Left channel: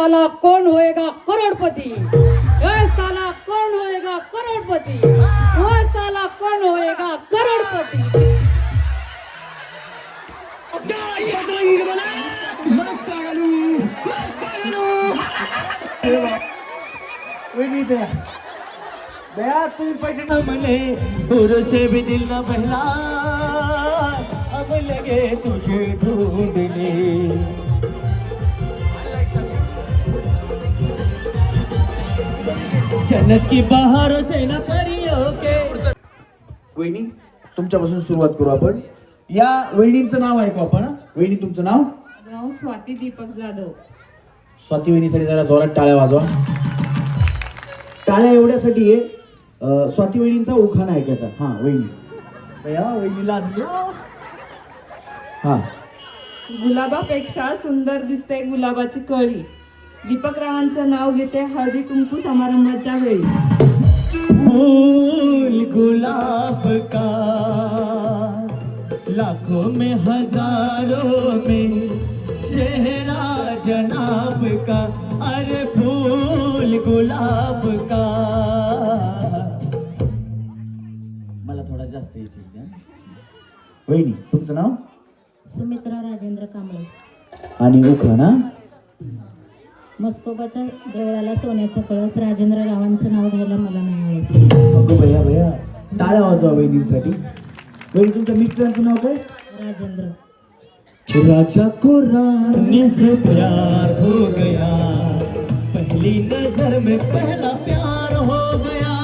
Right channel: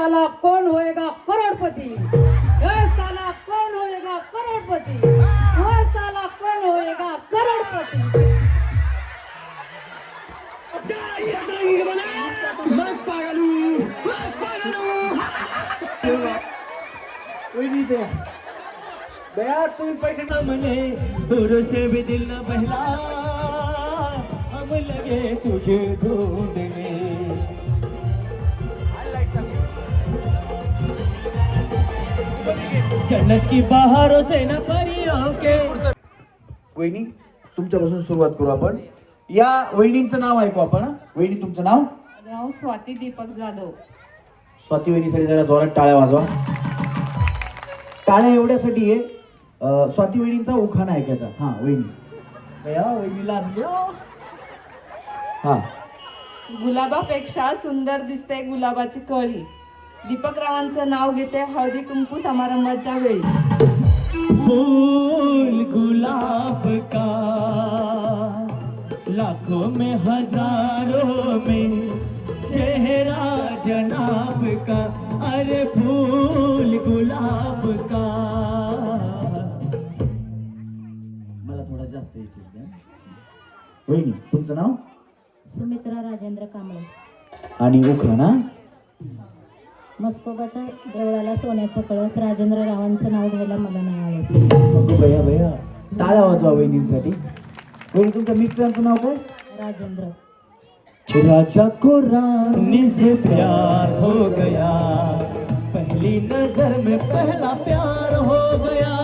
साला कौन होएगा करोड़पति, ओए साला कौन होएगा करोड़पति, ओए साला कौन होएगा करोड़पति। दूर से भी दिल का बहला अब लगे तुझे ढूंढने। जन्नत की बहारों से न परियों के। वहिनी तुमच्यापासून सुरुवात करू आपण. या वहिनींचं नाव ऐकू आपण. वहिनी तुमचं नाव? नाव स्वाती दीपक जाधव. स्वाती वहिनीसाठी जरा जोरात टाळ्या वाजवा. टाळ्या एवढ्यासाठी आहे स्वाती वहिनींचा उखाणा ऐकायचा. हा वहिनी या वहिनीला हा. गुलाबापेक्षा सुंदर दिसते गुलाबाची कळी. दीपकरावांचं नाव घेते हळदी कुंकू समारंभाच्या वेळी. फूल गुलाब का लाखों में हजारों में चेहरा जनाब का. अरे फूल गुलाब का. मला थोडा जास्त येते. वहिनी तुमचं नाव? सुमित्रा राजेंद्र कांबळे. आणि उखाणा? मस्कोबाच्या देवळाला सोन्याचं कळस. राजेंद्र रावांचं नाव घ्यायला मला नाही आवडत. भैया भैया टाळ्या वाजवा वहिनींसाठी. वहिनी तुमच्या मिस्टरांचं नाव काय? राजेंद्र. राजा को रानी से प्यार हो गया, पहली नजर में पहला प्यार हो गया.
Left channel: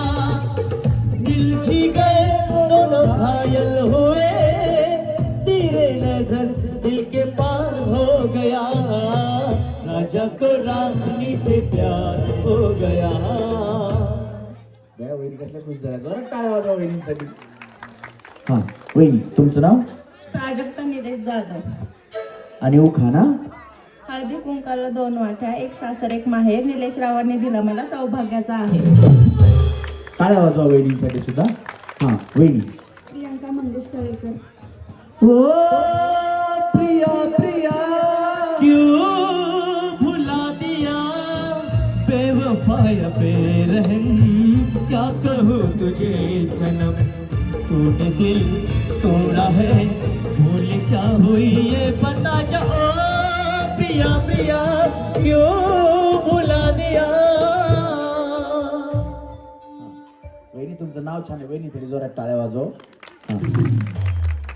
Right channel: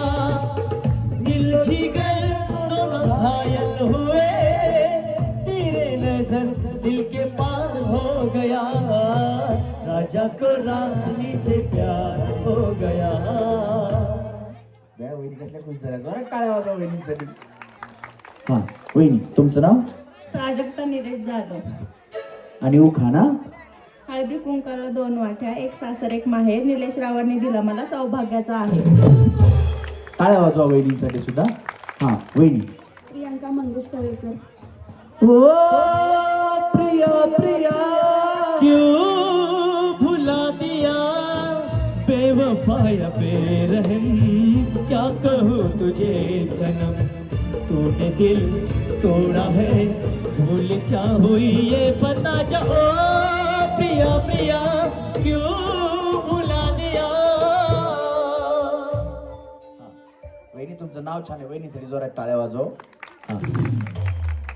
दिल जी गए दोनों घायल हुए, तेरे नजर दिल के पार हो गया. राजा को रानी से प्यार हो गया. वहिनी कसल्या खुश झाल्या. जरा टाळ्या वाजवा वहिनींसाठी. हा वहिनी तुमचं नाव? प्राजक्ता निलेश जाधव. आणि उखाणा? हळदी कुंकाला 2 वाट्या, एक सासर एक माहेर. निलेश रावांनी दिला मला सौभाग्याचा आहे. टाळ्या वाजवा वहिनींसाठी सुद्धा. हा वहिनी. प्रियंका मंगेश तळेकर. ओ प्रिया प्रिया क्यों भुला दिया, बेवफाय बेरहम क्या कहूँ तुझे सनम. तूने दिल तोड़ा है, भूल क्या हुई ये बता जा. ओ प्रिया प्रिया क्यों भुला दिया. वहिनी तुमचं नाव छान आहे. वहिनीसाठी जोरात टाळ्या वाजव.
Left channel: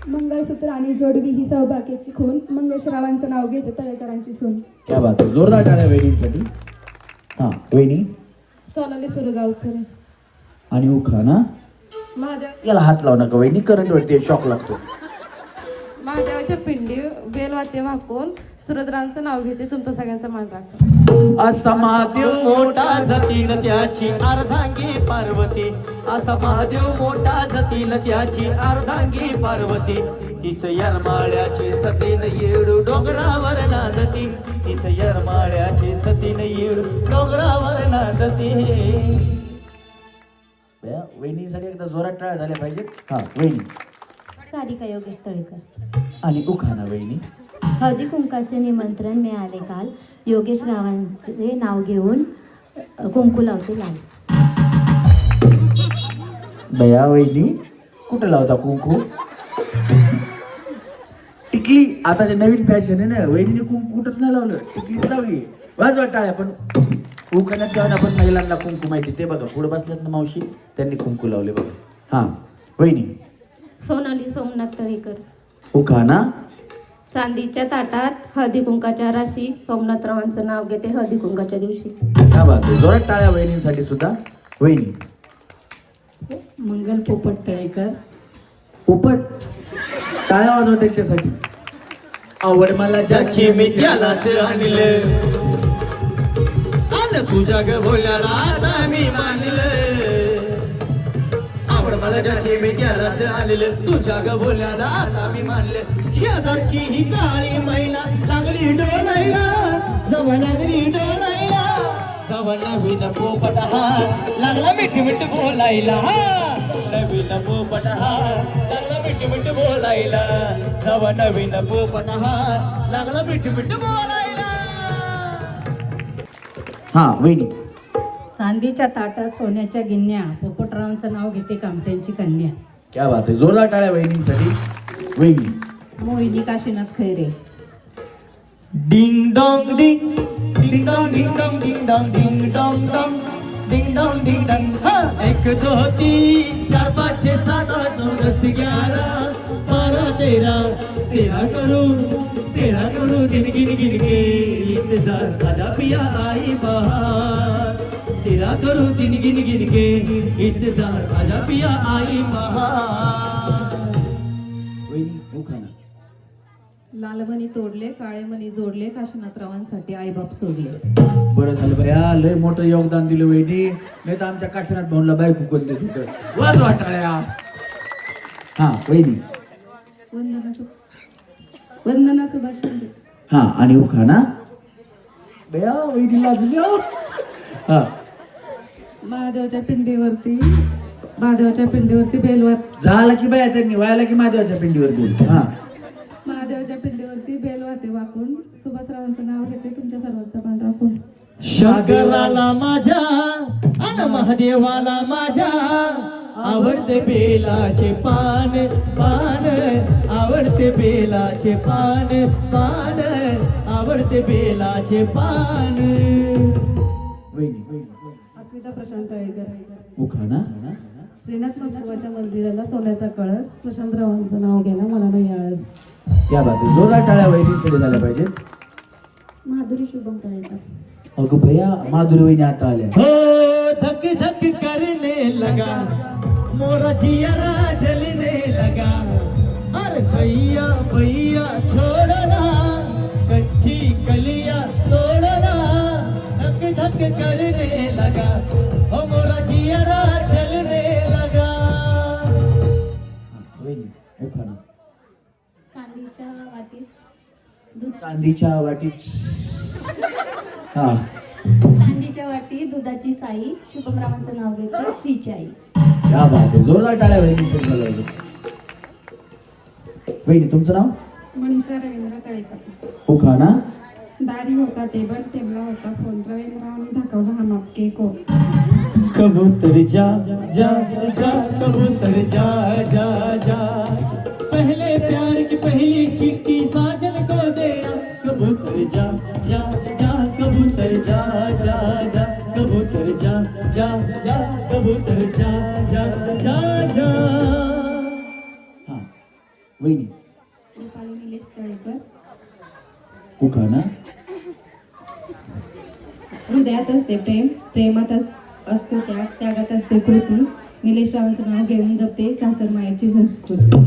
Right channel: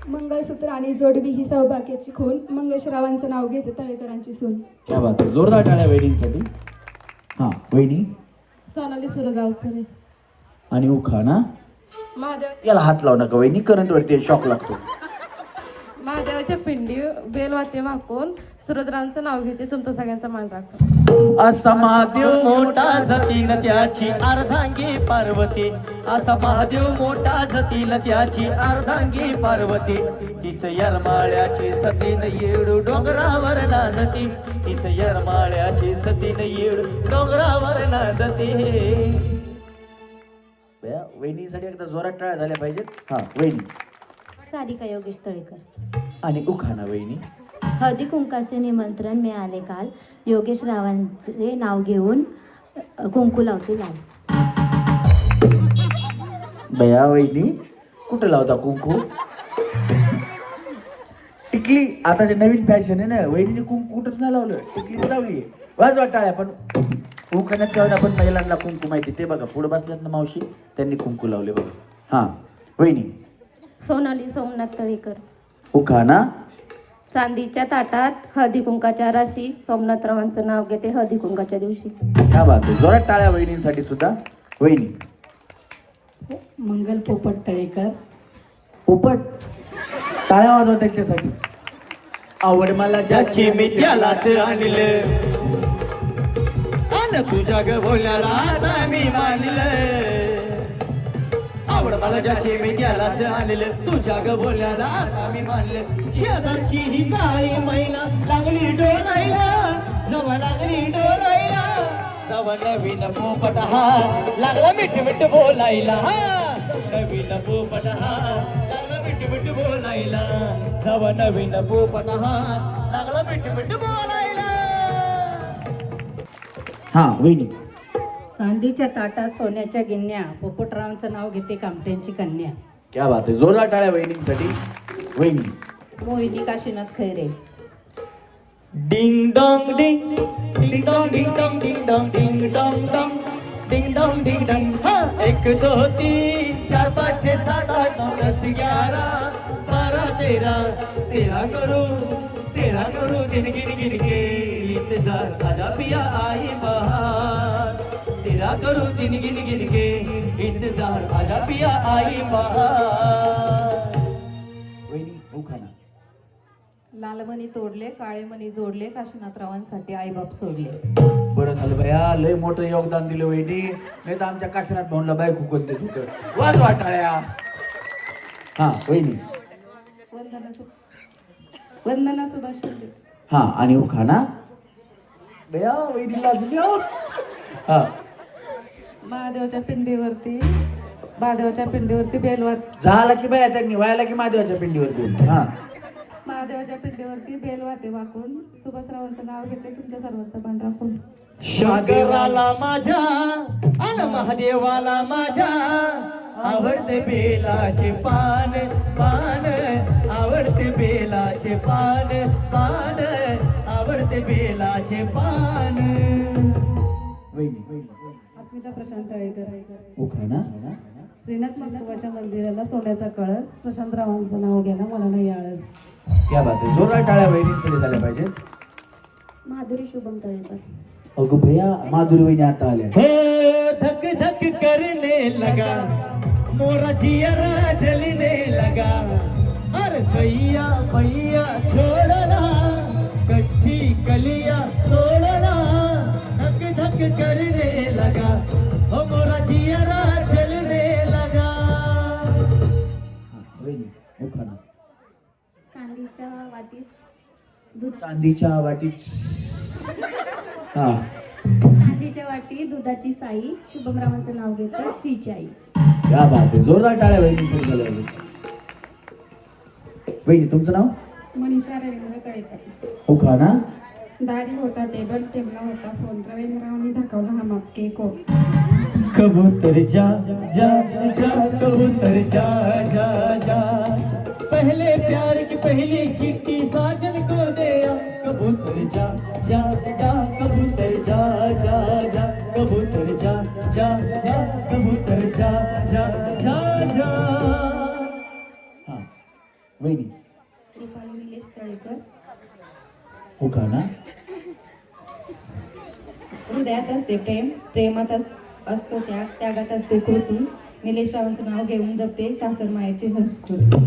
मंगळसूत्र आणि जोडवी ही सौभाग्याची खून. मंगेश रावांचं नाव घेते तळेकरांची सून. क्या बात आहे. जोरदार टाळ्या वहिनींसाठी. हा वहिनी. सोनाली सुरगावकर. आणि उखाणा? महादेव याला हात लावू नका वहिनी, करंट वरती शॉक लागतो. महादेवाच्या पिंडी बेलवाते वाकून सुरद्रांचं नाव घेते तुमचा सगळ्यांचा मान राखा. असा महादेव मोठा जतीन त्याची अर्धांगी पार्वती. असा महादेव मोठा जतीन त्याची अर्धांगी पार्वती. तिचं यरमाळ्याची सतीन येडू डोंगरावर नांदती. तिचं यरमाळ्याची सतीन येडू डोंगरावर नांदती. वहिनीसाठी एकदा जोरात टाळ्या झाल्या पाहिजेत. हा वहिनी. सारिका योगेश तळेकर. आणि उखाणा वहिनी? हळदी कुंकाचे निमंत्रण मिळाले काल. योगेश रावांचे नाव घेऊन कुंकू लावते लाल. बया वहिनी कुठे लावता कुंकू? टिकली आता जे नवीन फॅशन आहे ना, वहिनीने कुंकू कुठंच नाही लावलं, टिकलीच लावली. वाजवा टाळ्या. पण उखाण्यात जाऊन आपण महिलांना कुंकू माहिती ते बघा. पुढे बसल्यात ना मावशी, त्यांनी कुंकू लावले बघा. हा वहिनी. सोनाली सोमनाथ तळेकर. उखाणा? चांदीच्या ताटात हळदी कुंकाच्या राशी. सोमनाथरावांचं नाव घेते हळदी कुंकाच्या दिवशी. काय बात आहे. जोरात टाळ्या वहिनींसाठी सुद्धा. वहिनी. मंगल पोपट तळेकर. पोपट टाळ्या वाजवा त्यांच्यासाठी. आवड मला ज्याची मी त्यालाच आणलं, अन तुझ्या ग बोल्याला आता मी मानलं. आवड मला ज्याची मी त्यालाच आणलं, तुझ्या ग बोल्याला आता मी मानलं. शेजारची ही काळी मैना लागली डोलायला, जवळ लागली डोलायला. जवळ नवीन पोपट हा लागला मिठ मिठ बोलायला. नवीन पोपट हा लागला मिठ मिठ बोलायला. जवळ नवीन पोपट हा लागला मिठ मिठ बोलायला. हा वहिनी. चांदीच्या ताटात सोन्याच्या गिन्या, पोपटरावांचं नाव घेते कामट्यांची कन्या. क्या बात आहे, जोरदार टाळ्या वहिनीसाठी. वहिनी. मोहिनी Kashinath Khaire. Ding dong ding ding dong ding dong ding dong ding dong dong ding dong ding dong. हाँ, 1 2 3 4 5 6 7 8 9 10 11 12 13 करूं गिन गिन गिन के इंतजार आजा पिया आई बहार. 13 करूं गिन गिन गिन के इंतजार आजा पिया आई बहार. वहिनी उखाणा. लालमणी तोडले, काळे मणी जोडले, काशीनाथरावांसाठी आईबाप सोडले. बरं झालं भैया, लय मोठं योगदान दिलं वहिनी. नाही तर आमच्या काशीनाथ भाऊला बायको कोण देत होतं. वाजवा टाळ्या. हा वहिनी. वंदना सुभाष शिंदे. हा आणि उखाणा. भैया वहिनी लाजली हो. हा महादेवाच्या पिंडीवरती बेलवर. झाला की बाया त्यांनी व्हायला की महादेवाच्या पिंडीवर बोल. हा महादेवाच्या पिंडीवरती बेल वाते वाकून सुभाषरावांचं नाव घेते तुमच्या सर्वांचं पण राखून. शंकराला माझ्या अन महादेवाला माझ्या आवडते बेलाचे पान पान, आवडते बेलाचे पान पान, आवडते बेलाचे पान. वहिनी. अस्मिता प्रशांत तळेकर. उखाणा. श्रीनाथ महादेवाच्या मंदिराला सोन्याचा कळस, प्रशांतरावांचं नाव घेणं मला नाही आळस. क्या बात आहे, जोरदार टाळ्या वहिनींसाठी झाल्या पाहिजे. माधुरी शुभम तळेकर. अगं भैया माधुरी वहिनी आता आल्या. हो धक धक करने लगा मोरा जियरा जलने लगा. अरे सैया भैया छोड़ना कच्ची कलियां तोड़ना. धक धक करने लगा हो मोरा जियरा जलने लगा. वहिनी उखाणा. चांदीच्या चांदीच्या वाटीत वाटीत. हा चांदीच्या वाटी दुधाची साई, शुभमरावांचं नाव घेतात श्रीची आई. क्या बात आहे, जोरदार टाळ्या वहिनींसाठी झाल्या पाहिजे. वहिनी तुमचं नाव. मनीषा रवींद्र तळेकर. उखाणा. दारी होता टेबल, टेबला होता फोन, रवींद्रावांनी दाखवला हा मागके कोण. कबूतर जा जा जा कबूतर जा जा जा. पहले प्यार की पहली चिट्ठी साजन को दिया. कबूतर जा जा जा कबूतर जा जा जा कबूतर जा जा जा कबूतर जा जा जा जा. हा वहिनी. निलेश तळेकर. उखाणा. हृदयात असते प्रेम, प्रेमात असतो त्याग, त्यागात असते कृती. निलेश रावांचं नाव घेऊन जपते सासर मायेची संस्कृती.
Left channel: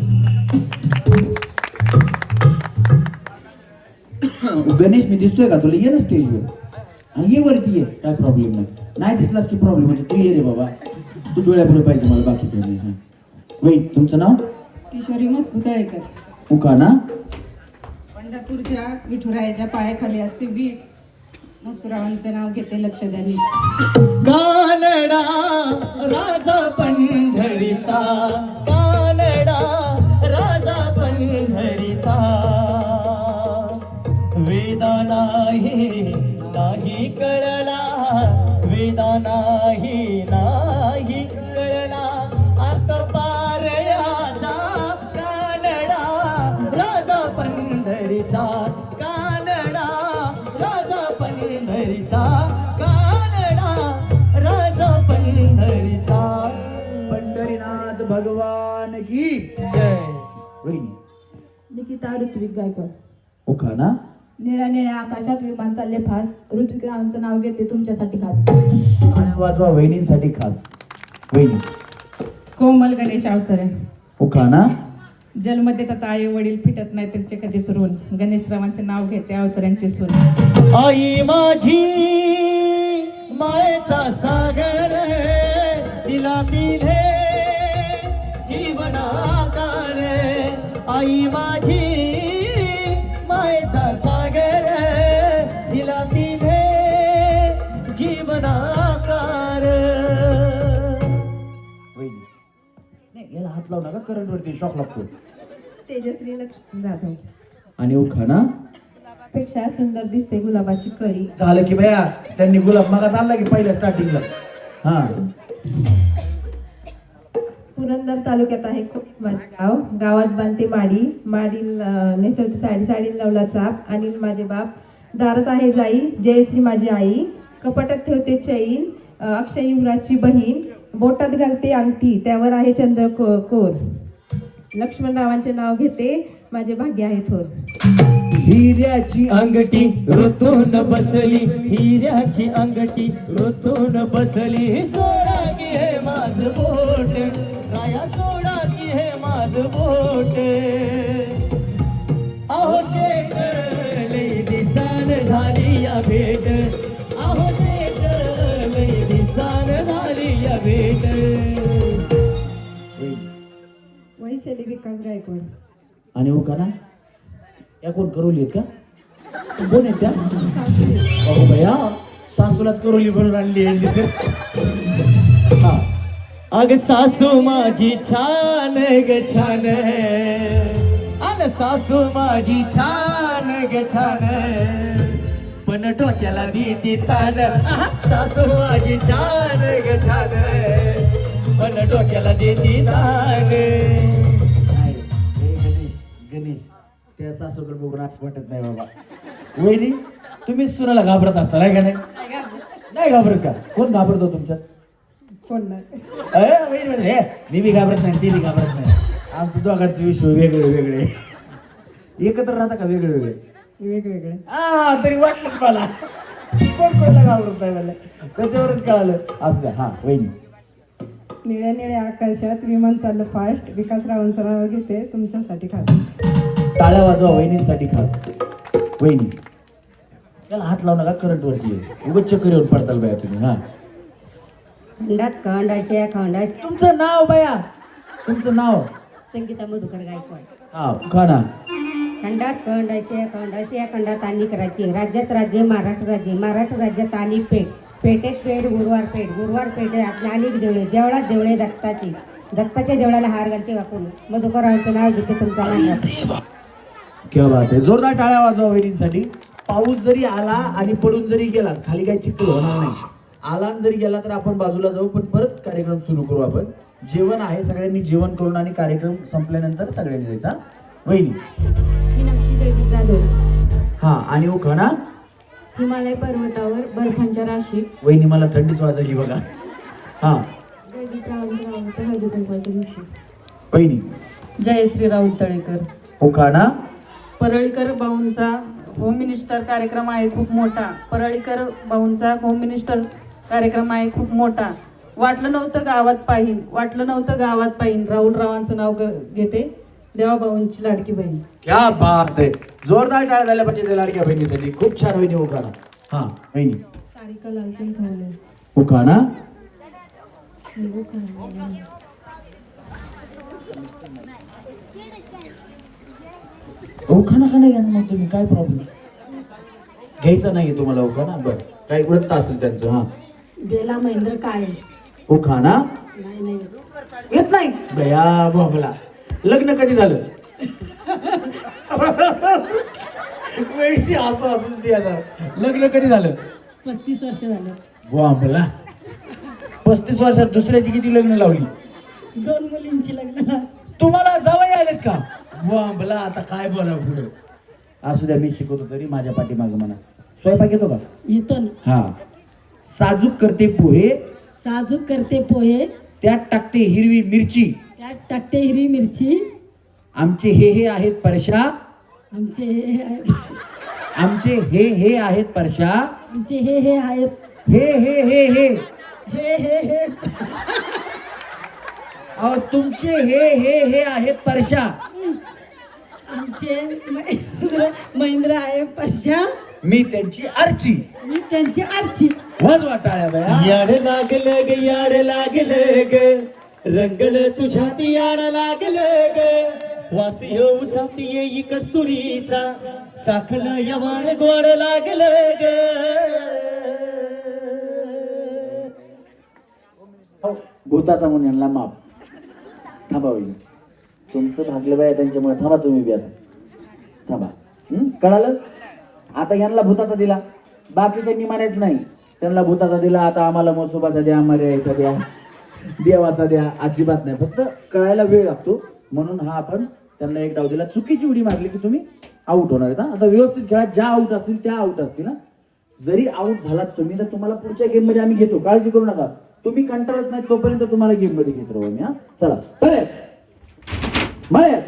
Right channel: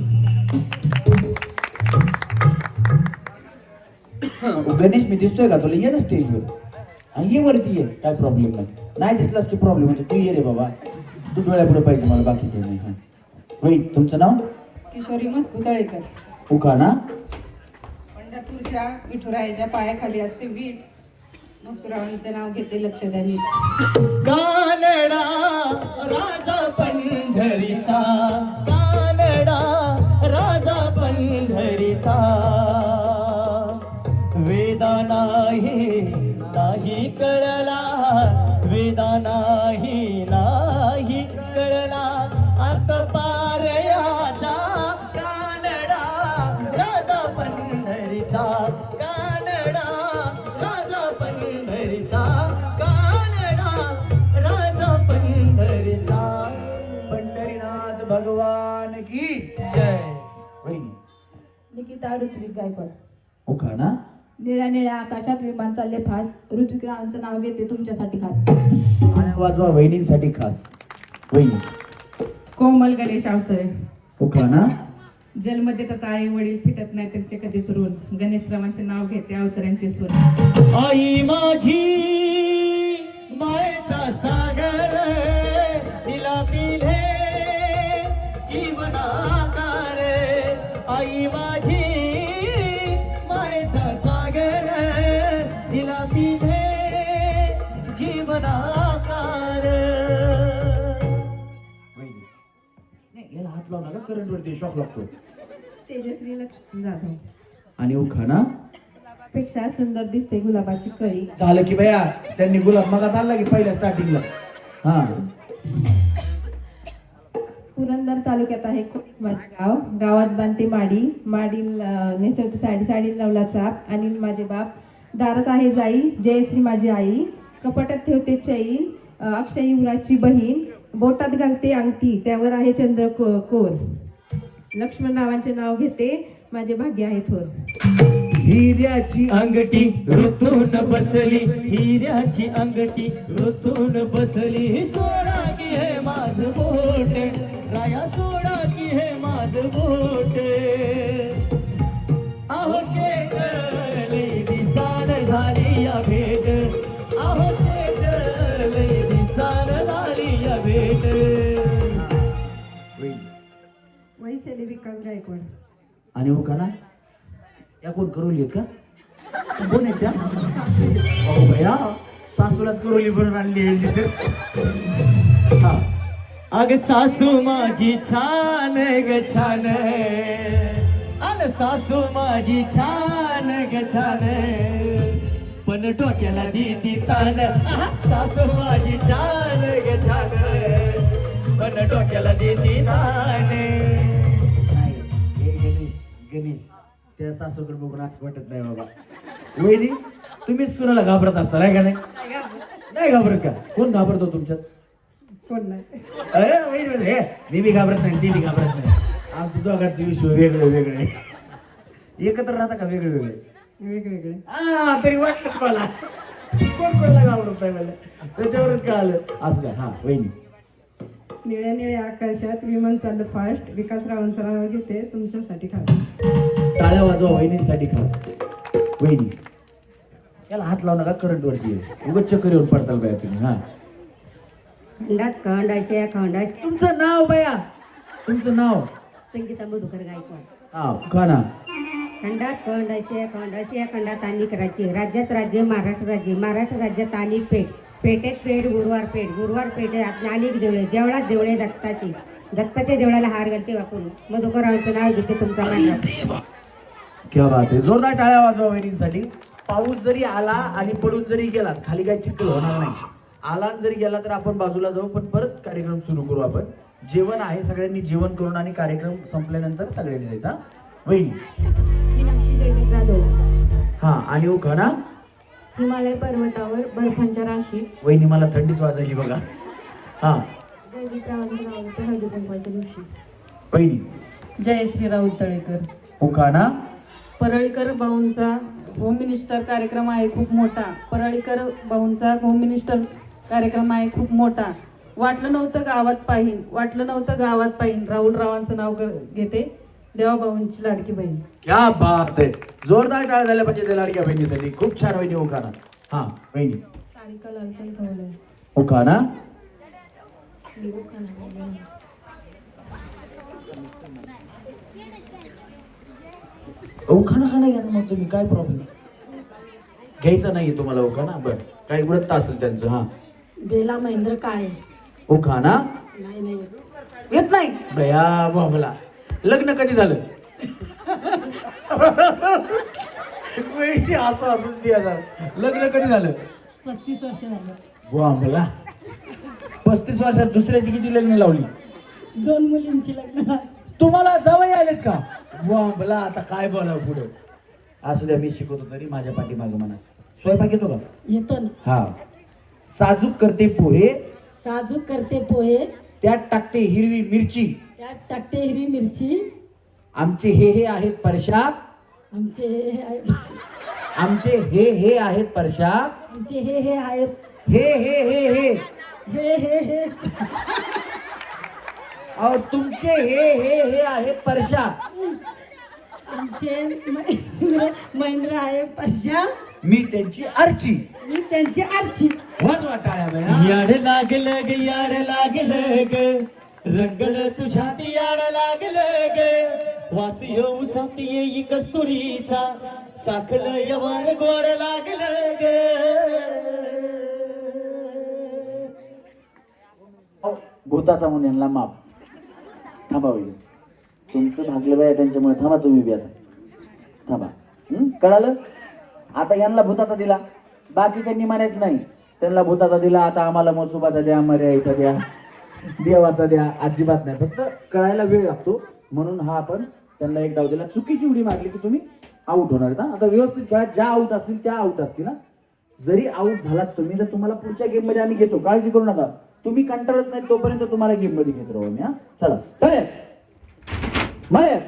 गणेश मी दिसतोय का तुला? ये ना स्टेजवर. ये वरती ये, काय प्रॉब्लेम नाही. नाही दिसलास की प्रॉब्लेम म्हणजे तू ये रे बाबा. तू डोळ्यापुढे पाहिजे मला, बाकी काही नाही. वही तुमचं नाव. किशोरी मस्कू तळेकर. उखाणा. पंढरपूरच्या विठुरायाच्या पायाखाली असते वीट, मस्कुरावांचं नाव घेते लक्ष द्यानी. कानडा राजा पंढरीचा, कानडा राजा पंढरीचा. वेदा नाही कळला, वेदा नाही कळला. आकपार याचा कानडा राजा पंढरीचा, कानडा राजा पंढरीचा, कानडा राजा पंढरीचा. पंढरीनाथ भगवान की जय. वहिनी. निकिता ऋत्विक गायकवाड. उखाणा. निळ्या निळ्या आकाशात विमान चालले फास, ऋत्विक रावांचं नाव घेते तुमच्यासाठी खास. टाळ्या वाजवा वहिनींसाठी खास. वहिनी. कोमल गणेश अवचरे. उखाणा. जन्मदेत आता आई वडील फिटत नाही त्यांचे कधीच ऋण, गणेशरावांचे नाव घेते अवचऱ्यांची सून. आई माझी मायेचा सागर, तिला मिळे जीवनाकार. आई माझी मायेचा सागर, तिला मिळे जीवनाकार. वहिनी. नाही याला हात लावू नका, करंट वरती शॉक लागतो. तेजश्री लक्ष्मण जाधव. आणि उखाणा. पेक्षा सुंदर दिसते गुलाबाची कळी. झालं की बया, त्यांनी गुलाब मगा चालला की पहिल्या स्टार्टिंगला. हा, पुरंदर तालुक्यात आहे माझे गाव. गावात बांधते माडी, माडी नेसवते साडी, साडी लावला चाप. अनिल माझे बाप, दारात आहे जाई, जयश्री माझी आई. कपाटात ठेवते चैन, अक्षय युवराजची बहीण. बोटात घालते अंगठी, त्यावर आहे चंद्र कोर. लक्ष्मणरावांचे नाव घेते, माझे भाग्य आहे थोर. हिऱ्याची अंगठी ऋतून बसली, हिऱ्याची अंगठी ऋतून बसली. सोडा की हे माझ बोट, माया सोडा की हे माझ बोट. अहो शेट लई दिसान झाली या भेट, अहो शेट लई दिसान झाली या भेट. वैशाली विकास गायकवाड. आणि हो का ना, या कोण करोली आहेत का? कोण आहेत त्या? अहो बया, सासूलाच करोली बनवून आणली आहे. हा, अग सासू माझी छान ग छान, अग सासू माझी छान ग छान, पण डोक्याला देती तान. सासू माझी छान ग छान, पण डोक्याला देती तान. नाही, हे गणेश त्या सासूकडे बघून असं वाटत नाही बाबा. वहिनी, तुम्ही सुनाला घाबरत असता नाही का? नाही घाबरत का? कोण घाबरतो तुमच्यात? कोण नाही. वहिनी म्हणजे हे मी बी घाबरत नाही, ती बी घाबरत नाही. आमचं दोघांचं विश्व वेगळे वेगळे. एकत्र राहता का वेगळे वेगळे? वेगवेगळे. हा, तरी वाटलंच मला कोण कोणला घाबरत आहे मला, त्याच्यावरच कळालं. असं द्या. हा वहिनी, निळ्या निळ्या आकाशात विमान चाललं फास्ट. विकासरावांचं नाव घेते, तुमच्यासाठी खास. टाळ्या वाजवा वहिनींसाठी खास. वहिनी, त्याला हात लावू नका, करंट वरती आहे. उगाच चक्कर येऊन पडताल बाया तुम्ही. हा, खंडात खंड असे खंड तुमचं नाव बाया, तुमचं नाव? संगीता मधुकर गायकवाड. हा, खाना. खंडात खंड असे खंडात अनेक राज्य, राज्यात राज्य महाराष्ट्र राज्य, महाराष्ट्र राज्यात अनेक पेठ, पेठेत पेठ गुरुवार पेठ, गुरुवार पेठ आपल्या अनेक देवळे, देवळात देवळे दत्ताची, दत्ताच्या देवळाला हार घालते वाकून. मधुकररावांचं नाव घेते तुमच्या मांडवात. क्या बात आहे. जोरदार टाळ्या वाजवा वहिनींसाठी. पाऊस जरी आला आणि पडून जरी गेला, खाली काय चिखल होणार नाही. आला आणि जरी गेला तर आपण बाजूला जाऊ, पण परत कार्यक्रम सुरू करू आपण. जेवण आहे, सगळ्यांनी जेवण करून आणि कार्यक्रम संपल्यानंतर सगळ्यांनी जायचा. वहिनी, मीनाक्षी देवी जाधव. हा, आणि हो खना. हिमालय पर्वतावर बर्फांच्या राशी. वहिनी, मला थंडीच वाजायली बघा. हा, जयदीप हळदी कुंकवाच्या दिवशी. वहिनी, जयश्री राऊत तळेकर. हो खाना. परळीकर भाऊंचा होम मिनिस्टर कार्यक्रम आहे खूप मोठा. परळीकर भाऊंचा होम मिनिस्टर कार्यक्रम आहे खूप मोठा. वाटलं नव्हतं गावात पाहिन, वाटलं नव्हतं गावात पाहिन. राहुल रावांचं नाव घेते, देवाभाऊंची लाडकी बहीण. क्या बात आहे. जोरदार टाळ्या झाल्या पाहिजे त्या लाडक्या बहिणीसाठी. खूप छान वहिनी. हो खाना. हा वहिनी, सारिका लालचंद खवले. हो खाना. खाना खाना घ्या ना मग तुम्ही, काय प्रॉब्लेम? घ्यायचा नाहीये तुम्हाला खाना? बरं, काही व्रत असेल त्यांचं. हा, बेला महेंद्र काय खाना नाही नाही येत नाही बया बोंबला. लग्न कधी झालं? असं असंच द्या जरा. लग्न कधी झालं? 35 वर्ष झालं. बोंबला. 35 वर्षात दुसऱ्याची किती लग्न लावली? 2 मुलींची लग्न. तुम्हाला जावई आलेत का? बोंबला. आता काय बोला पुढे. असू द्या, मी शिकवतो तरी माझ्या पाठीमागे म्हणा. स्वयंपाक येतो का? येतो ना. हा. साजूक करते पोहे, साजूक करते पोहे, त्यात टाकते हिरवी मिरची. त्यात टाकते हिरवी मिरची. आमचे हे आहेत परशा, आमचे हे आमचे हे आहेत परशा. आमचे हे आहेत. हे हे और तुमचे हे आहेत परशा. आमचे महेंद्र आहे परशा. मी त्यांची आरची. मी त्यांची आरची. वाजवा टाळ्या बया. याड लागलं ग, याड लागलं ग, रंगल तुझ्यात याड लागलं ग. वासी येऊ साथी येई कस्तुरीचा, चाकलं यवान गोड लागलं ग. भूताचा म्हणून यांना माप. थांबा होईल तुमचं भागलं बाया त्यांच्यामुळे. थांबा तुम्ही बी आता. थांबा. कळालं? आता यांना भूताचा दिला, बाकीच्यांनी मानायच नाही. त्यांना भूताचा दिला, आता आम्हाला मसुबाचा द्या, मर्यायचा द्या, देवाचा द्या, अजिबात नाही. फक्त कळायला वेळ लागतो, म्हणून हा आपण त्यांना एक डाव दिला. चुकीची उडी मारली की तुम्ही आउट होणार आहेत. आता व्यवस्थित खेळा, ज्या आउट असतील त्या आउट असतील. जरी आउट झालात तुम्ही तर तुम्हाला पुढच्या गेम मध्ये आम्ही घेतो, काळजी करू नका. तुम्ही कंटाळत नाही तोपर्यंत तुम्हाला गेम मध्ये घेत राहू आम्ही. चला तळे मळ्यात,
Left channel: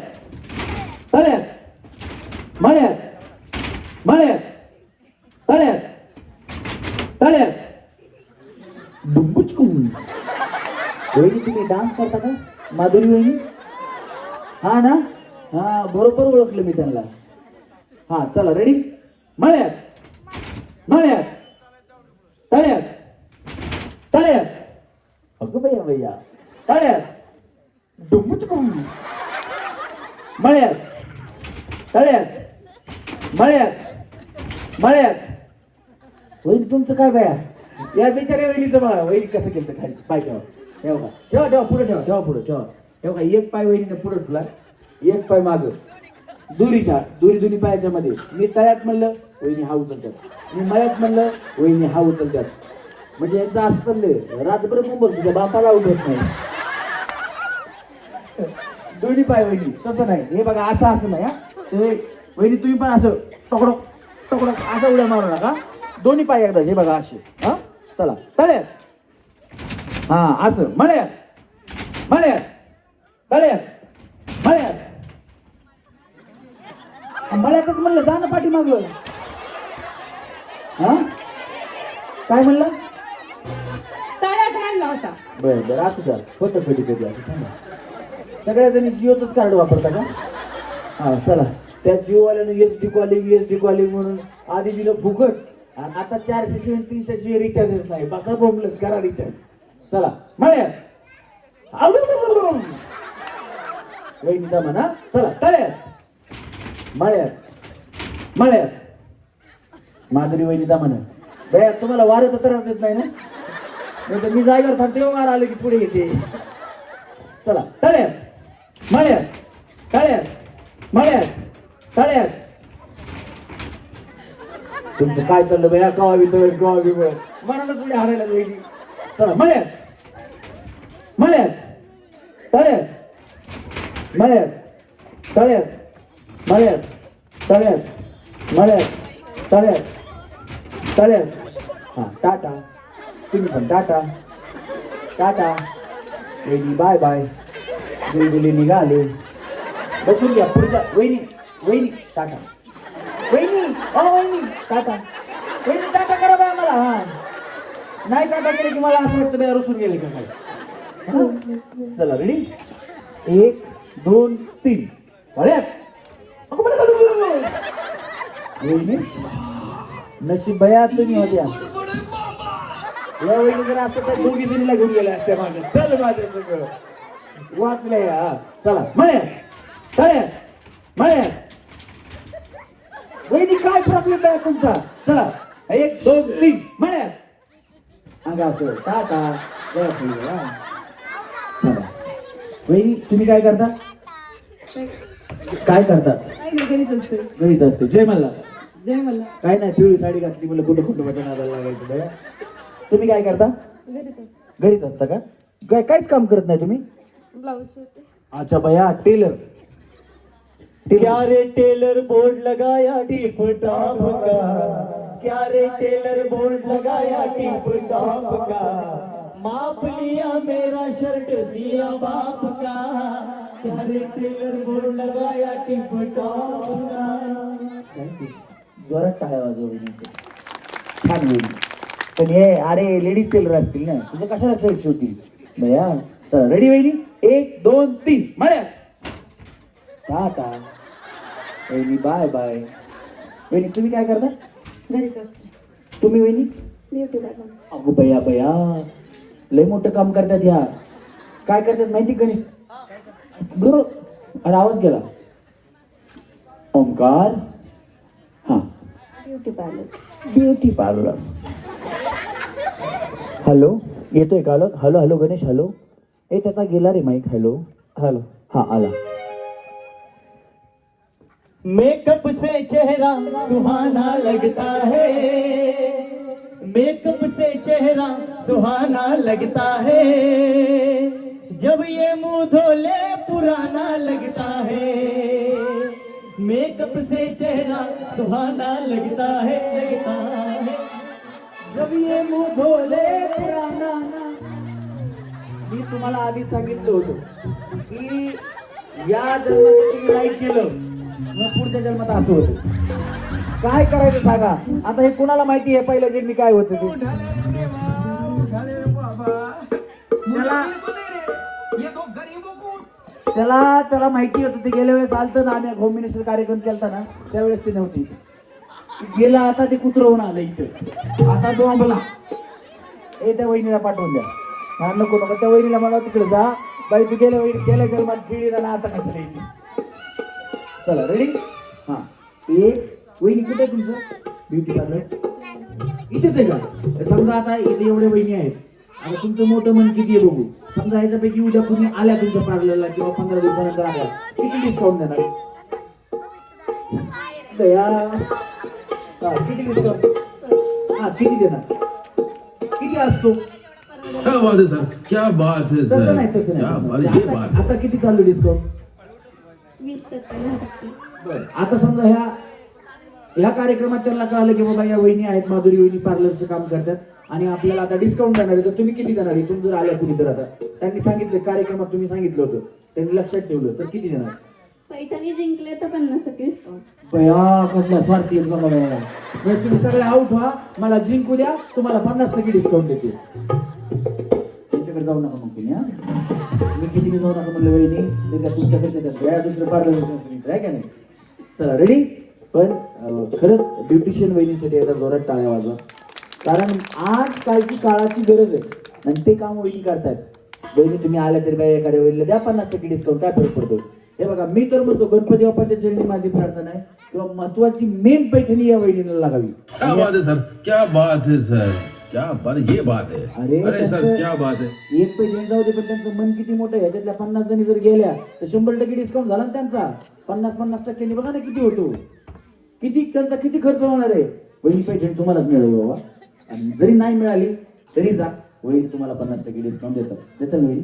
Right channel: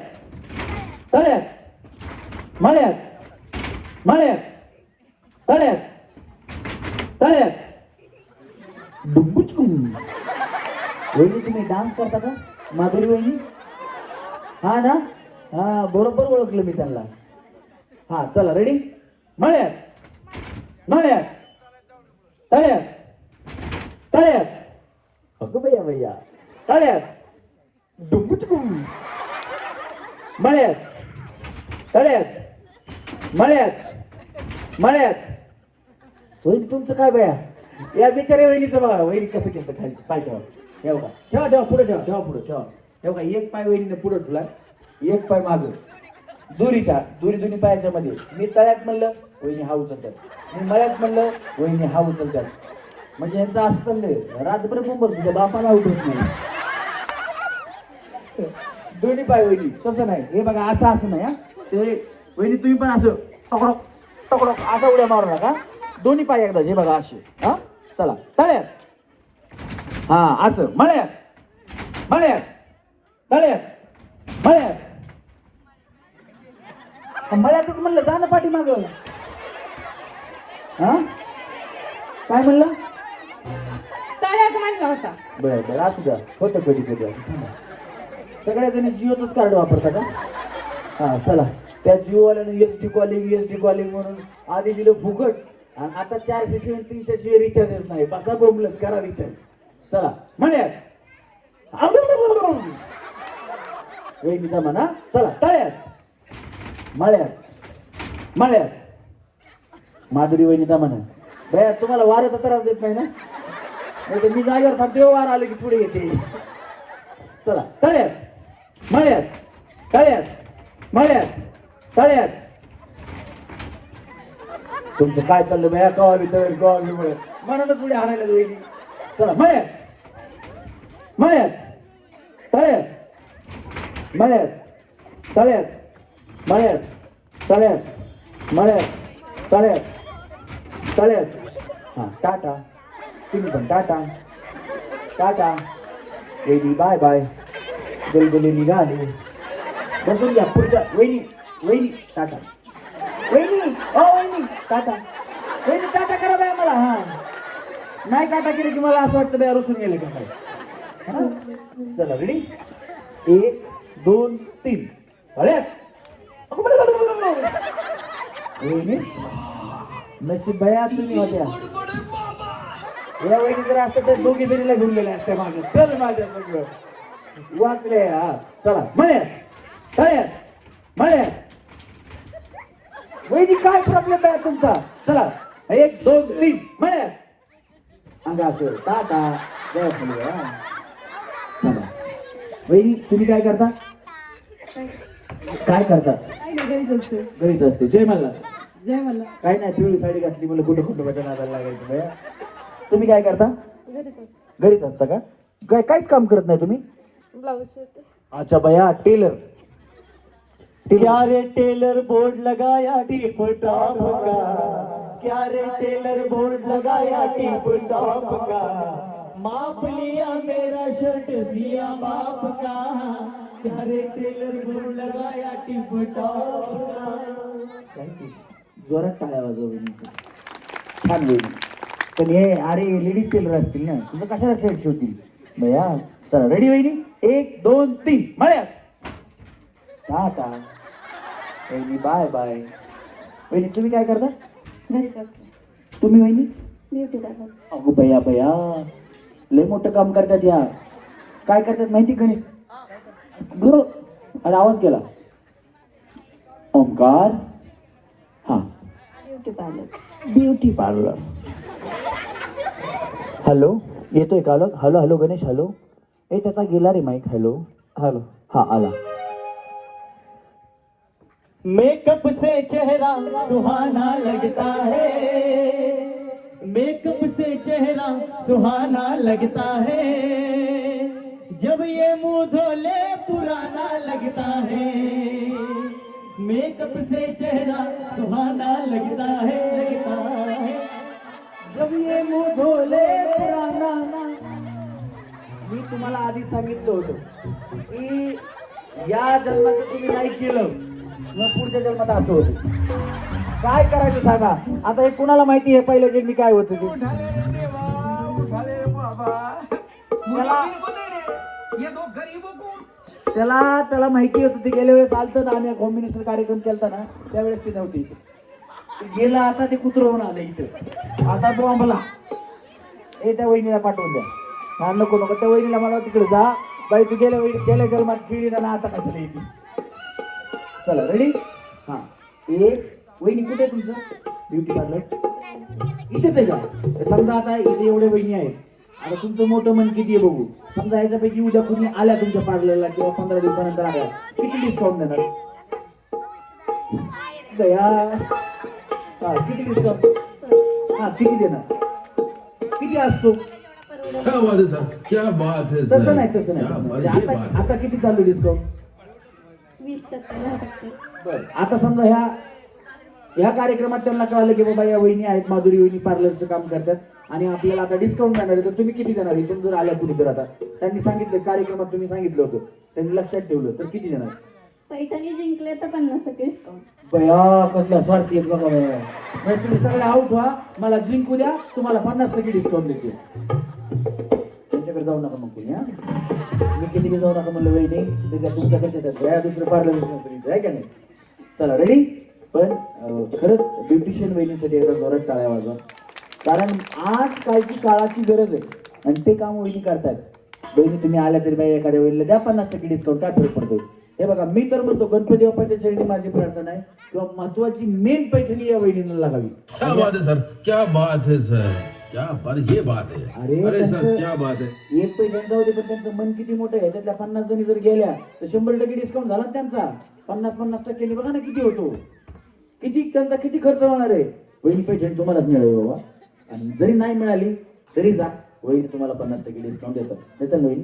तळ्यात मळ्यात, मळ्यात तळ्यात, तळ्यात डुंबुचकुम. वहिनी तुम्ही डान्स करता का माधुरी वहिनी? हा ना, हा बरोबर ओळखलं मी त्यांना. हा चला रेडी. मळ्यात, मळ्यात, तळ्यात, तळ्यात, अगं भैया भैया, तळ्यात डुंबुचकुम, मळ्यात, तळ्यात, मळ्यात, मळ्यात. वहिनी तुमचं काय बाया, या बिचारे वहिनीचं बघा, वहिनी कसं केलं खाली पाय ठेवा, ठेवा ठेवा ठेवा पुढे ठेवा, ठेवा पुढे ठेवा. ठेवा एक पाय वहिनीने पुढे ठेवला, एक पाय मागं, दोरीच्या दोन्ही पायाच्या मध्ये. मी तळ्यात म्हणलं वहिनी हा उचलतात, मी मळ्यात म्हणलं वहिनी हा उचलतात. म्हणजे यांचं असं चाललंय रात्रभर मुंबई तुझ्या बापाला उठत नाही. दोन्ही पाय वहिनी तसं नाही, हे बघा असं असं नाही. ते वहिनी तुम्ही पण असं टकडो टकडो असं उड्या मारू नका, दोन्ही पाय एकदा. हे बघा असे. हा चला तळ्यात, हा असं मळ्यात, मळ्यात, तळ्यात, मळ्यात. मळ्यातच म्हणलं जा ना पाठी मागलं. हा काय म्हणलं? टाळ्यात आणला होता. बरं बरं असू द्या, होतं कधी कधी असं. सगळ्या जणी जिओचंच कार्ड वापरता का? हा चला, त्या जिओवाल्यानं SD कॉलिंग म्हणून आधी दिलं फुकट, आणि आता 400 300 रिचार्जच नाही. बसा प्रॉब्लेम, करा रिचार्ज. चला मळ्यात, वहिनीचा म्हणा. चला तळ्यात, मळ्यात, मळ्यात माधुरी वहिनीचा म्हणा. बया तुम्हाला वारं त्रास देत नाही ना? नाही तर मी जागेवर थांबते, वार आले की पुढे येते. चला तळ्यात, मळ्यात, तळ्यात, मळ्यात, तळ्यात. तुमचं काय चाललं बया? कवा वितळ कवा विवळ मनाला पुढे हारायला वहिनी. चला मळ्यात, मळ्यात, तळ्यात, मळ्यात, तळ्यात, मळ्यात, तळ्यात, मळ्यात, तळ्यात, तळ्यात. हा टाटा, तुम्ही पण टाटा, टाटा वहिनी, बाय बाय. गलगले निघाले, बसून घ्या पुढचा. वहिनी वहिनी टाटा, वहिनी ओ वहिनी टाटा, वहिनी टाटा करा बाय मला. हा नाही टाटा केली की मला असं वाटतं बाय रुसून गेले का काय. चला रेडी, 1 2 3 तळ्यात. वहिनी नशीब बया तुम्ही माझ्या. या वहिनी जर असतं तर दोघी जणीला घेऊन गेल्या असत्या मागे. चल माझ्या सगळं वाचले. हा चला मळ्यात, तळ्यात, मळ्यात. वहिनी काय प्रॉब्लेम आहे तुमचा? चला 1 2 3 मळ्यात. अंगा असं टाटा. चला वहिनी तुम्ही काय करता? काय करता? घरीच असते. जय मल्ला. जय मला. काय नाही, पिवळी साडी घातली मला कुठं कुठं बटन नादाला लागायचं बया. तुम्ही काय करता? घरीच असता का? काय काहीच काम करत नाही तुम्ही? अच्छा बया टेलर. क्या रे टेलर बोर्ड लगाया टिप टॉप का, क्या रे टेलर बोर्ड लगाया टिप टॉप का, माप लिया मेरा शर्ट सिया बाप का, क्या रे टेलर बोर्ड लगाया टिप टॉप का. जोरात टाळ्या वाजवली. छान होईल. पण हे अरे लेडीज टेलर असतील ना, तुझं कशाला शर्ट शिवतील बया. चला रेडी वहिनी, 1 2 3 मळ्यात. टाटा वहिनी, बाय बाय. वहिनी तुम्ही काय करता? घरीच असते. तुम्ही वहिनी? Beauty parlour. अगो बया बया, लय मोठं काम करतात ह्या. काय करतात माहिती गणेश? गुरु अरे आवाज गेला. ओंकार. हा beauty parlour. Beauty parlour. Hello येतोय का? Hello hello Ganesh hello. ए त्याचा गेला रे माईक. Hello hello. हा आला. मेकअप से चेहरा सुहाना लगता है, मेकअप से चेहरा सुहाना लगता है, जब ये मुंह धोले पुराना लगता है, मेकअप से चेहरा सुहाना लगता है, जब ये मुंह धोले पुराना। मी तुम्हाला आधी सांगितलं होतं की या जन्मात तुम्ही नाही केलं मग पुढच्या जन्मात असं होतं. काय करायचं सांगा. आता हे कुणाला माहिती आहे पहिलं जन्मी काय होतं ते? त्याला माहिती होतं. ते गेल्या वेळेस आलतं ना, आम्ही होम मिनिस्टर कार्यक्रम केलता ना, त्यावेळेस ती नव्हती. गेला आता ते कुत्रवून आलं इथं. आता बॉम्बला हे त्या वहिनीला पाठवून द्या. हा नको नको, त्या वहिनीला मला तिकडे जा बाई, तू गेल्या जन्मात गिळली ना, आता कशाला येते. चला रेडी. हा वहिनी कुठे आहे तुमचं ब्युटी पार्लर? इथेच आहे का? समजा आता इथे एवढे वहिनी आहेत. आता तुमचं मोठं मन किती आहे बघू. समजा ह्याच्यापैकी उद्या कुणी आल्या तुमच्या पार्लरला किंवा 15 दिवसानंतर आल्या, किती डिस्काउंट देणार? दया हा किती डिस्काउंट? हा किती देणार? किती असतो? क्या बात है सर, क्या बात है सर. तसं नाही तसं क्या बात नाही. है, ये बात है. आता किती चालू डिस्काउंट? 20%. बरं. आता समजा ह्या कार्यक्रमात त्यांना कळालं की बाबा या वहिनी आहेत, माधुरी वहिनी पार्लरचं काम करतात आणि आपल्याला आता डिस्काउंट देणार आहे, तर तुम्ही किती देणार? इथून जर आल्या कुणी तर आता त्यांनी सांगितलं कार्यक्रमात, तुम्ही सांगितलं होतं, त्यांनी लक्षात ठेवलं, तर किती देणार? पैठणी जिंकले तर 50% डिस्काउंट. बया कसला स्वार्थी आहेत बघा बया. मग तुम्ही सगळे आउट व्हा, मला जिंकू द्या, तुम्हाला 50% डिस्काउंट देते. त्यांच्याकडे जाऊ नका मग तुम्ही. मी किती जाऊ नका म्हणलं वहिनी, त्याच्या तुमच्याकडे त्यात दुसरं पार्लर आहे का नाही. चला रेडी. पण खरंच ब्युटिशियन वहिनीसाठी एकदा जोरात टाळ्या वाजवा, कारण आज कालची काळाची गरज आहे आणि ते काम वहिनी करतात. वहिनी तुम्ही आल्या तरी बाई एखाद्या वहिनीला द्या 50% डिस्काउंट, काय फरक पडतो. हे बघा, मी तर म्हणतो गणपती बाप्पाच्या चरणी माझी प्रार्थना आहे किंवा महत्वाची मेन पैठणी या वहिनीला लागावी. क्या बात है सर, क्या बात है सर, क्या बात, ये बात है. अरे सर क्या बात है. एक पैठणी जाऊ दे, पण त्यांचं मन किती मोठं आहे. ह्याच्यातल्या 50 जणी जर गेल्या तर 100% डिस्काउंट झाला ना त्यांचा. 50% बघा ना किती होतो, त्यांचा किती खर्च होणार आहे. वहिनी पैठणी तुम्हालाच मिळावी बाबा, आणि जरी नाही मिळाली तरी जा, वहिनी तुम्हाला 50% डिस्काउंट देतात ना वहिनी.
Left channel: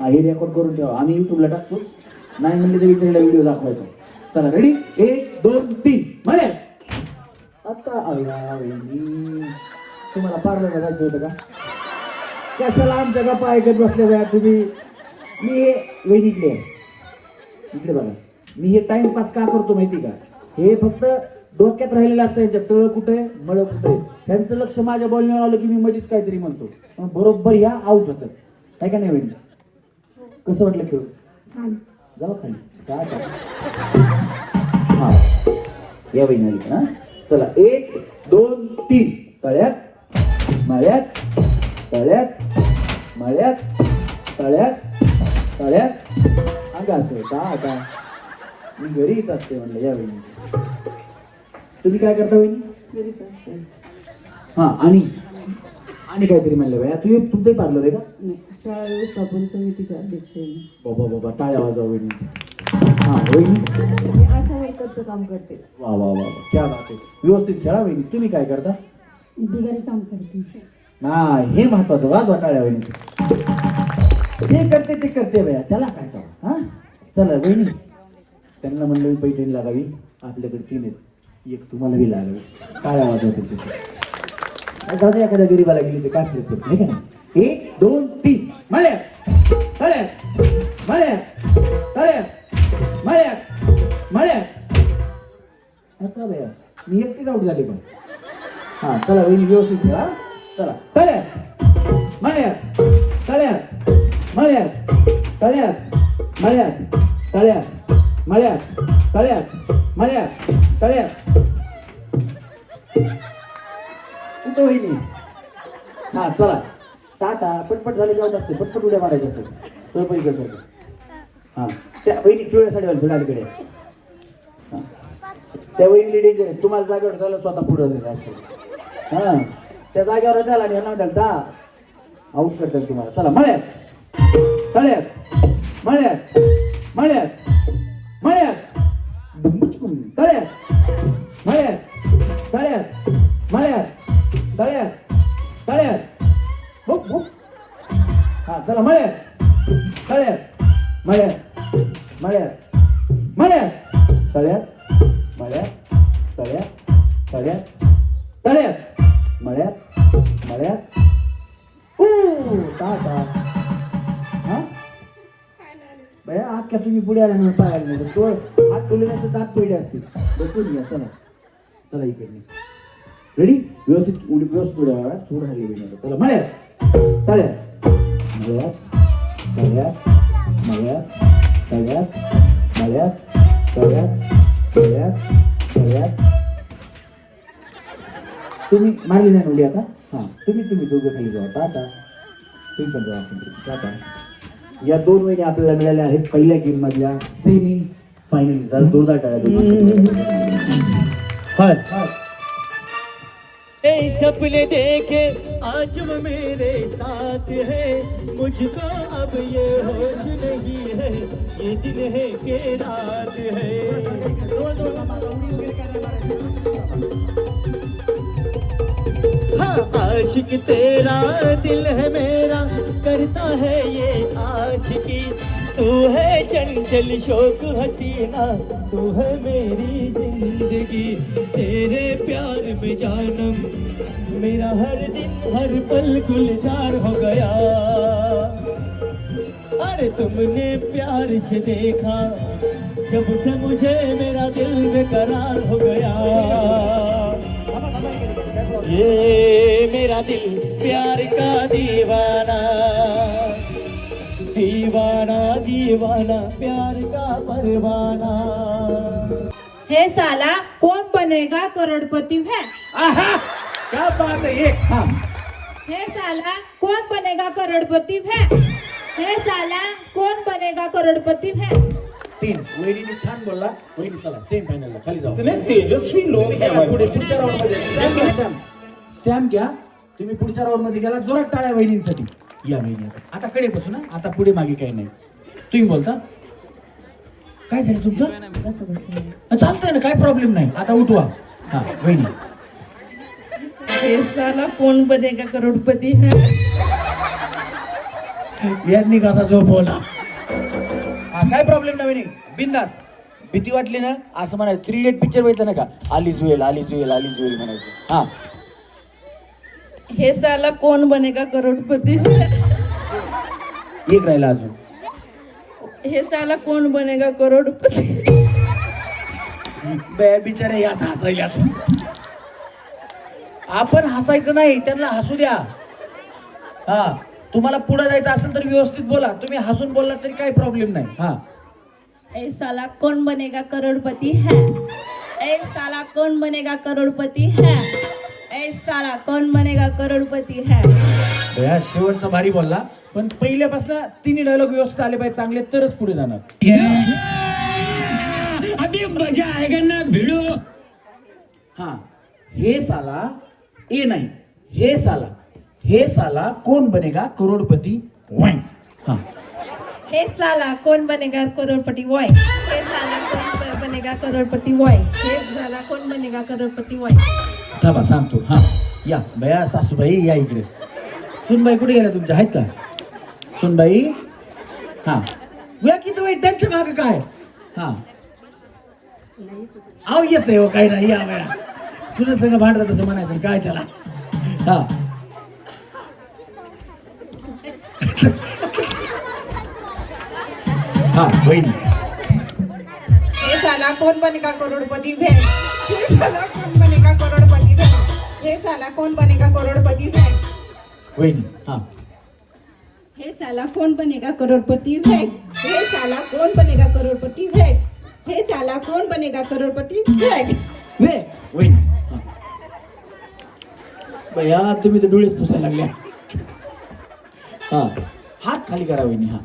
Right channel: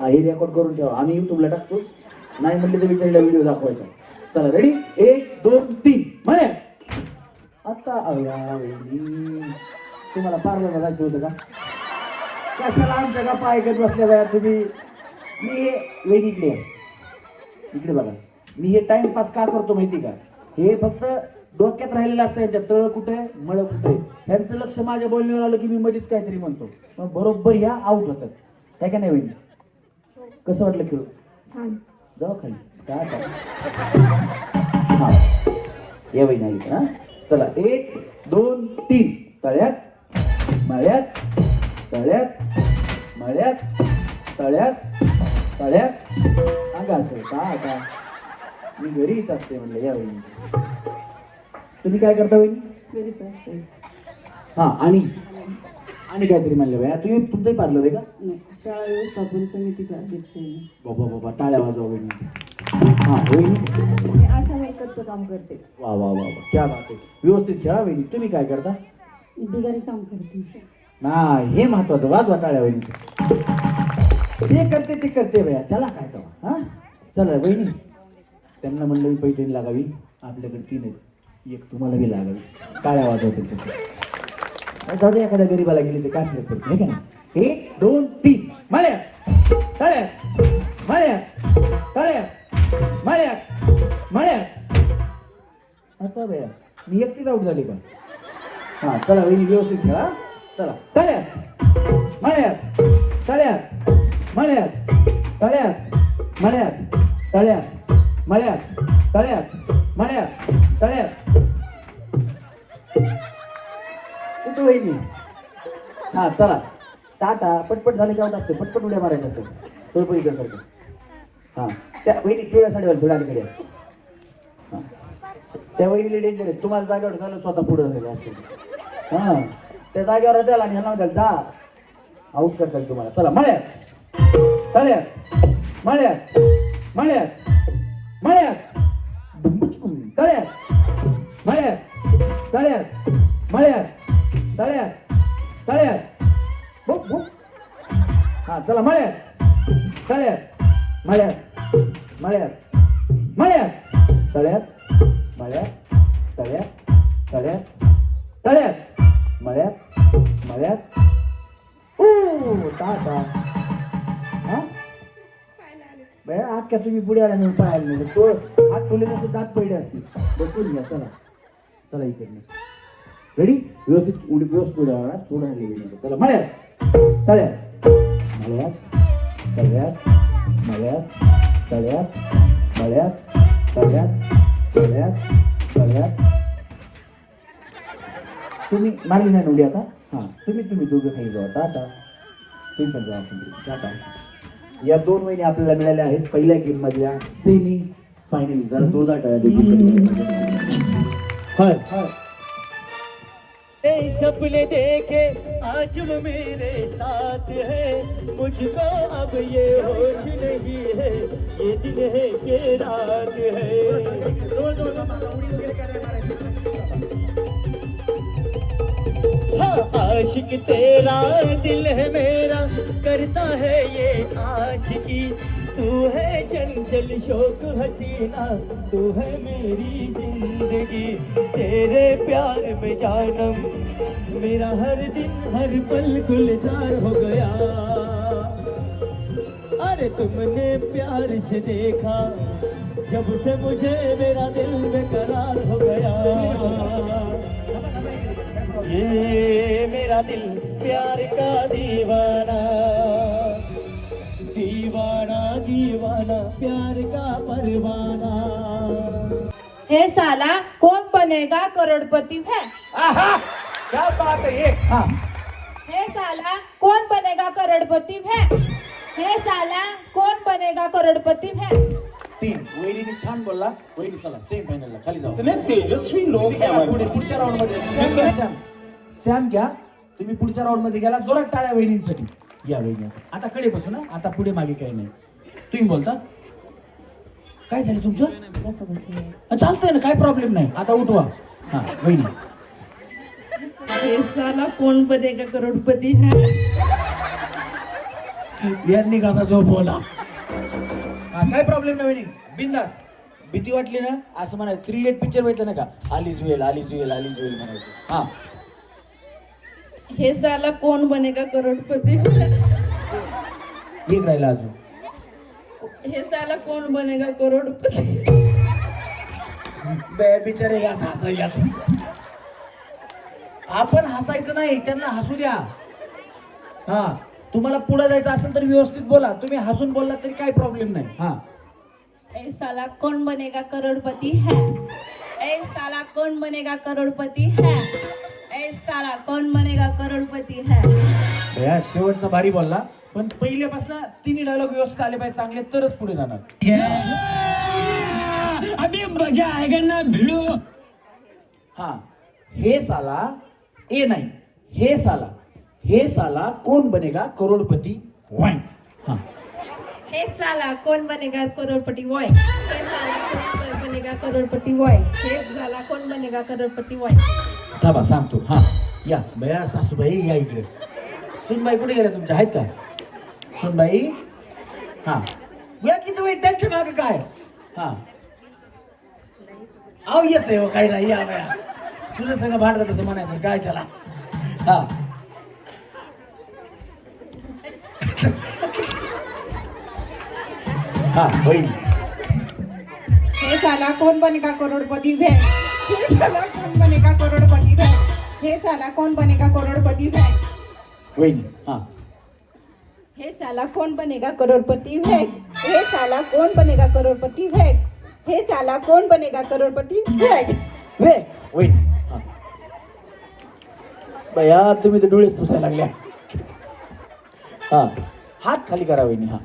हा हे रेकॉर्ड करून ठेवा, आम्ही युट्यूबला टाकतोच. नाही म्हणले तर विचारला व्हिडिओ दाखवायचा. चला रेडी. 1 2 3 म्हणे. आता तुम्हाला पार्लरला जायचं होतं का? कशाला आमच्या गप्पा ऐकत बसल्या बाया तुम्ही. मी वहिनीतले इकडे बघा, मी हे टाइमपास का करतो माहिती का? हे फक्त डोक्यात राहिलेलं असतं. यांच्या तळ कुठे मळ कुठे, त्यांचं लक्ष माझ्या बोलण्यावर आलं की मी मध्येच काहीतरी म्हणतो, मग बरोबर ह्या आउट होतात. काय का नाही वहिनी? कसं वाटलं खेळ? जाऊ खाली काय हा या वहिनी आली. हा चला 1 2 3 तळ्यात मळ्यात तळ्यात मळ्यात तळ्यात तळ्यात. अंगा असेल का? आता मी घरीच असते म्हणलं या वहिनी. तुम्ही काय करता वहिनी? हा आणि काहीतरी म्हणलं बाया. तुमचंही पार्लर आहे का? शाळा व्यवस्थापन समितीच्या अध्यक्ष. बाबा बाबा टाळ्या वाजवा वहिनी. हा वहिनी आशा मेकअपचं काम करते. वा वा वा क्या बात आहे. व्यवस्थित खेळा वहिनी. तुम्ही काय करता? बिगारी काम करते. ना हे महत्वाचं. वाजवा टाळ्या वहिनी. हे करते ते करते बाया, त्याला काय करा. हा चला वहिनी, त्यांना म्हणलं पैठणी लागावी. आपल्याकडे 3 आहेत, एक तुम्हाला बी लागावी. टाळ्या वाजवा त्यांच्या. जाऊ दे, एखाद्या गरीबाला गेली तर काय फरक पडतो, आहे का नाही. 1 2 3 मळ्यात तळ्यात मळ्यात तळ्यात मळ्यात मळ्यात. आता बया मी एकटीच आउट झाले का? हा चला वहिनी व्यवस्थित खेळा. चला तळ्यात मळ्यात तळ्यात मळ्यात तळ्यात मळ्यात तळ्यात मळ्यात तळ्यात मळ्यात तळ्यात. कुठं वहिनी? हा चला टाटा. पटपट झाले की आउट असते. पटपट उड्या मारायच्या असते सोयपरीकर सारखं. हा त्या वहिनी पिवळ्या साडीवाली थोड्या अलीकडे. हा त्या वहिनी डेंजर आहे. तुम्हाला जागेवर झालं स्वतः पुढं झालं असेल. हा त्या जागेवर द्याला आणि ह्यांना द्याल जा, आउट करताल तुम्हाला. चला मळ्यात तळ्यात मळ्यात मळ्यात मळ्यात तळ्यात मळ्यात तळ्यात मळ्यात तळ्यात तळ्यात बुक बुक हा चला मळ्यात तळ्यात मळ्यात मळ्यात मळ्यात तळ्यात मळ्यात तळ्यात तळ्यात तळ्यात मळ्यात मळ्यात टाटा हा बया आज का तुम्ही पुढे आला नाही पाहायला नाही तो हात टोलेण्याचं दात पडले असतील बसून घ्या चला चला इकडे रेडी व्यवस्थित उडी व्यवस्थित उड्या मारा थोडं हल्ली चला मळ्यात तळ्यात मळ्यात तळ्यात मळ्यात तळ्यात मळ्यात तळ्यात तळ्यात तळ्यात तुम्ही मारली नाही उडी आता हां तुम्ही दोघं खाली जाऊ आता तुम्ही पण जाऊ आता या 2 महिने आपल्याला मिळाल्या आहेत पहिल्या गेम मधल्या सेमी फायनल जरा जोरदार टाळ्या सपने देखे आज वो मेरे साथ है मुझको अब ये होश नहीं है ये दिन है कि रात है हाँ आशिक तेरा दिल है मेरा करता है ये आशिकी तू है चंचल शौक हसीना तू है मेरी जिंदगी तेरे प्यार में जानम मेरा हर दिन हर पल गुलजार हो गया अरे तुमने प्यार से देखा जब से मुझे मेरा दिल बेकरार हो गया ये मेरा दिल प्यार का दीवाना दीवाना दीवाना प्यार का परवाना हे साला कौन बनेगा करोड़पति है आहा क्या बात है एक हाँ हे साला कौन बनेगा करोड़पति है हे साला कौन बनेगा करोड़पति है 3 वहिनीने छान बोलला वहिनी चला सेम फायनलला खाली जाऊ तेजस्वी लोक पुढे पुढच्या राऊंड मध्ये स्टॅम्प घ्या तुम्ही पुढच्या राऊंड मध्ये गेला जोरात टाळ्या वहिनींसाठी या वहिनी आता कडे बसू ना आता पुढे मागे काही नाही तुम्ही बोलता काय झालं तुमचं चालतंय ना काय प्रॉब्लेम नाही आता उठवा हा वहिनी हे साला कौन बनेगा करोड़पति है यांनी कसा झोपवला हा काय प्रॉब्लेम नाही वहिनी बिंदास भीती वाटली ना असं म्हणायचं 3 इडियट पिक्चर बघितलं ना का आलीज वेल म्हणायचं हा हे साला कौन बनेगा करोड़पति है एक राहिला अजून हे साला कौन बनेगा करोड़पति बिचारे याच हसायला आपण हसायचं नाही त्यांना हसू द्या हा तुम्हाला पुढे जायचं असेल तर व्यवस्थित बोला तुम्ही हसून बोलला तरी काही प्रॉब्लेम नाही हा ए साला कौन बनेगा करोड़पति है ए साला कौन बनेगा करोड़पति है ए साला कौन बनेगा करोड़पति है बया शेवटचा भारी बोलला पण पहिल्यापासून 3 डायलॉग व्यवस्थित आले पाहिजे चांगले तरच पुढे जाणार अभी मजा आएगा ना भिड़ो हा हे साला ए नाही हे साला कौन बनेगा करोड़पति हा हे साला कौन बनेगा करोड़पति बॉय हे साला कौन बनेगा करोड़पति बॉय हे साला कौन बनेगा करोड़पति बॉय थांबा सांगतो हा या बया सासूबाई या इकडे सुनबाई कुठे गेल्या तुमच्या आहेत का सुनबाई हा या की तुम्ही त्यांच्या मागे काय हा आव येतोय हो काही नाही या बया सुन सगळं भांडत तसं म्हणायचं काय त्याला हा हा बहिणी हे साला कौन बनेगा करोड़पति है हे साला कौन बनेगा करोड़पति है हे साला कौन बनेगा करोड़पति है वहिनी हा हे साला कौन बनेगा करोड़पति है हे साला कौन बनेगा करोड़पति है हे साला कौन बनेगा करोड़पति है वे वहिनी हा बया तुम्ही तर डोळेच पुसायला लागल्या हा हात खाली करा वहिनी हा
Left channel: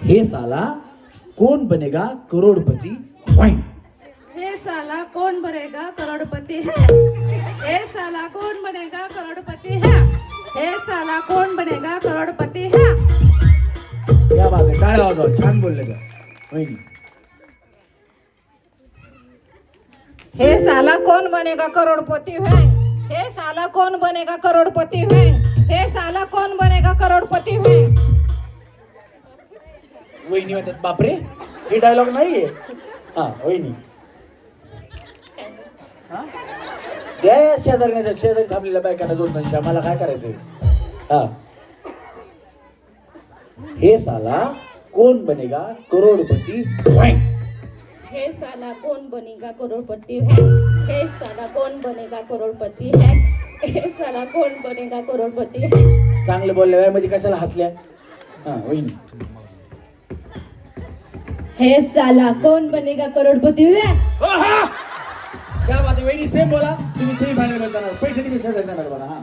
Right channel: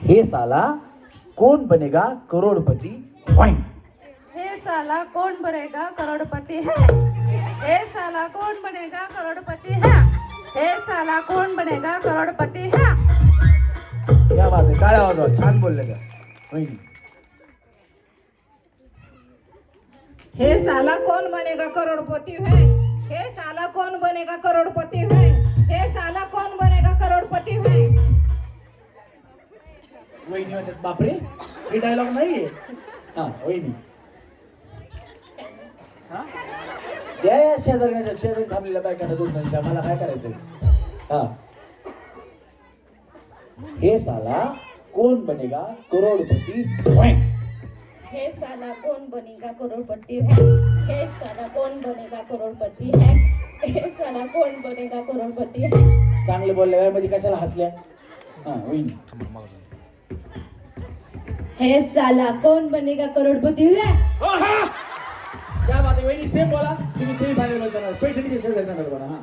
हे साला कौन बनेगा करोड़पति हे साला कौन बनेगा करोड़पति है हे साला कौन बनेगा करोड़पति है हे साला कौन बनेगा करोड़पति है क्या बात आहे टाळ्या वाजवा छान बोलले का वहिनी हे साला कौन बनेगा करोड़पति है? हे साला कौन बनेगा करोड़पति है? हे साला कौन बनेगा करोड़पति है? वहिनी म्हणतात बापरे हे डायलॉग नाहीये. हा वहिनी हा द्या या शेजारी थांबलेल्या बायकांना 2-2 आम्हाला काय करायचंय. हा हे साला कोण बनेगा करोडपती. हे साला कौन बनेगा करोड़पति है? हे साला कौन बनेगा करोड़पति है? हे साला कौन बनेगा करोड़पति है? चांगलं बोलल्या वेळेमध्ये कशाला हसल्या. हा वहिनी हे साला कौन बनेगा करोड़पति है? क्या बात आहे वहिनी सेम बोला. तुम्ही सेमी फायनल जाणार पैठणीच्या शेजारी जाणार बघा. हा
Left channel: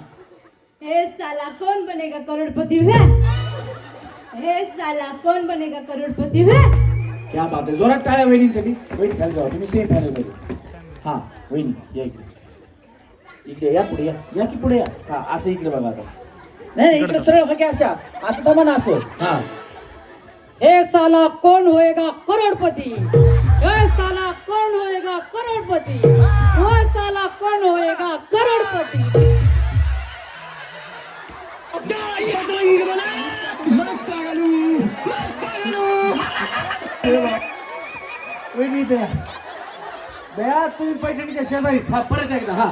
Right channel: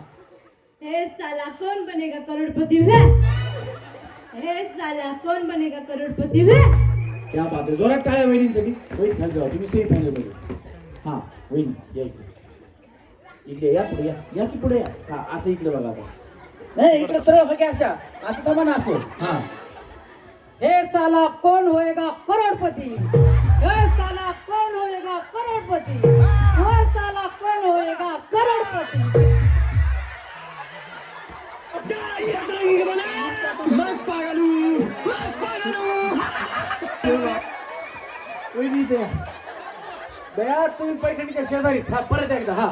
हे साला कौन बनेगा करोड़पति है? हे साला कौन बनेगा करोड़पति है? क्या बात आहे. जोरात टाळ्या वहिनींसाठी. वहिनी खाली जावा तुम्ही सेमी फायनल मध्ये. हा वहिनी या इकडे या पुढे या की पुढे या. हा असं इकडे बघा आता. नाही इकडे सरळ हा की अशा असं थांबा ना असं. हा हे साला कौन होएगा करोड़पति? हे साला कौन होएगा करोड़पति? हे साला कौन होएगा करोड़पति? वहिनी द्या तुम्ही पैठणीच्या शेजारी. हा परत एकदा. हा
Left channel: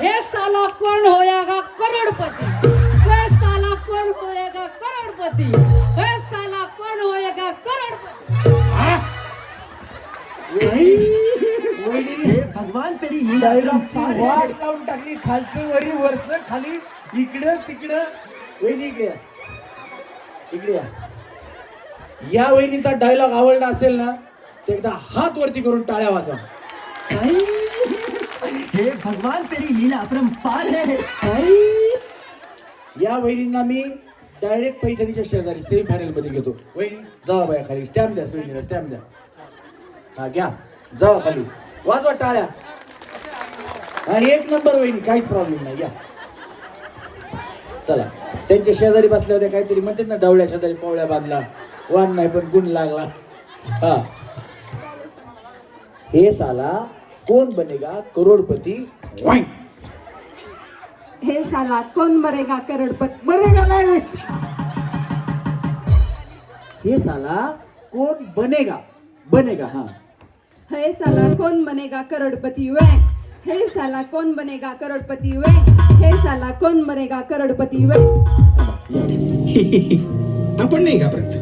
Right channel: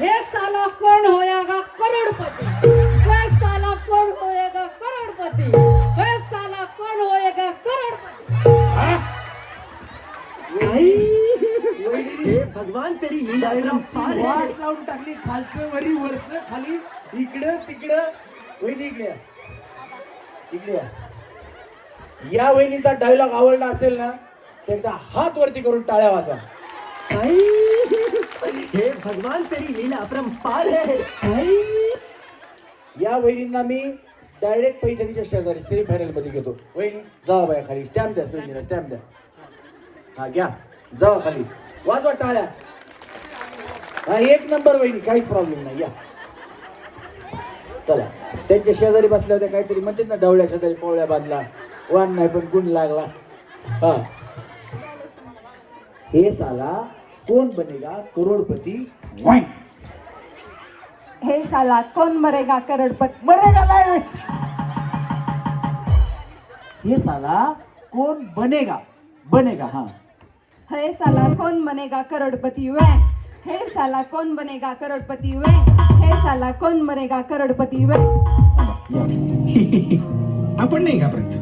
हे साला कौन होएगा करोड़पति? हे साला कौन होएगा करोड़पति? हे साला कौन होएगा करोड़पति? भगवान तरी वाट लावून टाकली. खालचं वरी वरचं खाली इकडं तिकडं. वहिनी इकडे या. इकडे या. या वहिनीचा डायलॉग आवडला असेल ना तर एकदा हात वरती करून टाळ्या वाजवा. हे भगवान तरी लीला अपरंपार है. या वहिनींना मी डायरेक्ट पैठणीच्या शेजारी सेमी फायनल मध्ये घेतो. वहिनी जावा बाया खाली. स्टॅम्प द्या वहिनीला स्टॅम्प द्या. हा घ्या जावा खाली वाजवा टाळ्या. हा 1 नंबर वहिनी काहीच प्रॉब्लेम नाही. या चला. त्यांच्या शेजारी बसल्या होत्या काहीतरी म्हणतात ना डवळ्या शेजारी पोवळ्या बांधला वाण नाही पण गुण लागला. हा हे साला कोण बनेगा करोडपती. हे साला कौन मरेगा करोड़पति? मरेगा नाही. हे साला कोण बनेगा बनेगा. हा हे साला कौन बनेगा करोड़पति वे? हे साला कौन बनेगा करोड़पति वे? हे साला कौन बनेगा करोड़पति वे? आपण नाही घाबरत.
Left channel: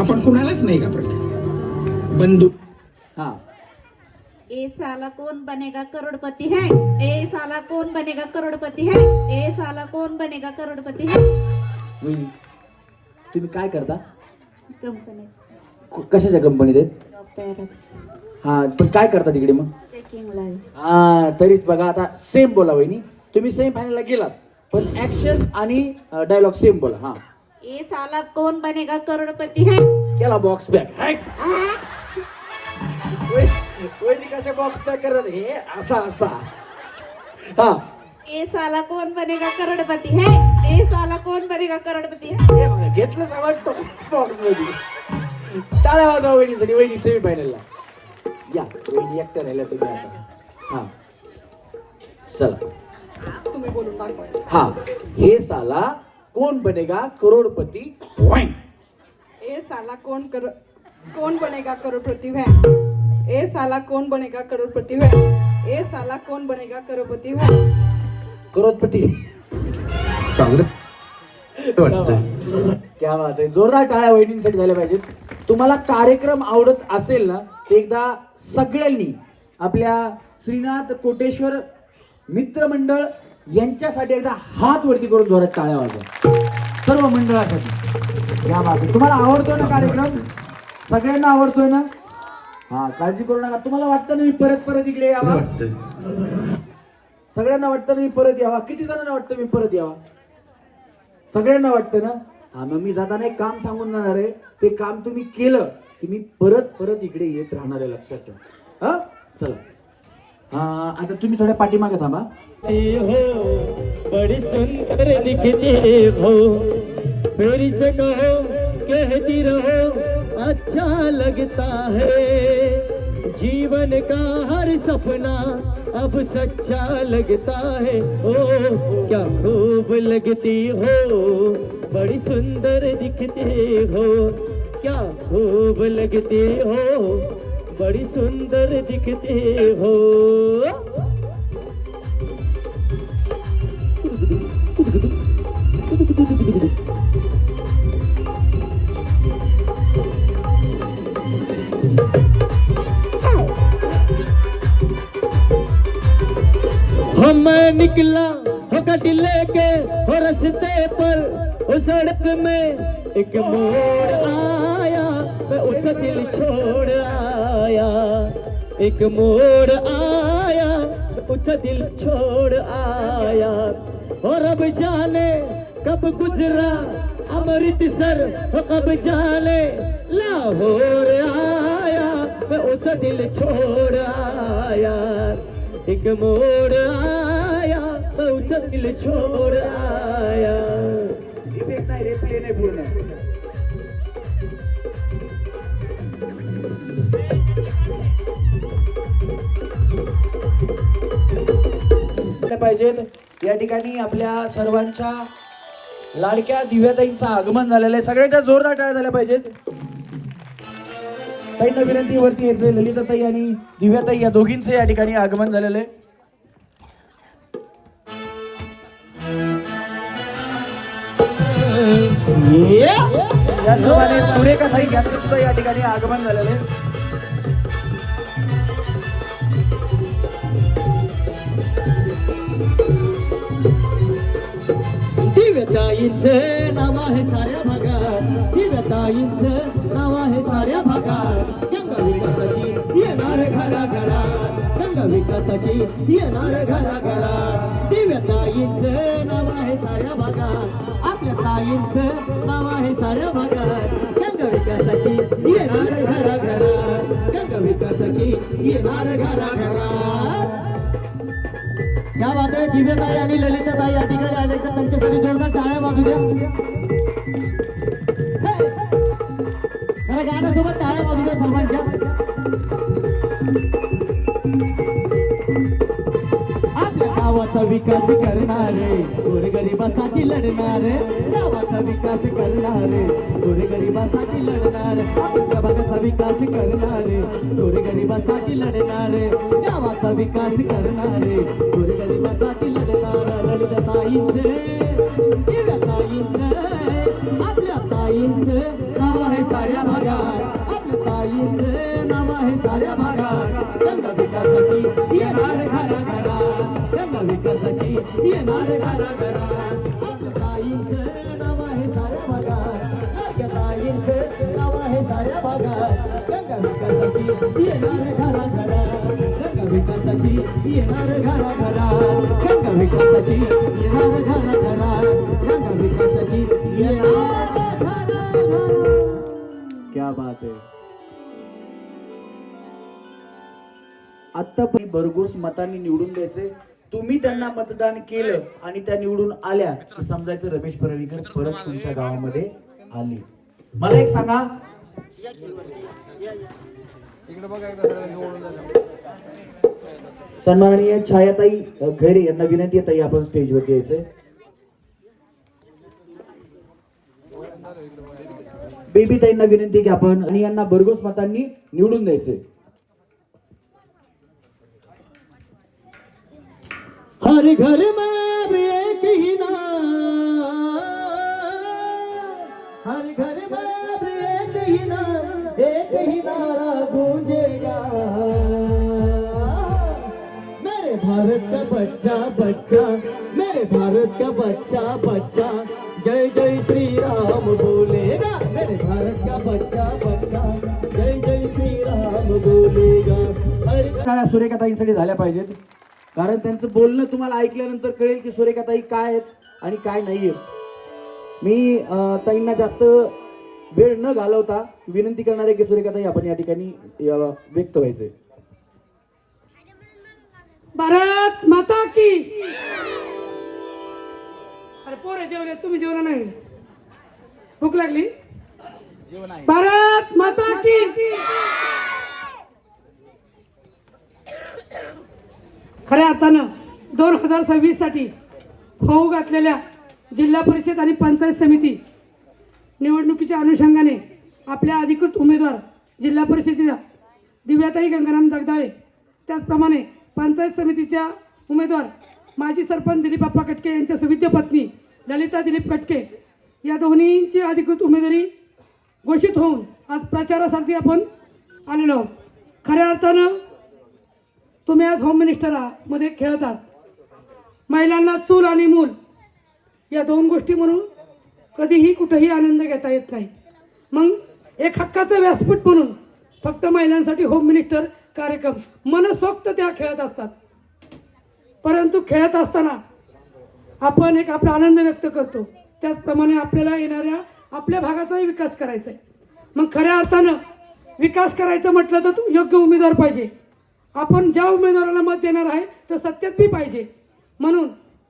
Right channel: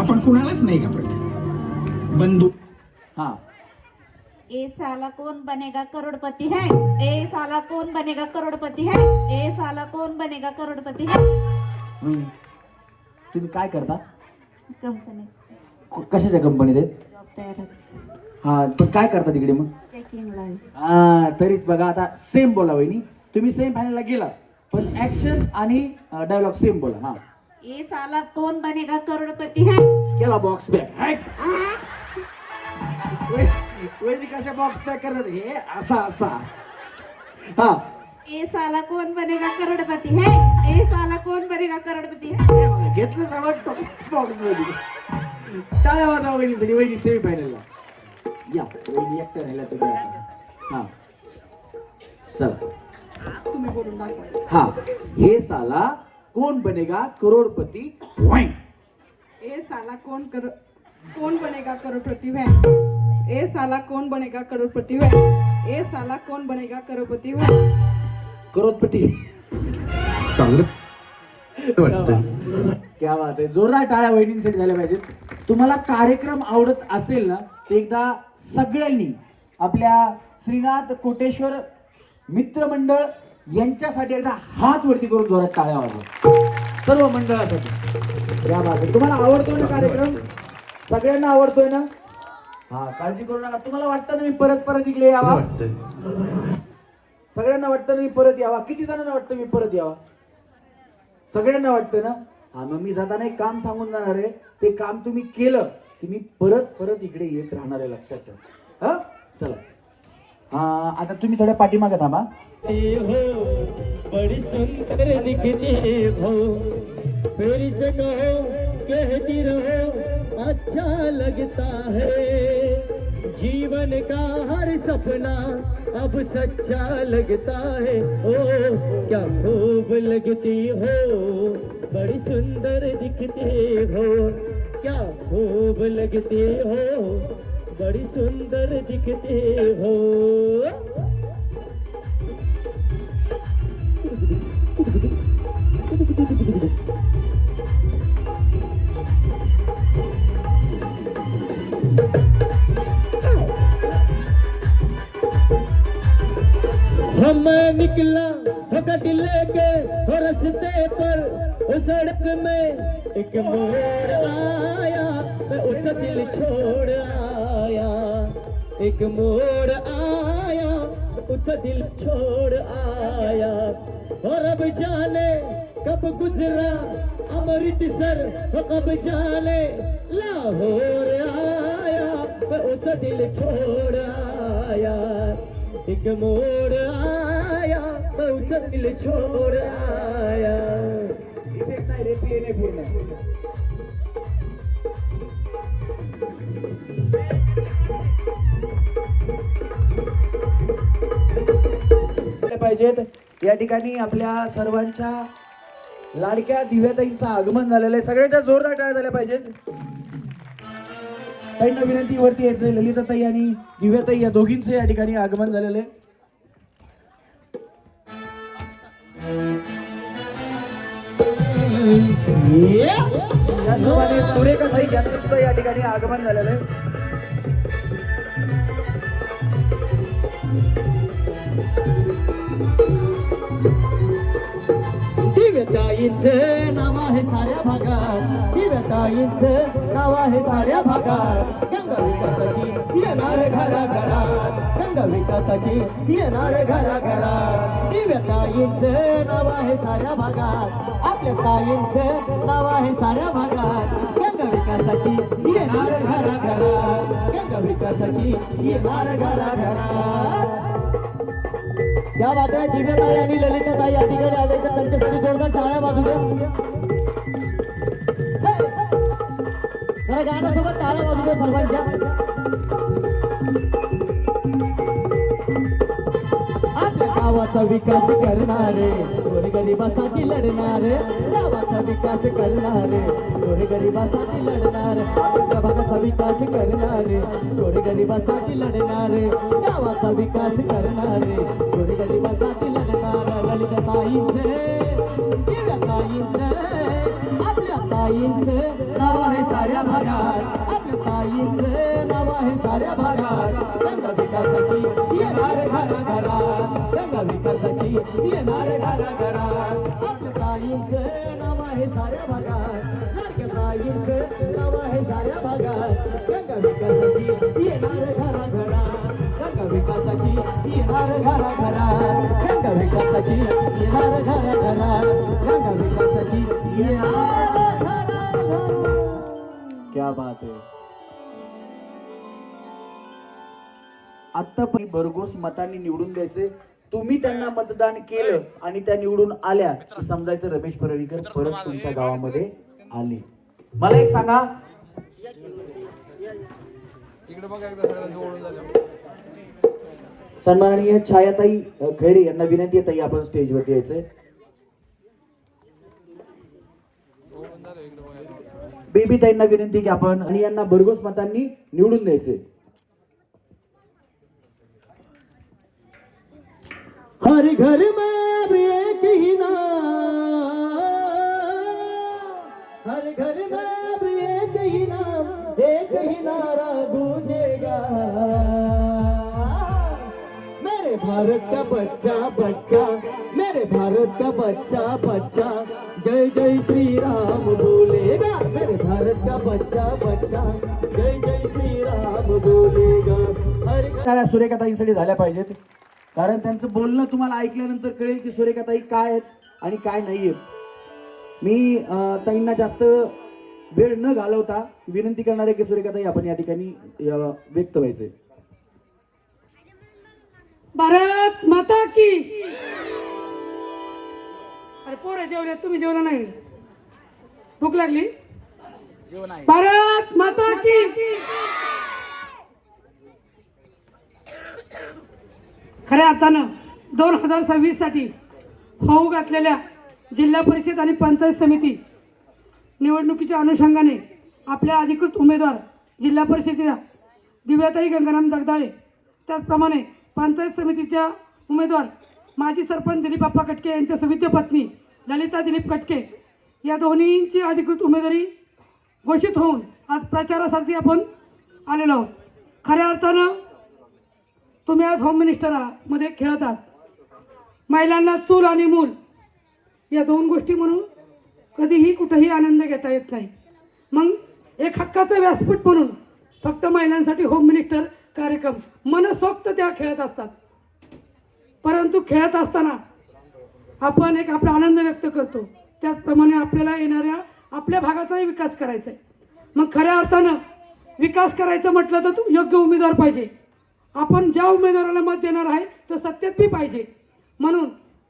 आपण कुणालाच नाही घाबरत. बंदूक. हा ए साला कौन बनेगा करोड़पति है? ए साला कौन बनेगा करोड़पति है? ए साला कौन बनेगा करोड़पति है? वहिनी तुम्ही काय करता. कंपनी कशाच्या कंपनीत आहे. हा पण काय करता तिकडे मग. Checking line. हा तरीच बघा आता सेम बोला वहिनी. तुम्ही सेमी फायनलला गेलात पण ऍक्शन आणि डायलॉग सेम बोला. हा ए साला कौन बनेगा करोड़पति है? केला बॉक्स पॅक. वहिनी कशा बॉक्स पॅक करतात हे असा असा. हा ए साला कौन बनेगा करोड़पति है? ए साला कौन बनेगा करोड़पति है? हे बघा घेतलं सामान बॉक्स मध्ये. टाळ्या वाजवा वहिनीसाठी. वहिनी सेमी फायनलला या. वहिनी एकट्या राहिल्या तुम्ही आता. हा चला तुम्ही बोलून दाखवा. हा हे साला कौन बनेगा करोड़पति. ए साला कौन बनेगा करोड़पति है? ए साला कौन बनेगा करोड़पति है? ए साला कौन बनेगा करोड़पति है? करोडपती. क्या बात आहे. जोरदार टाळ्या वहिनींसाठी झाल्या पाहिजेत. तुम्हाला कार्यक्रम आवडत असेल ना तर एकदा सगळ्यांनी आपल्या श्रीनाथ कोटेश्वर मित्रमंडळ यांच्यासाठी एकदा हात वरती करून जोरात टाळ्या वाजवा सर्व मंडळासाठी. क्या बात आहे. तुम्हाला आवडतो ना कार्यक्रम. सगळ्यांना आवडतो ना. हा काळजी करू नका. तुम्हाला वाटतं ना मी परत इकडे यावा. सगळ्यांना वाटतं ना मी परत यावा. किती जणांना वाटतं मी परत यावा. सगळ्यांना वाटतं ना. हा मग मी जाताना एक काम सांगून जाणार आहे. ते काम तुम्ही केलं की मी परत इकडे येत राहणार आहे. लक्षात ठेवा. हा चला. हा आता तुम्ही थोड्या पाठीमागे थांबा. बड़ी सुंदर दिखती हो मेरी से कहो कहती रहो अच्छा लगता है. जीवन का हर सपना अब सच्चा लगता है। ओ क्या खूब लगती हो, बड़ी सुंदर दिखते हो। क्या खूब लगते हो, बड़ी सुंदर दिखते हो। हम मैं निकला हो गड्डी लेके हो रस्ते पर, हो सड़क में एक मोड़ आया, मैं उठ दिल छोड़ आया। एक मोड़ आया, उठ दिल छोड़ आया। और अब जाने कब गुजरा अमृतसर, हो कब जाने लाहौर आया, मैं उठ दिल छोड़ आया। एक मोड़ आया, मैं उठ दिल छोड़ आया। नाही रे, प्ले नाही पूर्ण. पाहिजेत. या ठिकाणी आपल्या सर्वांच्या लाडक्या दिव्याताईंचं आगमन झालेलं आहे. सगळ्यांच्या जोरदार टाळ्या झाल्या पाहिजेत. ताईंना विनंती वरती यायचं. ललिताताई आणि दिव्याताई या दोघींचे या ठिकाणी आगमन झालेलं आहे. याचप्रमाणे सुरेखाताई यांचं सुद्धा या ठिकाणी आगमन झालेलं आहे. दिव्यताईंचं नाव आहे साऱ्या भागात, दिव्यताईंचं नाव आहे साऱ्या भागात. गंगा विकासाची येणार घराघरात, गंगा विकासाची येणार घराघरात. दिव्यताईंचं नाव आहे साऱ्या भागात, आपल्या ताईंचं नाव आहे साऱ्या भागात. गंगा विकासाची येणार घराघरात, गंगा विकासाची येणार घराघरात. क्या बात आहे. दिव्यताई आणि ललिताताई या ठिकाणी आले तर त्यांच्यासाठी जोरदार टाळ्या वाजू द्या. जरा गाण्यासोबत टाळ्या वाजू द्या सर्वांच्या. आपल्या गावाचा विकास करणारे, गोरगरिबासाठी लढणारे, गावाचा विकास करणारे, गोरगरिबासाठी लढणारे. आपल्या भागाचा विकास करणारे, गोरगरिबासाठी लढणारे, गावाचा विकास करणारे, गोरगरिबासाठी लढणारे. ललिताताईंचे, दिव्यताईंचे, आपल्या ताईंचं नाव आहे साऱ्या भागात, आपल्या ताईंचं नाव आहे साऱ्या भागात. गंगा विकासाची येणार घराघरात, गंगा विकासाची येणार घराघरात. आपल्या ताईंचं नाव आहे साऱ्या भागात, आपल्या ताईंचं नाव आहे साऱ्या भागात. गंगा विकासाची येणार घराघरात, गंगा विकासाची येणार घराघरात, गंगा विकासाची येणार घराघरात, गंगा विकासाची येणार घराघरात. क्या बात है. आत्तापर्यंत भरघोस मतांनी निवडून द्यायचे. तुम्ही त्यांना मतदान केलं आणि त्या निवडून आल्या की समजायचं रमेश परळीकर परत तुमच्या गावामध्ये आले. मला एक सांगा, सन्माननीय छायाताई खैरे यांना विनंती आहे, ताई आपण स्टेजवरती यायचंय. बेबी ताईंना विनंती की आपण आणि यांना भरघोस मतांनी निवडून द्यायचे. हर घर में भी एक ही नाम, हर घर में भी एक ही नाम, एक ही नारा गूंजेगा, मेरे भारत का बच्चा बच्चा, मेरे भारत का बच्चा बच्चा, जय जय श्री राम बोलेगा. मेरे भारत का बच्चा बच्चा, जय जय श्री राम बोलेगा. टाळ्या सुरेखाताईंसाठी झाल्या पाहिजेत, कारण त्यांचं बोलणं तुम्हाला ऐकल्यानंतर कळेल की सुरेखाताई काय आहेत आणि काय नाहीये. मी ताईंना जास्त वेळ न घालवता विनंती करणार आहे की सुरेखाताई आपण या ठिकाणी व्यक्त व्हायचंय. भारत माता की. अरे पोरे जेवले, तुम्ही जेवण नाही, भूक लागली. भारत माता की. खऱ्या अर्थानं 2026साठी होऊ घातलेल्या जिल्हा परिषद आणि पंचायत समिती निवडणुकीच्या अनुषंगाने आपल्या अधिकृत उमेदवार जिल्हा परिषदेच्या दिव्याताई गंगाराम जगदाळे, त्याचप्रमाणे पंचायत समितीच्या उमेदवार माजी सरपंच दिलीप बाप्पा कटके यांच्या सुविद्य पत्नी ललिता दिलीप कटके या दोन्हींची अधिकृत उमेदवारी घोषित होऊन आज प्रचारासाठी आपण आलेलो आहोत. खऱ्या अर्थानं तुम्ही आज होम मिनिस्टरमध्ये खेळत आहात. महिलांना चूल आणि मूल या दोन गोष्टी म्हणून कधीही कुठेही आनंद घेता येत नाही. मग एक हक्काचं व्यासपीठ म्हणून फक्त महिलांसाठी होम मिनिस्टर कार्यक्रम मनसोक्त त्या खेळत असतात. परंतु खेळत असताना आपण एक आपला आनंद व्यक्त करतो. त्याचप्रमाणे आपल्याला येणाऱ्या आपल्या भागाचाही विकास करायचा आहे. मग खऱ्या अर्थानं विकास करायचं म्हटलं तर योग्य उमेदवार पाहिजे. आपण ज्या उमेदवाराला मत देणार आहे तर सत्यात पाहिजे. म्हणून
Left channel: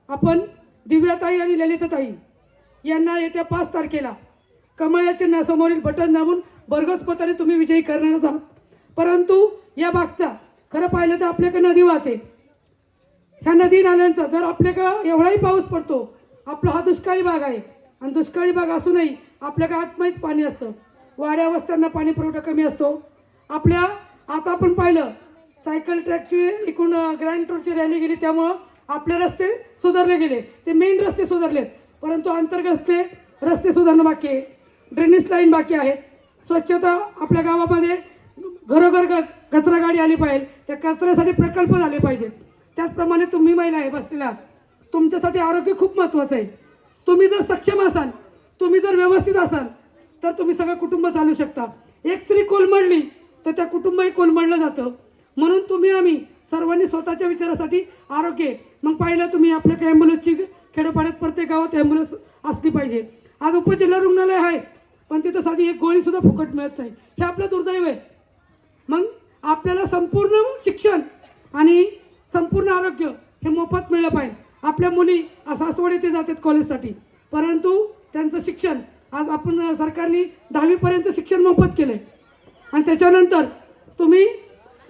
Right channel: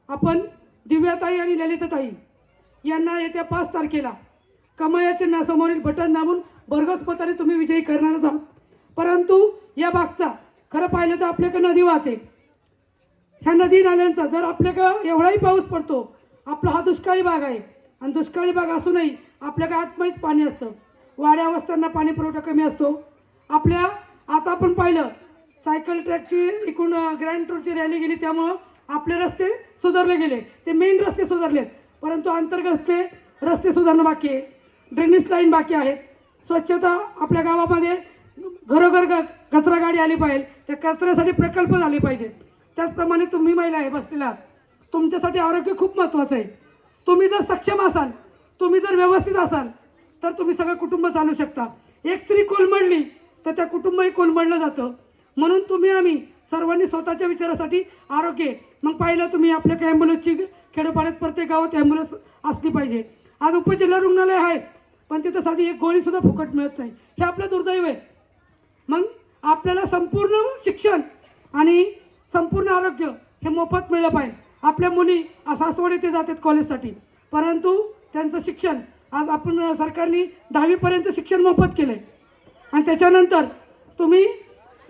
आपण दिव्याताई आणि ललिताताई यांना येत्या 5 तारखेला कमळ या चिन्हासमोरील बटन दाबून भरघोस मताने तुम्ही विजयी करणारच आहात. परंतु या भागचा खरं पाहिलं तर आपल्याकडे नदी वाहते. ह्या नदी नाल्यांचा जर आपल्याकडं एवढाही पाऊस पडतो, आपला हा दुष्काळी भाग आहे आणि दुष्काळी भाग असूनही आपल्याकडे आठमैत पाणी असतं. वाड्या वस्त्यांना पाणी पुरवठा कमी असतो. आपल्या आता आपण पाहिलं सायकल ट्रॅकची एकूण ग्रँड टूरची रॅली गेली, त्यामुळं आपले रस्ते सुधारले गेले. ते मेन रस्ते सुधारलेत, परंतु अंतर्गत रस्ते सुधारणं बाकी आहे. ड्रेनेज लाईन बाकी आहेत. स्वच्छता आपल्या गावामध्ये घरोघर कचरा गाडी आली पाहिजे. त्या कचऱ्यासाठी प्रकल्प झाले पाहिजे. त्याचप्रमाणे तुम्ही महिला आहे बसलेला, तुमच्यासाठी आरोग्य खूप महत्त्वाचं आहे. तुम्ही जर सक्षम असाल, तुम्ही जर व्यवस्थित असाल तर तुम्ही सगळं कुटुंब चालू शकता. एक स्त्री कोलमडली तर त्या कुटुंबही कोलमडलं जातं. म्हणून तुम्ही आम्ही सर्वांनी स्वतःच्या विचारासाठी आरोग्य. मग पाहिलं तुम्ही आपल्या ॲम्ब्युलन्सची खेडोपाड्यात प्रत्येक गावात ॲम्ब्युलन्स असली पाहिजे. आज उपजिल्हा रुग्णालय आहे पण तिथं साधी एक गोळीसुद्धा फुकट मिळत नाही. हे आपलं दुर्दैव आहे. मग आपल्याला संपूर्ण शिक्षण आणि संपूर्ण आरोग्य हे मोफत मिळलं पाहिजे. आपल्या मुली सासवड येथे जातात कॉलेजसाठी, परंतु त्यांचं शिक्षण आज आपण सरकारने 10वीपर्यंत शिक्षण मोफत केलं आहे. आणि त्याच्यानंतर तुम्ही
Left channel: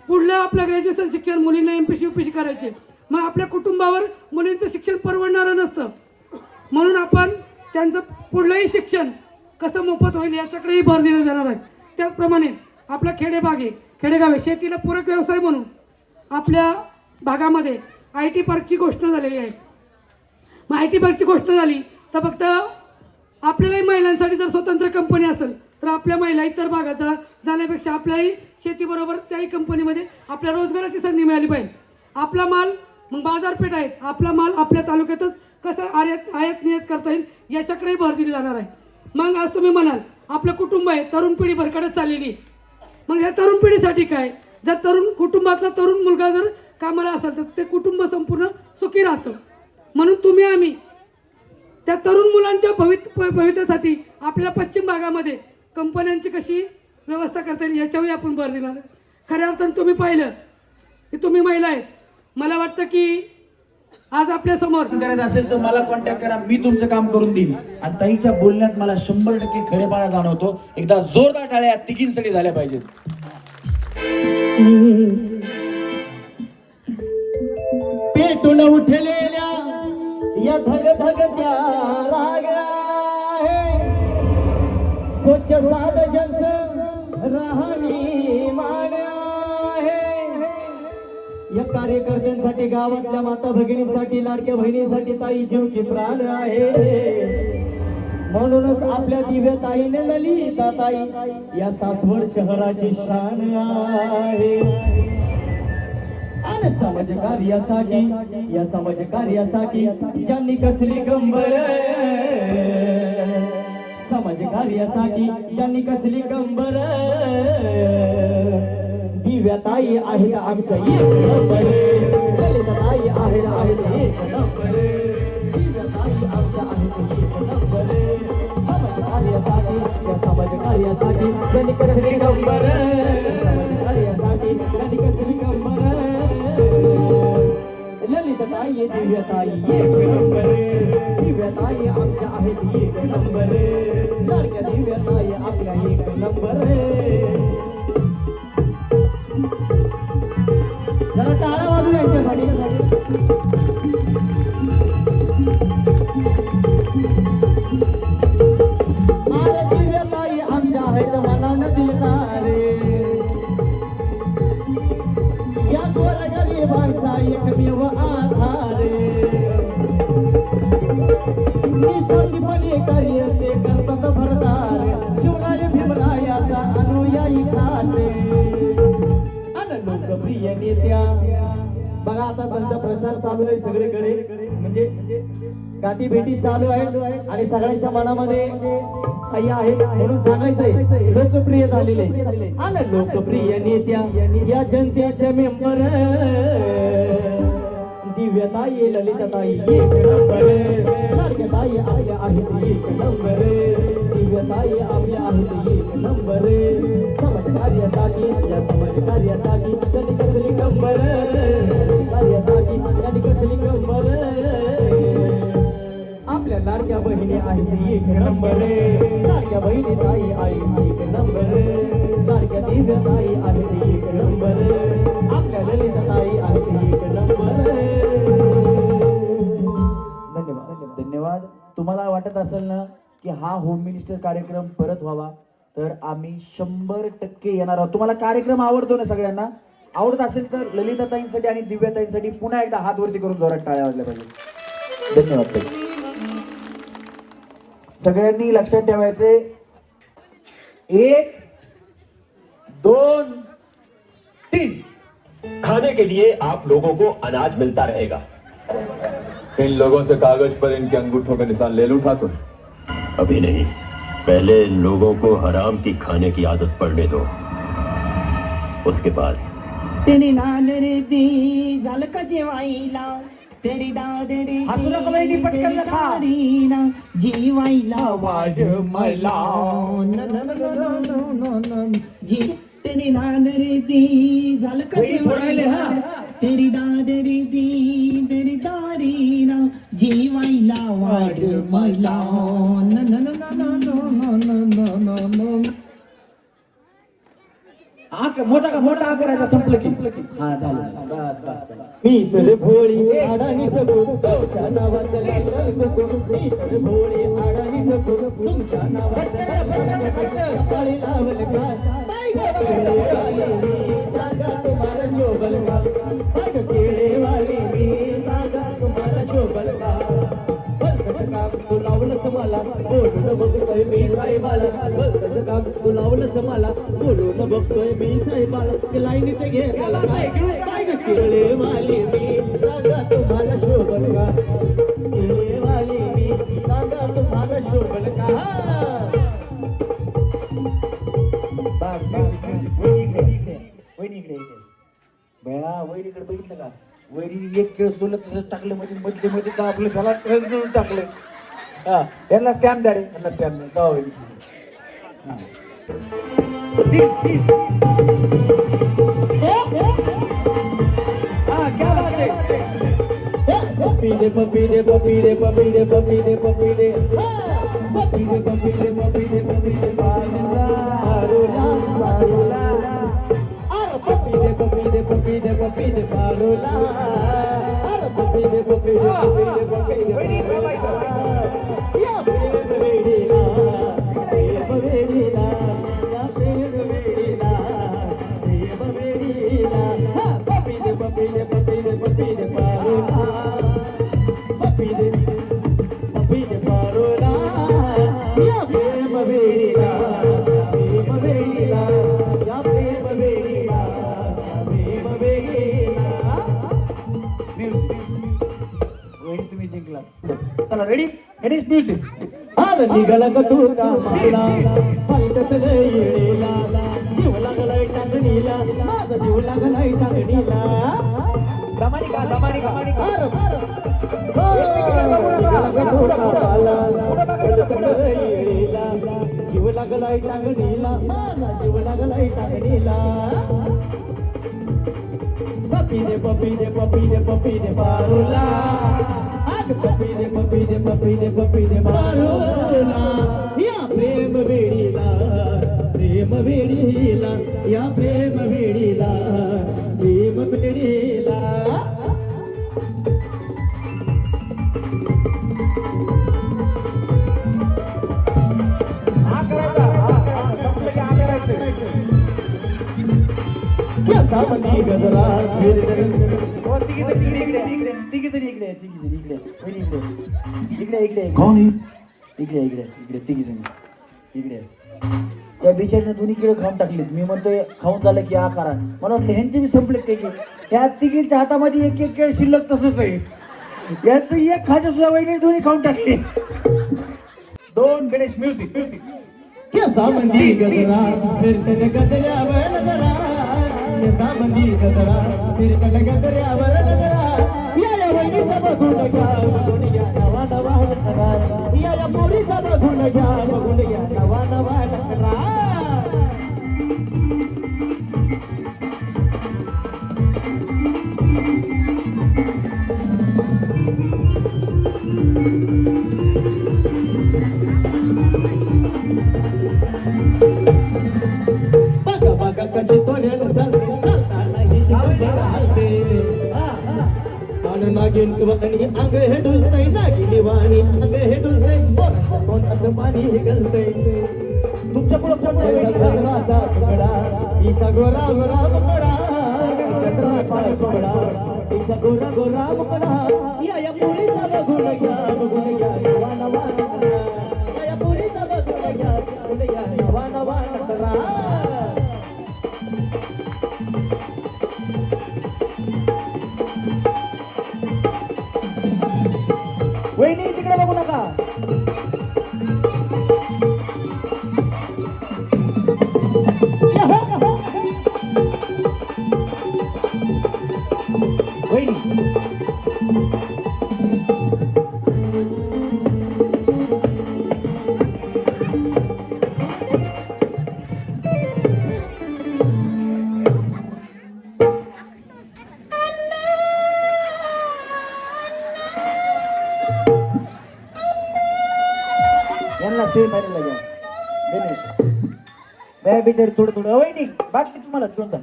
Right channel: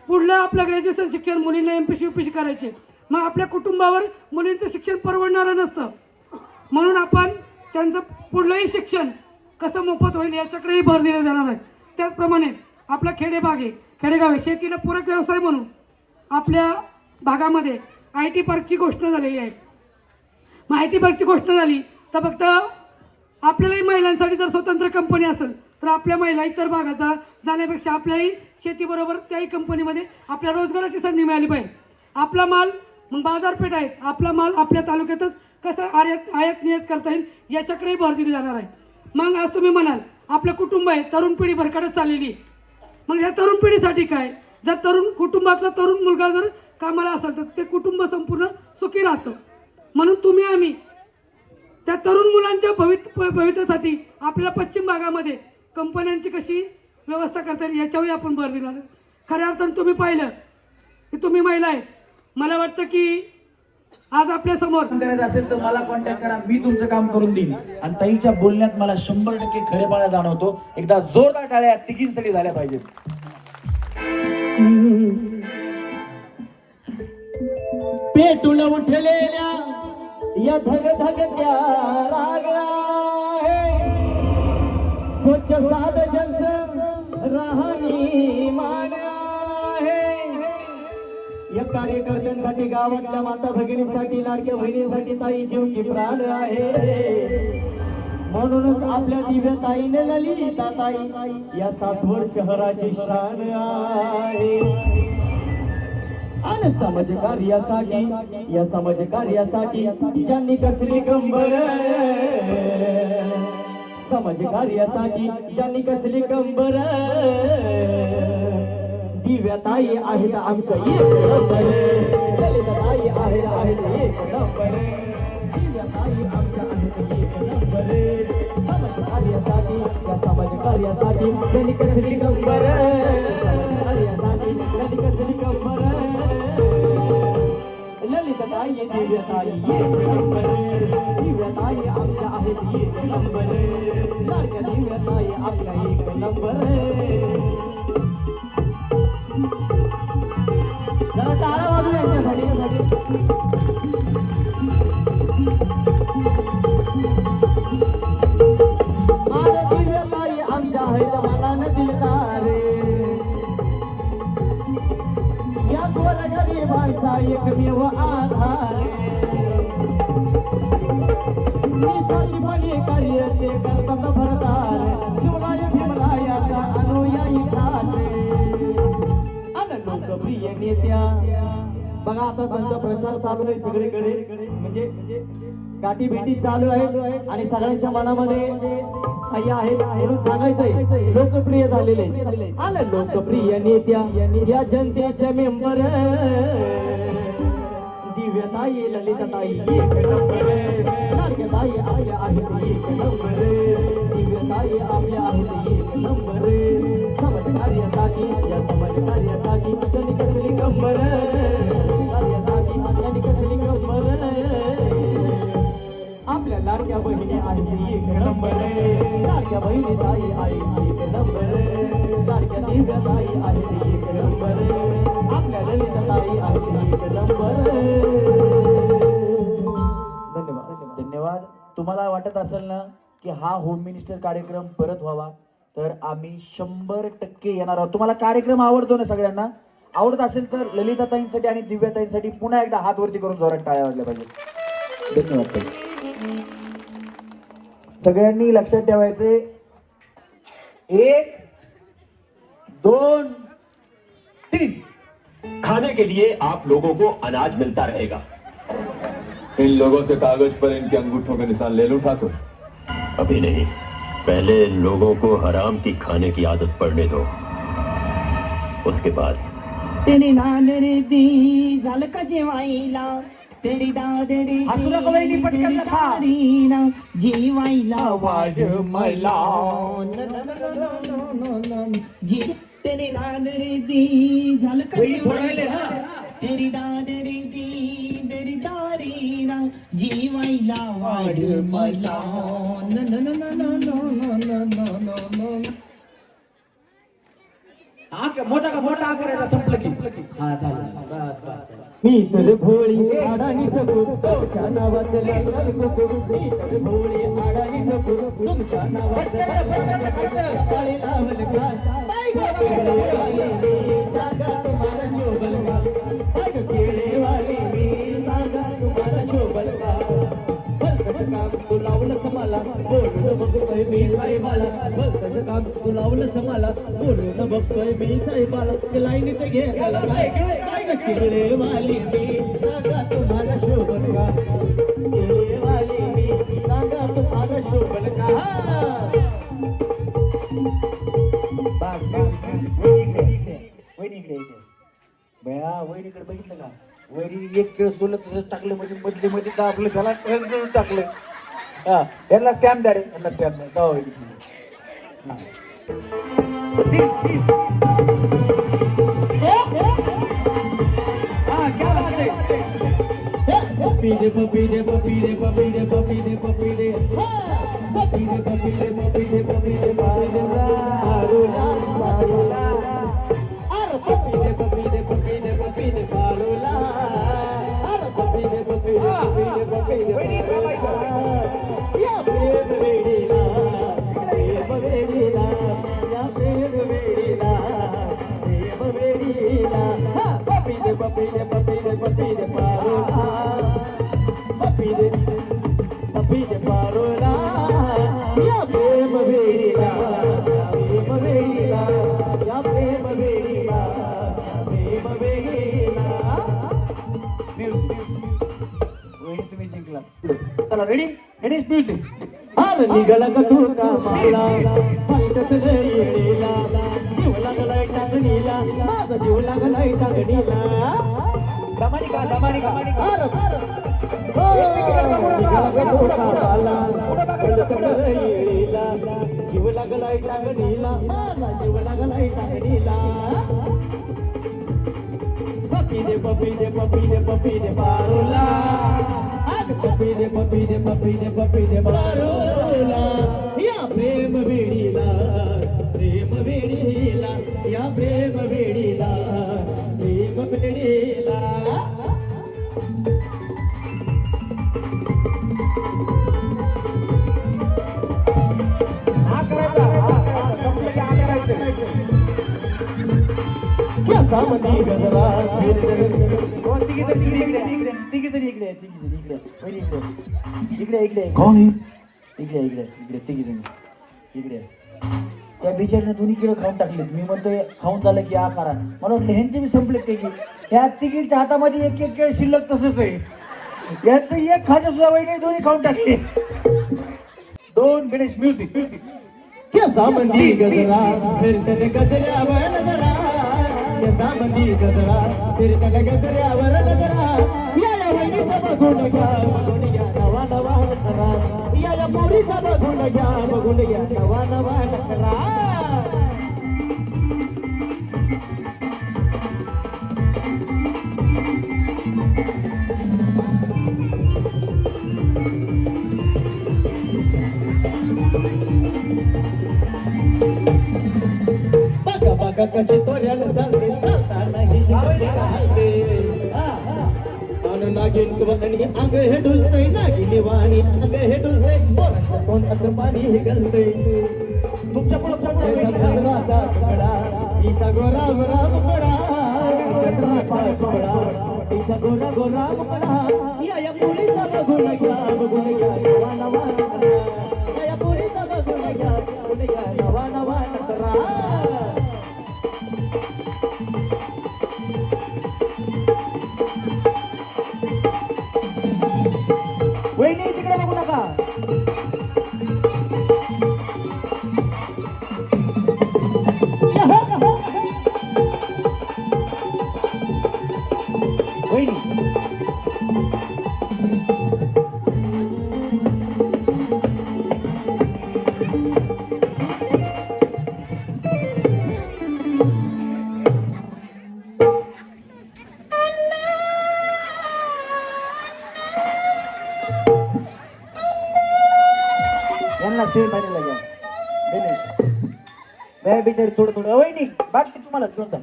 पुढलं आपलं ग्रॅज्युएशन शिक्षण मुलींना MPC UPC करायचे. मग आपल्या कुटुंबावर मुलींचं शिक्षण परवडणारं नसतं. म्हणून आपण त्यांचं पुढलंही शिक्षण कसं मोफत होईल याच्याकडेही भर देण्यात येणार आहे. त्याचप्रमाणे आपला खेडेगाव शेतीला पूरक व्यवसाय म्हणून आपल्या भागामध्ये IT पार्कची घोषणा झालेली आहे. मग IT पार्कची घोषणा झाली तर फक्त आपल्यालाही महिलांसाठी जर स्वतंत्र कंपनी असेल तर आपल्या महिला इतर भागात जाण्यापेक्षा आपल्याही शेतीबरोबर त्याही कंपनीमध्ये आपल्या रोजगाराची संधी मिळाली पाहिजे. आपला माल मग बाजारपेठ आहेत, आपला माल आपल्या तालुक्यातच कसं आयात निर्यात करता येईल याच्याकडेही भर दिली जाणार आहे. मग आज तुम्ही म्हणाल आपलं कुटुंब आहे, तरुण पिढी भरकटत चाललेली आहे. मग या तरुण पिढीसाठी काय? जर कुटुंबातला तरुण मुलगा जर कामाला असेल तर ते कुटुंब संपूर्ण सुखी राहतं. म्हणून तुम्ही आम्ही त्या तरुण मुलांच्या भविष्यासाठी आपल्या पश्चिम भागामध्ये कंपन्यांची कशी व्यवस्था करता येईल याच्यावर आपण भर दिला. खऱ्या अर्थानं तुम्ही पाहिलं की तुम्ही महिला आहेत. मला वाटतं की आज आपल्या समोर करायचं असेल तर मला कॉन्टॅक्ट करा, मी तुमचं काम करून देईन. आणि ताईच्या बोलण्यात मला 100% खरेपणा जाणवतो. एकदा जोरदार टाळ्या तिघींसाठी झाल्या पाहिजेत. पेटून उठलेल्या या धगधगत्या रागा स्वच्छ साधं राहणी मान आहे. या कार्यकर्त्यांसाठी, गावातल्या माता भगिनींसाठी, लाडक्या बहिणींसाठी ताई जीव की प्राण आहे. म्हणूनच आपल्या दिव्या ताईने ललिता ताई या सासवड शहराची शान आहे. आणि समाज कार्यासाठी ज्यांनी कसली कंबर, समाज कार्यासाठी ज्यांनी कसली कंबर, दिव्याताई आहेत आमच्या एक नंबर. ललिताताई आहेत एक नंबर. दिव्याताई आमच्या आहेत एक नंबर. समाज कार्यासाठी, या समाज कार्यासाठी ज्यांनी कसली कंबर, कार्यासाठी ज्यांनी कसली कंबर, ललिताताई दिव्याताई एक नंबर. दिव्याताई आमच्या आहेत एक नंबर. लाडक्या दिव्याताई आपल्या एक नंबर. जरा टाळा वाजू यांच्यासाठी. निसर्गीपणे कार्य ते करतात भरदार शिवराय भीमरायाचा अनुयायी खासे आणि लोकप्रिय नेत्या बघा आता त्यांचा प्रचार चालू आहे सगळीकडे म्हणजे गाठी भेटी चालू आहेत आणि सगळ्यांच्या मनामध्ये काही आहे म्हणून सांगायचंय लोकप्रिय झालेले आणि लोकप्रिय नेत्या या जनतेचे मेंबर दिव्यताई ललिताताई एक नंबर लाडक्याताई आपल्या आहेत एक नंबर दिव्यताई आपल्या आहेत एक नंबर समाजकार्यासाठी या समाजकार्यासाठी त्यांनी कसली कंबर कार्यासाठी त्यांनी कसली कंबर आपल्या लाडक्या बहिणी आहेत एक नंबर लाडक्या बहिणी ताई आहेत एक नंबर लाडक्या दिव्यताई आहेत एक नंबर आपल्या ललिताताई आहेत एक नंबर. धन्यवाद. तुम्हाला वाटत असेल ना की हा होम मिनिस्टर कार्यक्रम परत व्हावा तर आम्ही 100% येणार आहोत. तुम्हाला कार्यक्रम आवडतो ना सगळ्यांना आवडत असेल तर ललिताताईंसाठी आणि दिव्याताईंसाठी पुन्हा एकदा हात वरती करून जोरात टाळ्या वाजल्या पाहिजे. धन्यवाद. सगळ्यांनी लक्षात ठेवायचे 1 2 3 खाने के लिए आप लोगों को अनाज मिलता रहेगा. इन लोगों से कागज पर इनके अंगूठों का निशान ले लूं ठाकुर? अभी नहीं, पहले इन लोगों को हराम की खाने की आदत पड़ने दो, उसके बाद. तेरी नादरे दी झालं का जेवायला तेरी दादरे जीवायला वाढ मला तेरी नादरे दी झालं का जेवायला तेरी दादरे दी तेरी दारीना जीवायला वाढ मला न न न न न न न. मोठा करायचा संपलं की हा झालं. बस बस बस. मी तर भोळी अडाणी सगळं तुमच्या नावाचं लागलं कुकू मी तर भोळी अडाणी सगळं तुमच्या नावाचं काळी लावल का बाय गो केळेवाली मी सांगा तुम्हाला शोभल का बाय गो केळेवाली मी सांगा तुम्हाला शोभल का भलतंच काम तू लावलंस मला बोलून बघतोय मी साहेबाला भलतंच काम तू लावलंस मला बोलून बघतोय मी साहेबाला लाईनीत घे त्याला काय गो केळेवाली मी सांगा तुम्हाला शोभल का केळेवाली मी सांगा तुम्हाला शोभल का. वैरीकडे बघितलं का वैरी एक खेळ सोडलं तसंच टाकलं मध्ये मधले मध्ये दाबलं त्याला करून टाकलं. हा यांना स्टॅम्प द्या रे यांना स्टॅम्प द्या जाऊ वैरी. पपीडे पपीडे पपीडे पपीडे पपीडे पपीडे पपीडे पपीडे पपीडे पपीडे पारोला पारोला अरे पपीडे पपीडे पपीडे पपीडे पारोला अरे पपीडे पपीडे पपीडे पपीडे या प्रेम वेडीला प्रेम वेडीला या प्रेम वेडीला प्रेम वेडीला पपीडे पपीडे पपीडे पपीडे पारोला पपीडे पपीडे पारोला या प्रेम वेडीला प्रेम वेडीला या प्रेम वेडीला प्रेम वेडीला. वैरी तुम्ही जिंकला. चला रेडी रेडी म्युझिक. अरे निघाला का तू कामाला पालटत येडीला जीव लागलाय टाकणीला माझा जीव लागलाय टाकणीला दमानी का दमानी का निघाला का तू कामाला पालटत येडीला जीव लागलाय टाकणीला माझा जीव लागलाय टाकणीला. पपीडे पपीडे पपीडे पपीडे पारोला पपीडे पपीडे पपीडे पपीडे पारोला या प्रेम वेडीला प्रेम वेडीला या प्रेम वेडीला प्रेम वेडीला. सामनी गजरा तिघी जणी इकडे आहे, तिघी जणी इकडे आहे. वहिनी इकडे इकडे इकडे कौन है इकडे इकडे इकडे तिघी जणी इकडे त्या बिचारीने दोन्ही किलो खाऊन टाकलेत. मी म्हणतोय खाऊन झालं की करा. मला वाटलं ह्यांचे बी संपलेत काही. ह्या तिघींच्या हातामध्ये एक एक केळ शिल्लक तसंच आहे. यांचं एक खाजा सुद्धा वहिनी दोन्ही खाऊन टाकले. दोन गणेश म्युझिक केसा मंदी गजरा फिरतन गजऱ्यावर नजरा केसा मंदी गजरा फिरतन गजऱ्यावर नजरा या वहिनीचा बघून घ्या नवा नवा नजरा या पोरीचा बघून घ्या नवा नवा नजरा बघा कशी तोऱ्याला चालते चालताना ही शिकवते राहते नागिन वतनी अंग हे डुलतय नागिनी वाणी अंग हे डुलतय तोंडाचं पाणी हे गलतय तुमच्या पुढे गजराचा तुकडा हिचा गोरा गोरा मुकडा गजराचा सोहळा हिचा गोरा गोरा मुकडा या पोरीचा बघून घ्या नवा नवा नजरा या पोरीचा बघून घ्या नवा नवा नजरा वहिनी तिकडे बघू नका. वहिनी यांना सेम मारायला घ्या. नाही बिचारी थोडं थोडं वहिनी बाकी तुम्हाला घेऊन जा.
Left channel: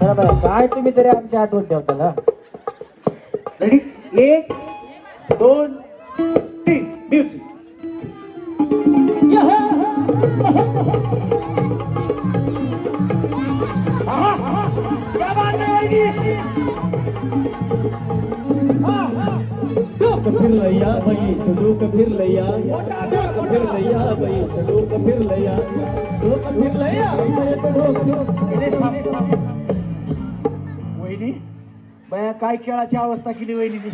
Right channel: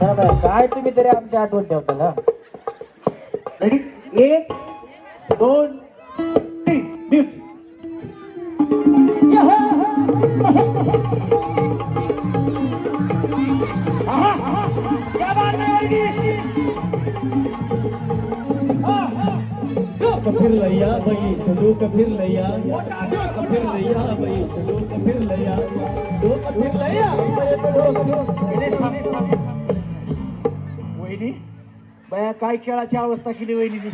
बरोबर काय तुम्ही तरी आमची आठवण ठेवता ना. Ready 1 2 3 music. फिरलया बाई चलू फिरलया फिरलया बाई चलू फिरलया फिरलया वहिनी बाया काय खेळाची अवस्था केली वहिनीने.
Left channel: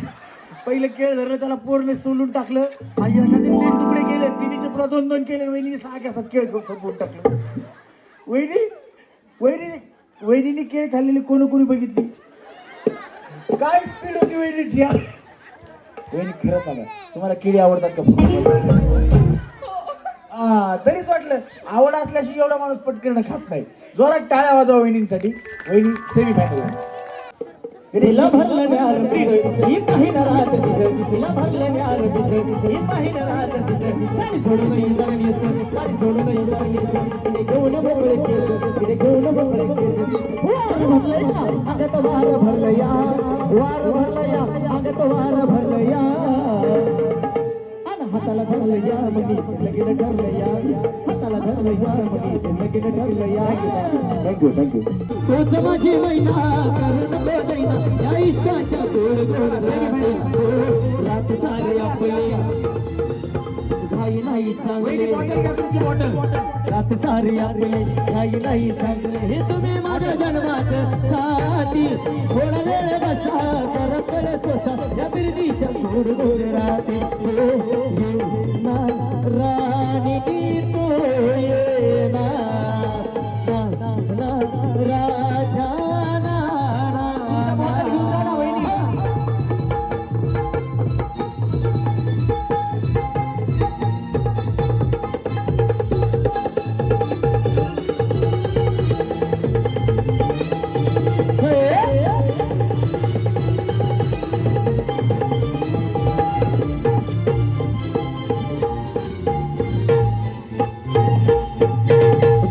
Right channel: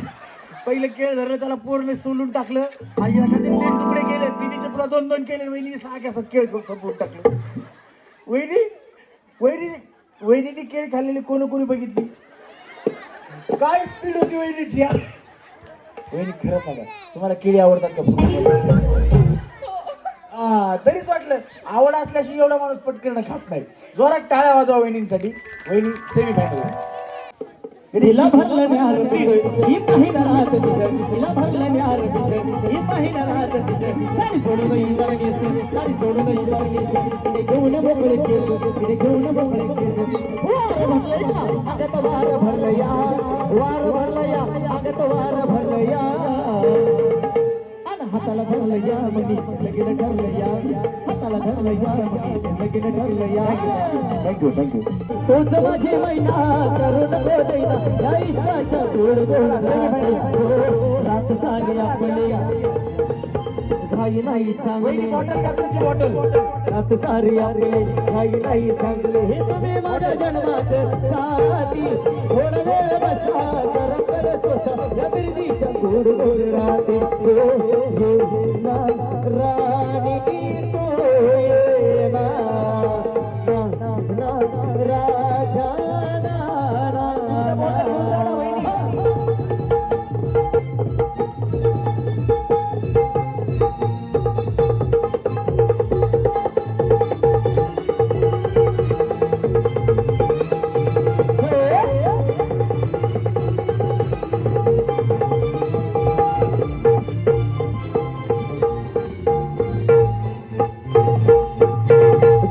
पहिलं खेळ धरलं त्याला पूर्ण सोलून टाकलं आणि एखादे 3 तुकडे केले तिन्हीचे पुन्हा 2-2 केले. वहिनीने 6 कॅसात खेळ संपवून टाकलं. वहिनीने केळ खाल्लेली कोणी बघितली. काय स्पीड होती वहिनीची. वहिनी खरं सांगा तुम्हाला केळी आवडतात का? तरीच वाटलं आवड असल्याशी एवढा माणूस पटकन खात नाही. जोरात टाळ्या वाजवा वहिनींसाठी. वहिनी सेमी फायनल. तिला भरलं न्यार दिसत ही पाहिलं राहत दिसत तिला भरलं न्यार दिसत ही पाहिलं राहत दिसत साडी सोडून इतर घेत साडी सोडून इतर घेत तिने घेऊन मोकळे केलं तिने घेऊन मोकळे केलं वार भरलं या अंगत वार भरलं या वार भरलं या अंगत वार भरलं या आणि हाताला धरलं या मनी लगीन ठरलं या हाताला धरलं या मनी लगीन ठरलं या. थँक्यू. तोच माझी मैना करून बेदैना या इश्काच्या गोड गोड रात सारी आपली घाई नाही चांगली रात सारी आपली घाई नाही चांगले हे तुम्ही माझ्या जन्मात साथी थोडा वेळ बसा करत सोसा या बिर्दीच्या गोड गोड राहते राणी तो येना राजा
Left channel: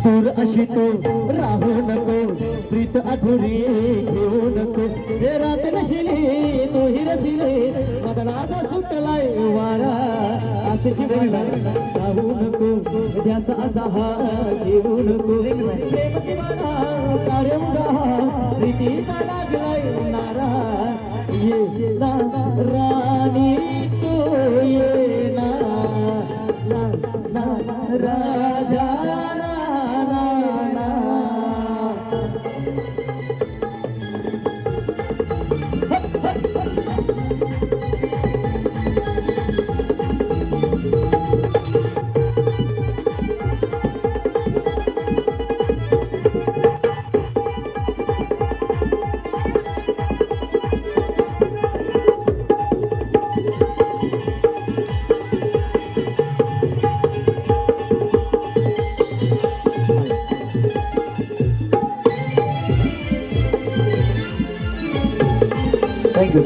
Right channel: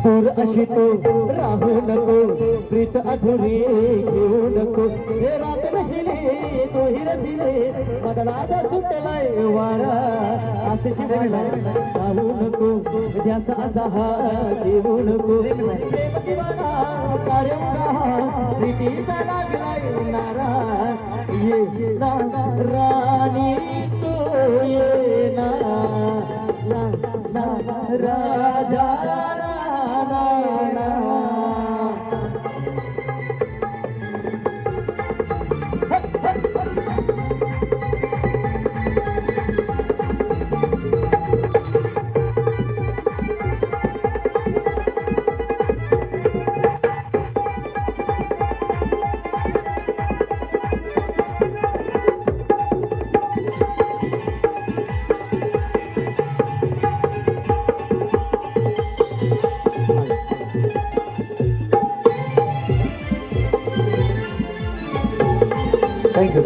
दूर अशी तो राहू नको प्रीत अधुरी घेऊ नको हे रात नशिली तोही रसिले मदनात सुटलाय वारा असे राहू नको ध्यास असा हा घेऊ नको प्रेम दिवाना कारंगा प्रीतीचा लागलाय नारा ये ना राणी तू ये ना राजा थँक्यू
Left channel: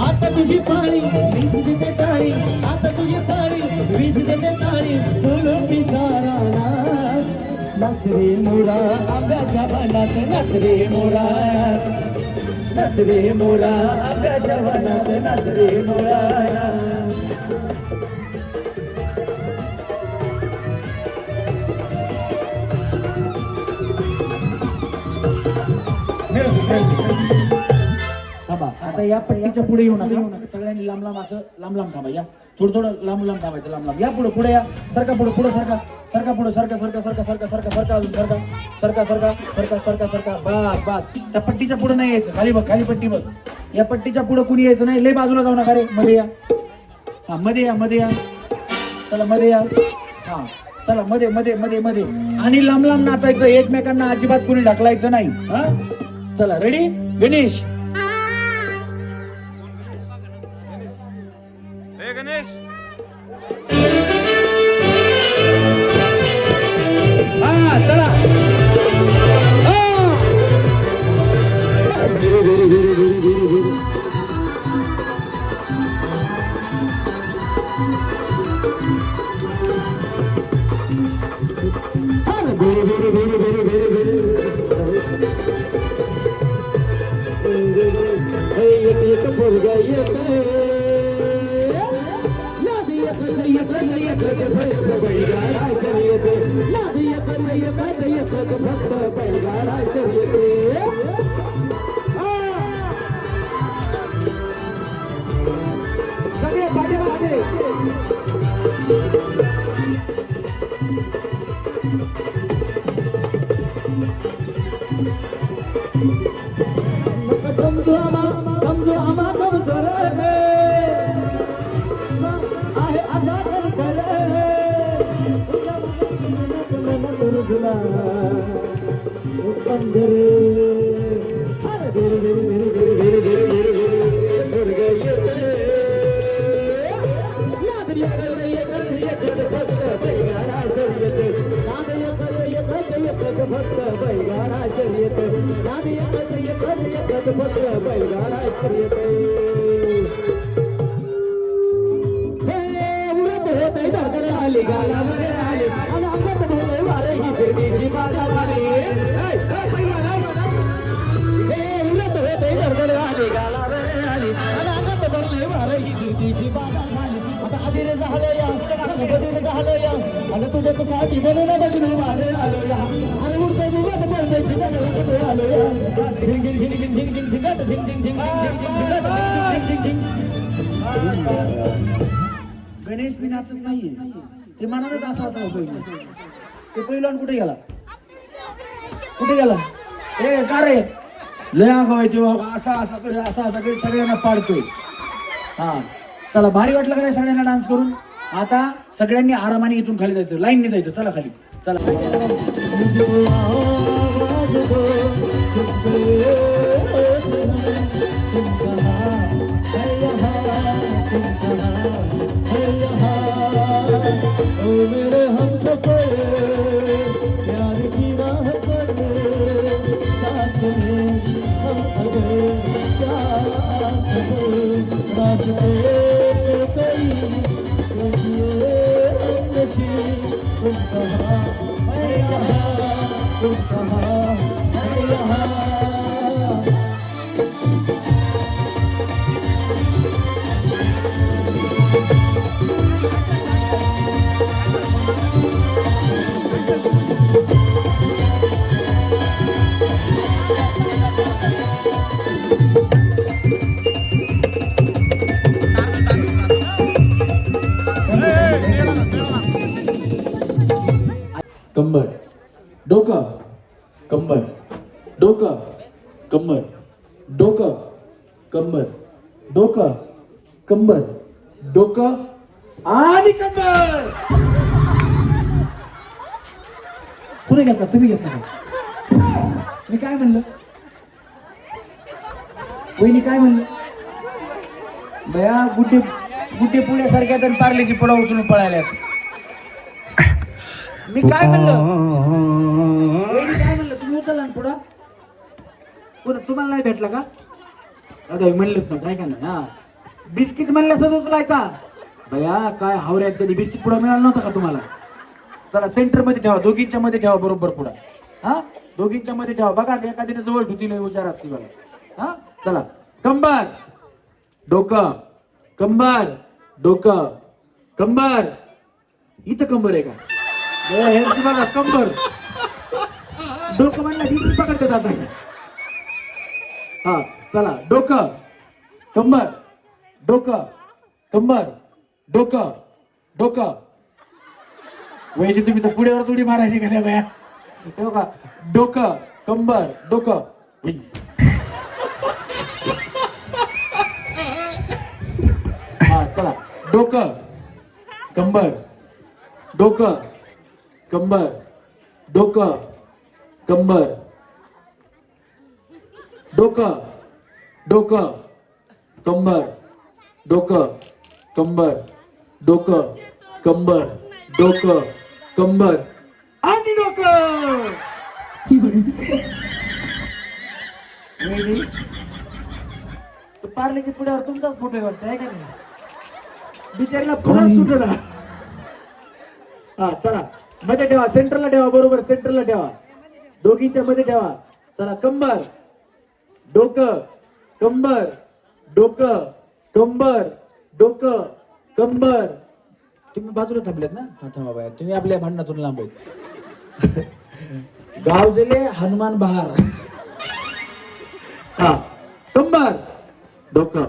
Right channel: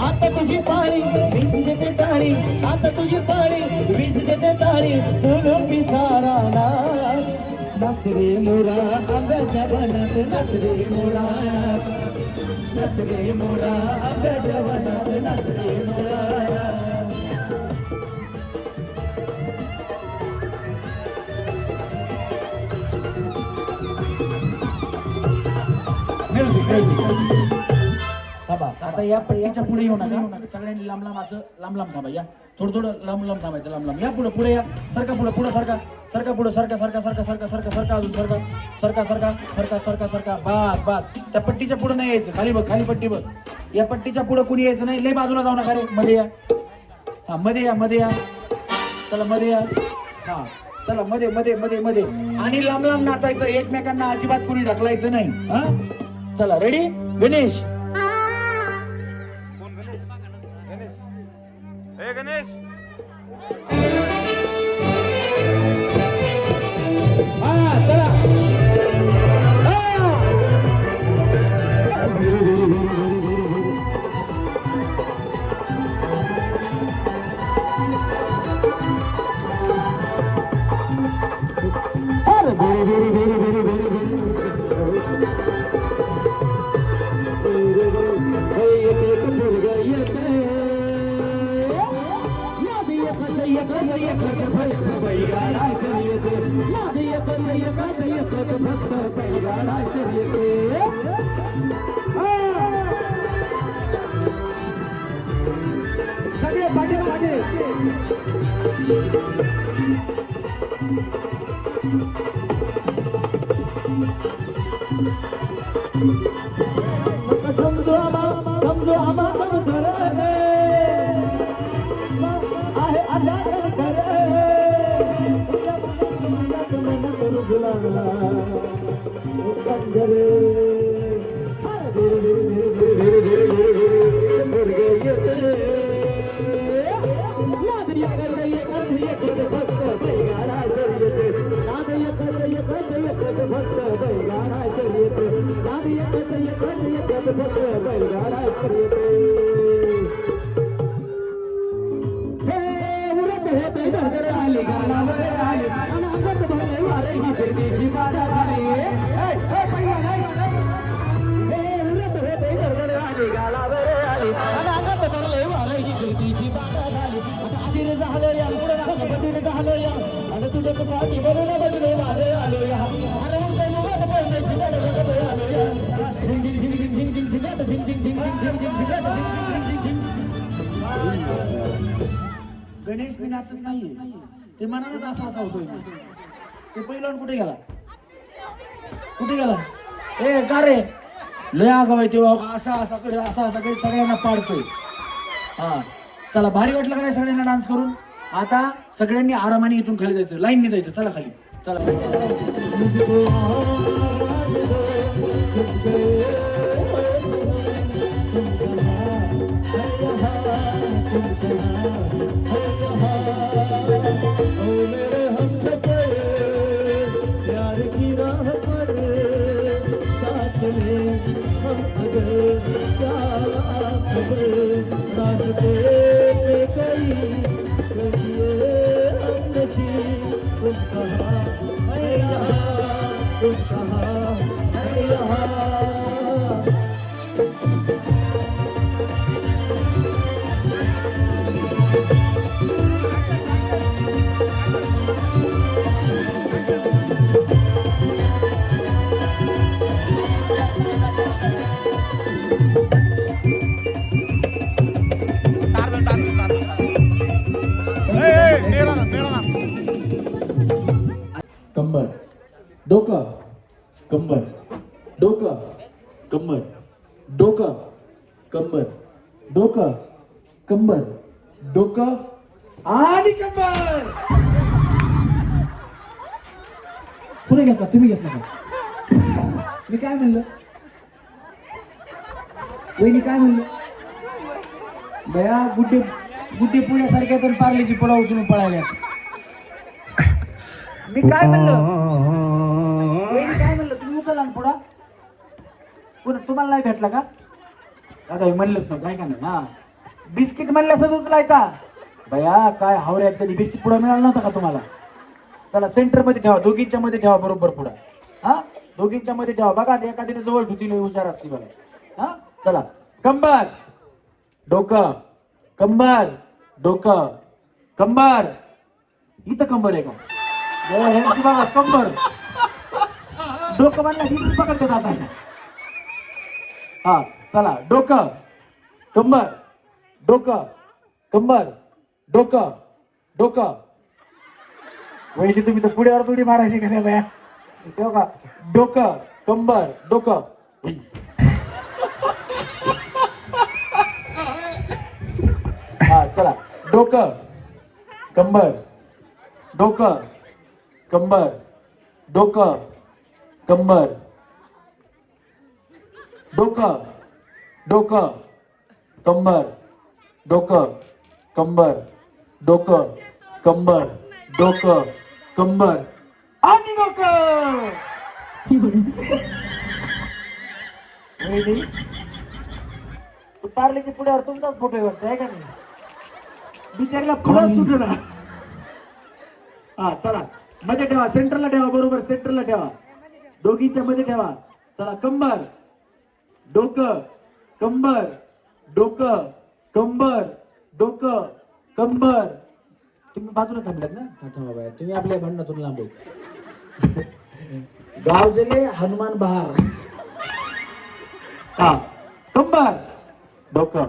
आता तुझी पाळी वीज देते ताळी आता तुझी ताळी वीज देते ताळी बोलो की सारा नाच रे मोरा आंब्याच्या वनात नाच रे मोरा नाच रे मोरा आंब्याच्या वनात नाच रे मोरा थांबा आता या पट्टीच्या पुढे येऊ नका सगळ्यांनी लांब लांब असं लांब लांब थांबा या थोडं थोडं लांब लांब थांबायचं लांब लांब या पुढे पुढे या सरका पुढे पुढे सरका पुढे सरका अजून सरका बस बस त्या पट्टीच्या पुढे नाही यायचं खाली बघ खाली पट्टी बघ या पट्टीच्या पुढे कुणी यायचं नाही लय बाजूला जाऊ नका रे मध्ये या हा मध्ये या चला मध्ये या हा चला मध्ये आणि लांब लांब नाचायचं एकमेकांना अजिबात कोणी ढकलायचं नाही हा चला रेडी गणेश हा चला गणेश मी नाचत नाही ते मनात असा होतोय ते पहिला कुठे गेला ए का रे लय आगाव तेव्हा असा सगळ्यांना पाडतोय हा चला भारी वाटलं का नाही सगळ्यांना डान्स करून आता सगळ्यांनी आरामाने इथून खाली जायचं लाईनने जायचं चला खाली मेरे हमसफर प्यार की राह पर साथ में हम अगर क्या खबर रास्ते पे कई कहिए हम नशीब तुम कहाँ मैं यहाँ तुम कहाँ मैं यहाँ कंबर, डोकं, कंबर, डोकं, कंबर, डोकं, कंबर, डोकं आणि कंबर. कुणी घेतला? तुम्ही घेतला का? मी काय म्हणलं? वहिनी काय म्हणलं? बया गुड्डे गुड्डे पुण्यासारख्या तर पार्लेची पुडा उचलून पळाल्यात. मी काय म्हणलं? वहिनी काय म्हणलं? तुम्ही उचलला ना पुडा? तुम्हाला नाही भेटला का? आता म्हणलंच ना काय का नाही. हा बिस्किट म्हणल्यासच उचलायचा. बया काय हावऱ्यात, कधी बिस्किट पुडा मिळाला नव्हता का तुम्हाला? चला सेंटर मध्ये ठेवा, दोघींच्या मध्ये ठेवा बरोबर पुडा. हा दोघींच्या मध्ये ठेवा. बघा एखादीने जवळ ठेवतील, हुशार असते बघा. हा चला कंबर, डोकं, कंबर, डोकं, कंबर. इथं कंबर आहे का? बघा कंबर, डोकं म्हणलं पकडतात आता. हा चला डोकं, कंबर, डोकं, कंबर, डोकं, डोकं. वैसे तुम्ही तर पुढ्यावर थोडी मारायची का त्या बाया? का डोकं, कंबर, डोकं. हा चला डोकं, कंबर, डोकं, कंबर, डोकं, कंबर, डोकं, डोकं, कंबर, डोकं, कंबर, डोकं, कंबर, डोकं, कंबर आणि डोकं. पार्लेच्या पुढ्यावर तुमचाच फोटो वाटत आहे का नाही? बिचारीला पुढे सुटला. हा चला मध्ये ठेवा, सेंटरला ठेवा, बरोबर सेंटरला ठेवा, दोघींच्या मध्ये ठेवा. चला कंबर, डोकं, कंबर, डोकं, कंबर, डोकं, कंबर. तुम्ही बाजूला थांबल्यात ना? हा थांबा बाया, तुम्ही आपल्या भांडणातून लांब आहेत. गाव जले हनुमान बहार. हा कंबर, डोकं,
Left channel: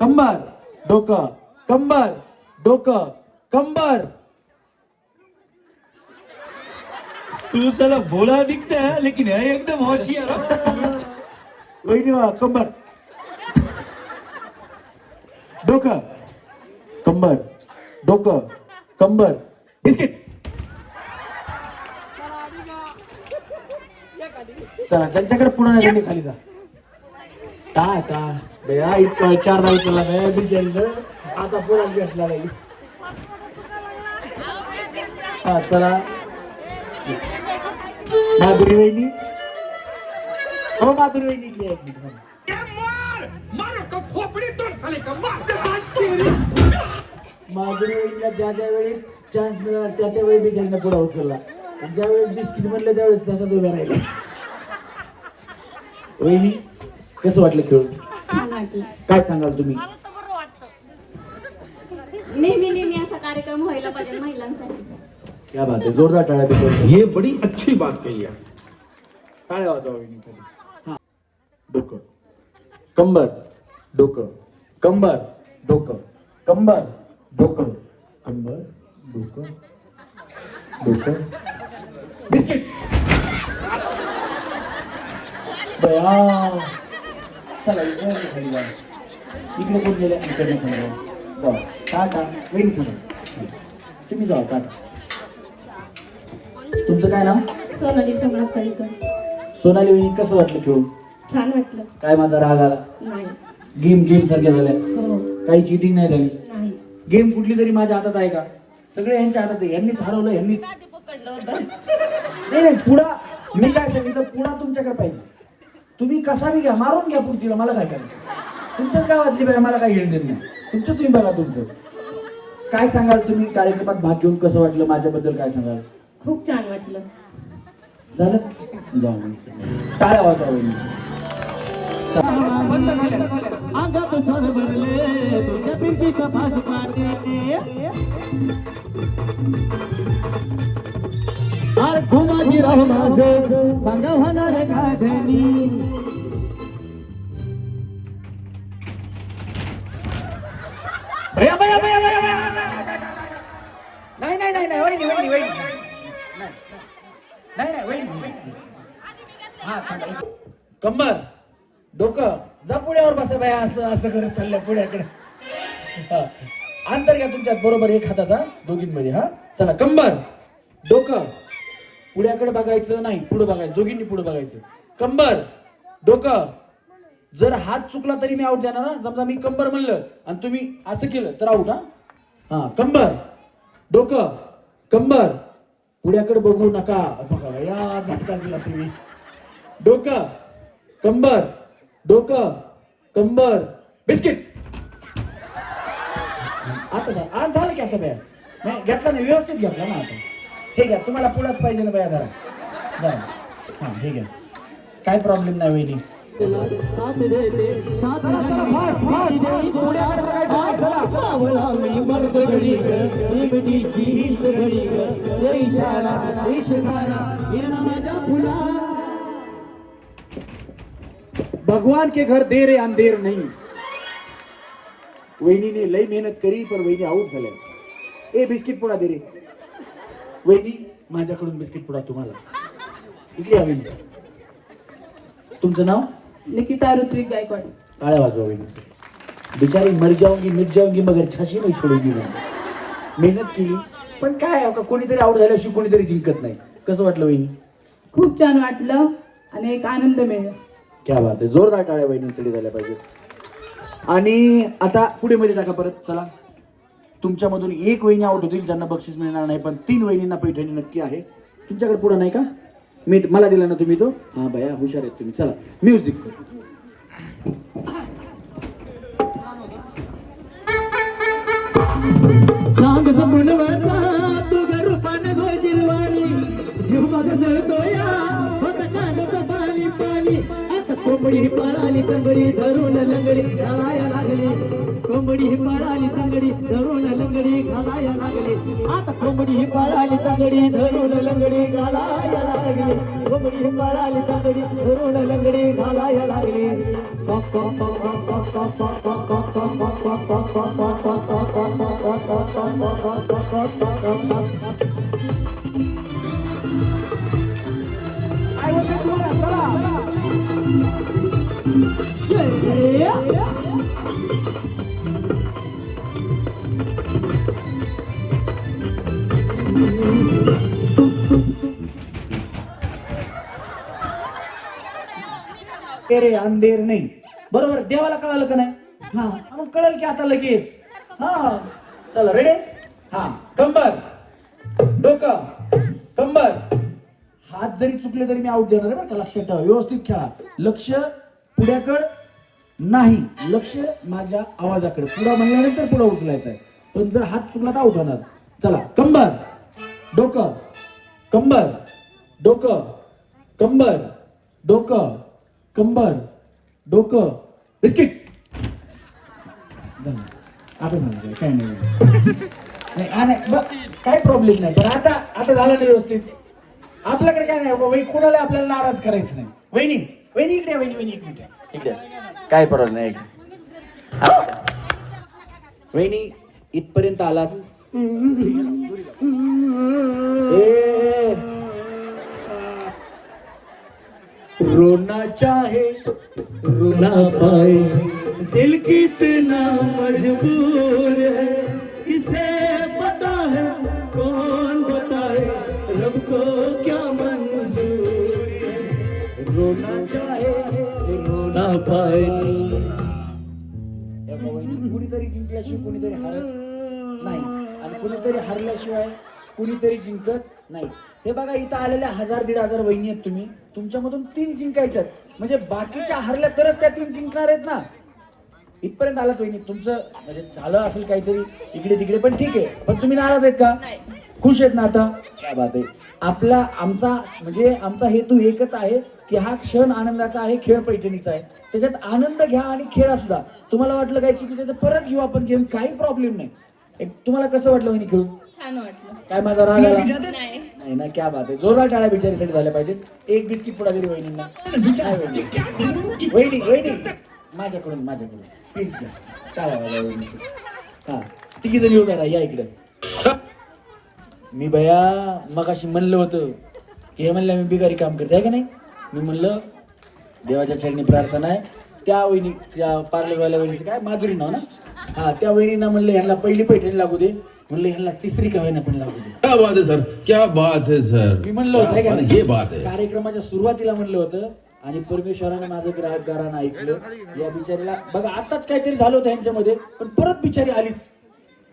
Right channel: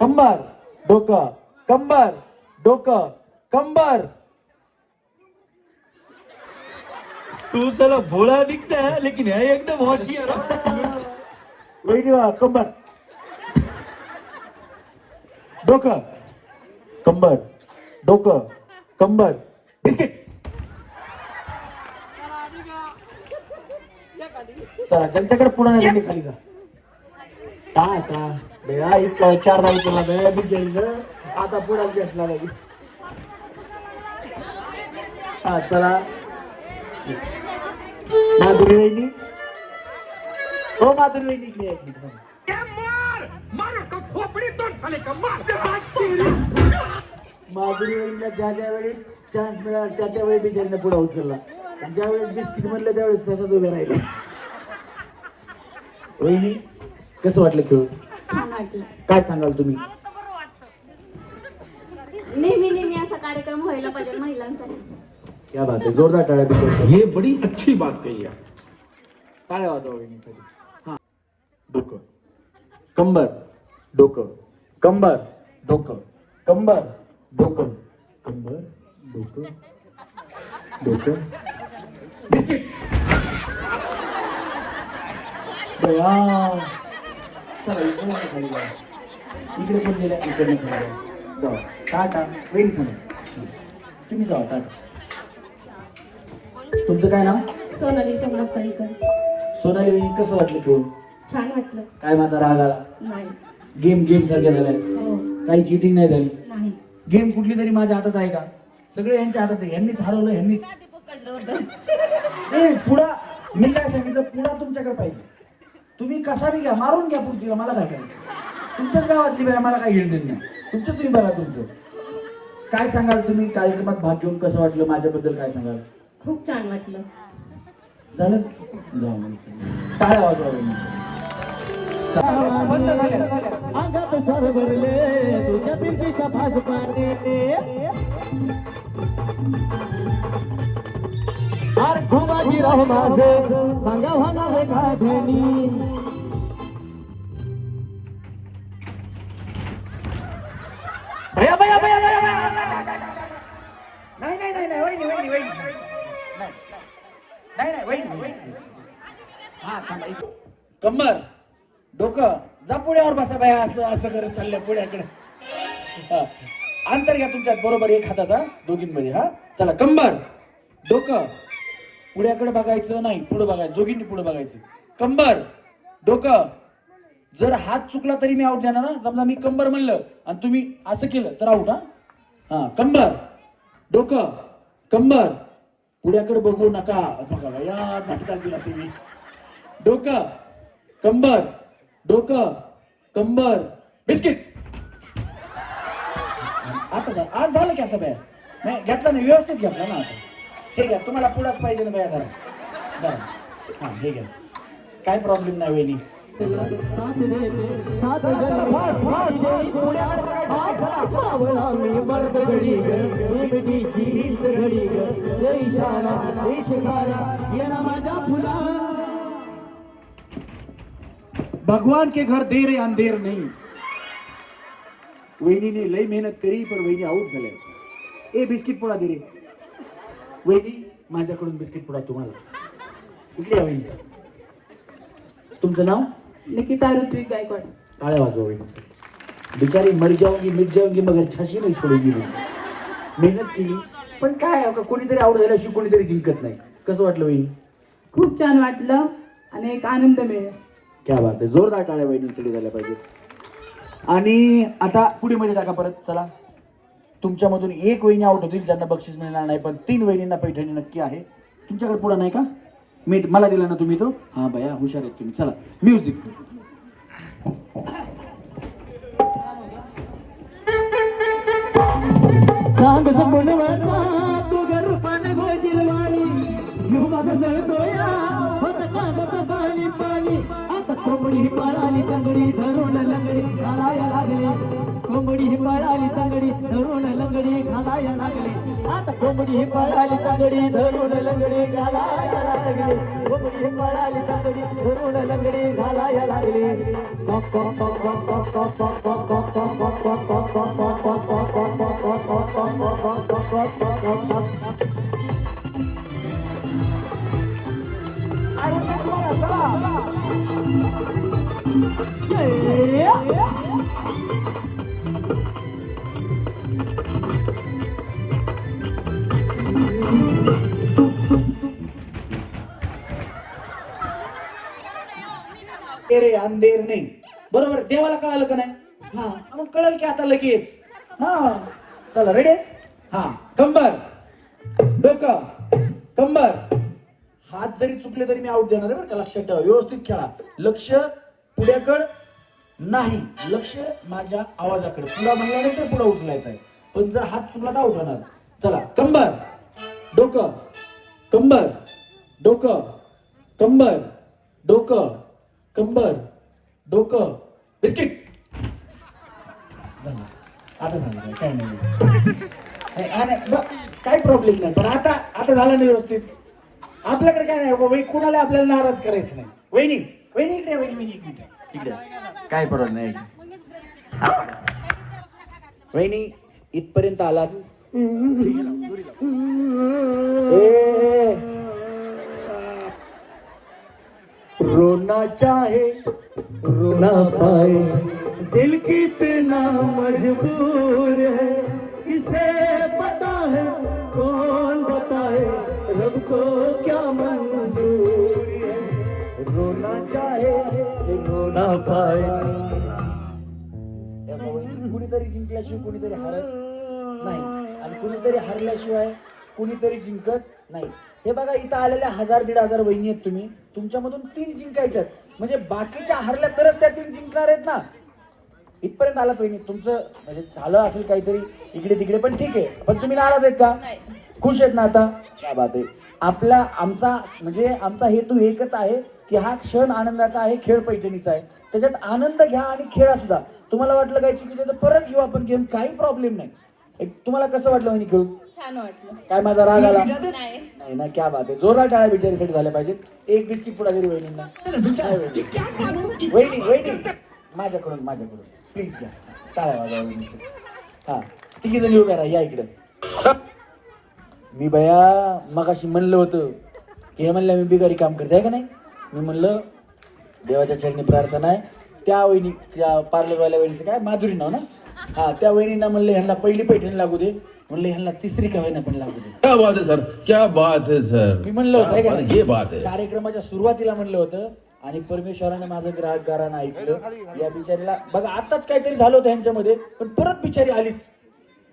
कंबर, डोकं, कंबर, डोकं, कंबर. तू चला भोला दिखता है लेकिन है एकदम होशियार. वहिनी कंबर, डोकं, कंबर, डोकं, कंबर. बिस्किट. चला ज्यांच्याकडे पुन्हा नाही त्यांनी खाली जा. टा बया इतकं 4 नाही चला बया बिचारीनं आता पुन्हा भेटला नाही. हा चला माधुरी वहिनी. हो माधुरी वहिनी इकडे एक मिनिट. माधुरी वहिनीला ज्या ज्या वेळी चान्स मिळाला त्या त्यावेळी बिचारीनं पुढे उचलला. ज्या वेळेस बिस्किट म्हणलं त्यावेळेस तसंच उभ्या राहिला. वहिनी कसं वाटलं खेळून? छान वाटलं. काय सांगाल तुम्ही? नेहमी नेहमी असा कार्यक्रम व्हायला पाहिजे महिलांसाठी. क्या बात आहे, जोरदार टाळ्या बिचारी. ये बड़ी अच्छी बात कही आप. टाळ्या वाजवा वहिनीसाठी. हा डोकं, कंबर, डोकं, कंबर, डोकं, कंबर, डोकं, कंबर, डोकं, डोकं. बिस्किट. बया चला इकडे खाली जा. इकडे कोण गेलं? इकडे खाली जाऊ. टाटा वहिनी तुम्ही जाऊ. टाटा. तुमचं काय नाव? सोनाली सम्राट कळीकर. सोनाली वहिनी कसं वाटलं खेळून? छान वाटलं. काय माझा राग आला? नाही. गेम सारख्या झाल्या, हो काही चिटिंग नाही झाली. नाही. गेम कुठली तरी माझ्या हातात आहे का? सगळे यांच्या हातात आहे. यांनीच हरवलं, यांनीच. नाही पुढा मी काय सांगितलं, पुढा तुमच्याकडे पाहिजे. तुम्ही कसा बी घ्या, मारून घ्या पुढचीला, मला काय करायचं? तुमच्याच गावातली बाय, मला काय घेणं देत नाही. तुमचं तुम्ही बघा. तुमचं काय सांगाल तुम्ही? कार्यक्रमात भाग घेऊन कसं वाटलं? माझ्याबद्दल काय सांगाल? खूप छान वाटलं. झालं? जाऊ टाळ्या वाजवा. अंगात स्वर भरले तुझ्या पिंपीचा फास पाने. घुमाजी राह माझे संग होणारे गाठणी. भया भया भया भया भया. नाही नाही नाही नाही वहिनी वहिनी वहिनी नाही नाही वहिनी. हा थांब एक. कंबर डोकं जा पुण्यावर बसा बाया असं असं करत चाललंय पुण्याकडे हा. अंतर घ्या तुमच्यात बरोबर एक हाताचा दोघींमध्ये हा चला कंबर डोकं पुण्याकडे बघायचं नाही पुढे बघायचं दोघींनी पुढे बघायचं कंबर डोकं जर हात चुकला तरी मी आउट देणार ना समजा मी कंबर म्हणलं आणि तुम्ही असं केलं तर आउट हा कंबर डोकं कंबर पुण्याकडे बघू नका बघा या झटका दिला तुम्ही डोकं कंबर डोकं कंबर बिस्किट आता आज झालं की आता बाया नाही घेतला नाही व्यवस्थित घेतला ना आता हे घ्या तुम्हाला पुढंच पाहिजे ना बाया धरा हा हे घ्या काय प्रॉब्लेम नाही वहिनी भगवान के घर देर अंधेर नहीं वहिनीने लई मेहनत करी पण वहिनी आऊट झाल्या ए बिस्किट पुडा दे रे वहिनी माझ्याकडून बिस्किट पुडा तुम्हाला इकडे या वहिनी तुमचं नाव निकिता ऋत्विक गायकवाड टाळ्या वाजवा वहिनी बिचारी मर जाऊंगी मिट जाऊंगी मगर छाशी नाही सोडूंगी मेहनत केली पण काय का कोणीतरी आऊट झाल्याशिवाय कोणीतरी जिंकत नाही कसं वाटलं वहिनी खूप छान वाटलं आणि एक आनंद मिळाला क्या बात आहे जोरदार टाळ्या वहिनींसाठी झाल्या पाहिजे आणि आता पुढे मध्ये टाका परत चला तुमच्यामधून एक वहिनी आउट होतील ज्यांना बक्षीस मिळणार नाही पण 3 वहिनींना पैठणी नक्की आहे तुमच्याकडे पुढे नाही का मी मला दिला ना तुम्ही तो हा बाया हुशार आहेत तुम्ही चला म्युझिक कोंबडी पळाली तंगडी धरून लंगडी घालाया लागली कोंबडी पळाली तंगडी धरून लंगडी घालाया लागली आता कोंबडी पळाली तंगडी धरून लंगडी घालाया लागली कोंबडी पळाली तंगडी धरून लंगडी घालाया लागली तेरे अंधेर नाही बरोबर देवाला कळालं का नाही हा मग कळलं की आता लगेच हा चला रेडी हा कंबर डोकं कंबर हात जरी चुकले तरी मी आउट देणार आहे बरं का लक्षात ठेवा व्यवस्थित खेळा लक्ष पुढ्याकडे नाही लक्ष माझ्या आवाजाकडे पुढा म्हणल्यानंतर पुढे उचलायचं आहे पण जर हात चुकला तर आउट होणार चला कंबर डोकं कंबर डोकं कंबर डोकं कंबर डोकं बिस्किट झालं आता झालं काय नाही काही प्रॉब्लेम नाही पण आता आता झालं नाही व्यवस्थित आपल्याकडे काय नाही बाबा कोणाला आपल्याला नाराज करायचं नाही वहिनी वहिनी इकडे वहिनी वहिनी इकडे इकडे काय प्रॉब्लेम नाही वहिनी इथपर्यंत आलात रोना चाहे रोना पाए दिल कितना मजबूर है किसे पता है कौन बताए रब को क्या मंजूर है रोना चाहे रोना पाए कुणीतरी जिंकल्याशिवाय कुणीतरी हरत नाही आणि कुणीतरी हरल्याशिवाय कुणीतरी जिंकत नाही हे बघा इथं आलेल्या 1000-1500 वहिनी आहेत तुम्ही तुमच्यामधून 3 जिंकायच्यात म्हणजे बाकीच्या हरल्या तरच त्या 3 जिंकणार आहेत ना इथपर्यंत आलात वहिनी तुमचं म्हणजे झालं असेल काहीतरी इकडे तिकडे पण ठीक आहे पण तुम्ही नाराज आहेत का खुश आहेत ना आता क्या बात आहे आपला आमचा हेतू एकच आहे की हा क्षण आनंदाचा आहे खेळ पैठणीचा आहे त्याच्यात आनंद घ्या आणि खेळा सुद्धा तुम्हाला वाटलं काय चुकीचं तर परत घेऊ आपण गेम काही प्रॉब्लेम नाही तुम्हाला कसं वाटलं वहिनी खेळून छान वाटलं काय माझा राग आला नाही नाही ना क्या बात आहे जोरदार टाळ्या बिचारीसाठी झाल्या पाहिजेत एक बिस्किट पुढा तरी वहिनींना वहिनी वहिनी माझ्याकडून प्लीज घ्या टाळ्या वाजवा वहिनी हा तिघी जण येऊ करा या इकडं मी बया मगाशी म्हणलं होतं की हे म्हणलं मी बिगारी काम करते आहे का नाही मी म्हणलं देवाच्या चरणी प्रार्थना आहे. त्या वहिनी, त्या पार्लरवाल्या वहिनीचं काय माधुरी नाव ना, हा, त्या वहिनींना म्हणलं ह्यांना पहिली पैठणी लागू दे, म्हणलं ह्यांना तिसरी का वहिना पण लागू दे. क्या बात है सर, क्या बात है सर. मी म्हणलं होतं क्या का बात- ये बात है. कार्यक्रमाच्या सुरुवातीला म्हणलं होतं आणि परमेश्वराने माझं ग्राहक गारानं ऐकलं. या बिचारीला बघा आताच काहीतरी झालं होतं ह्यांच्यामध्ये, पण परत बिचारी आलीच.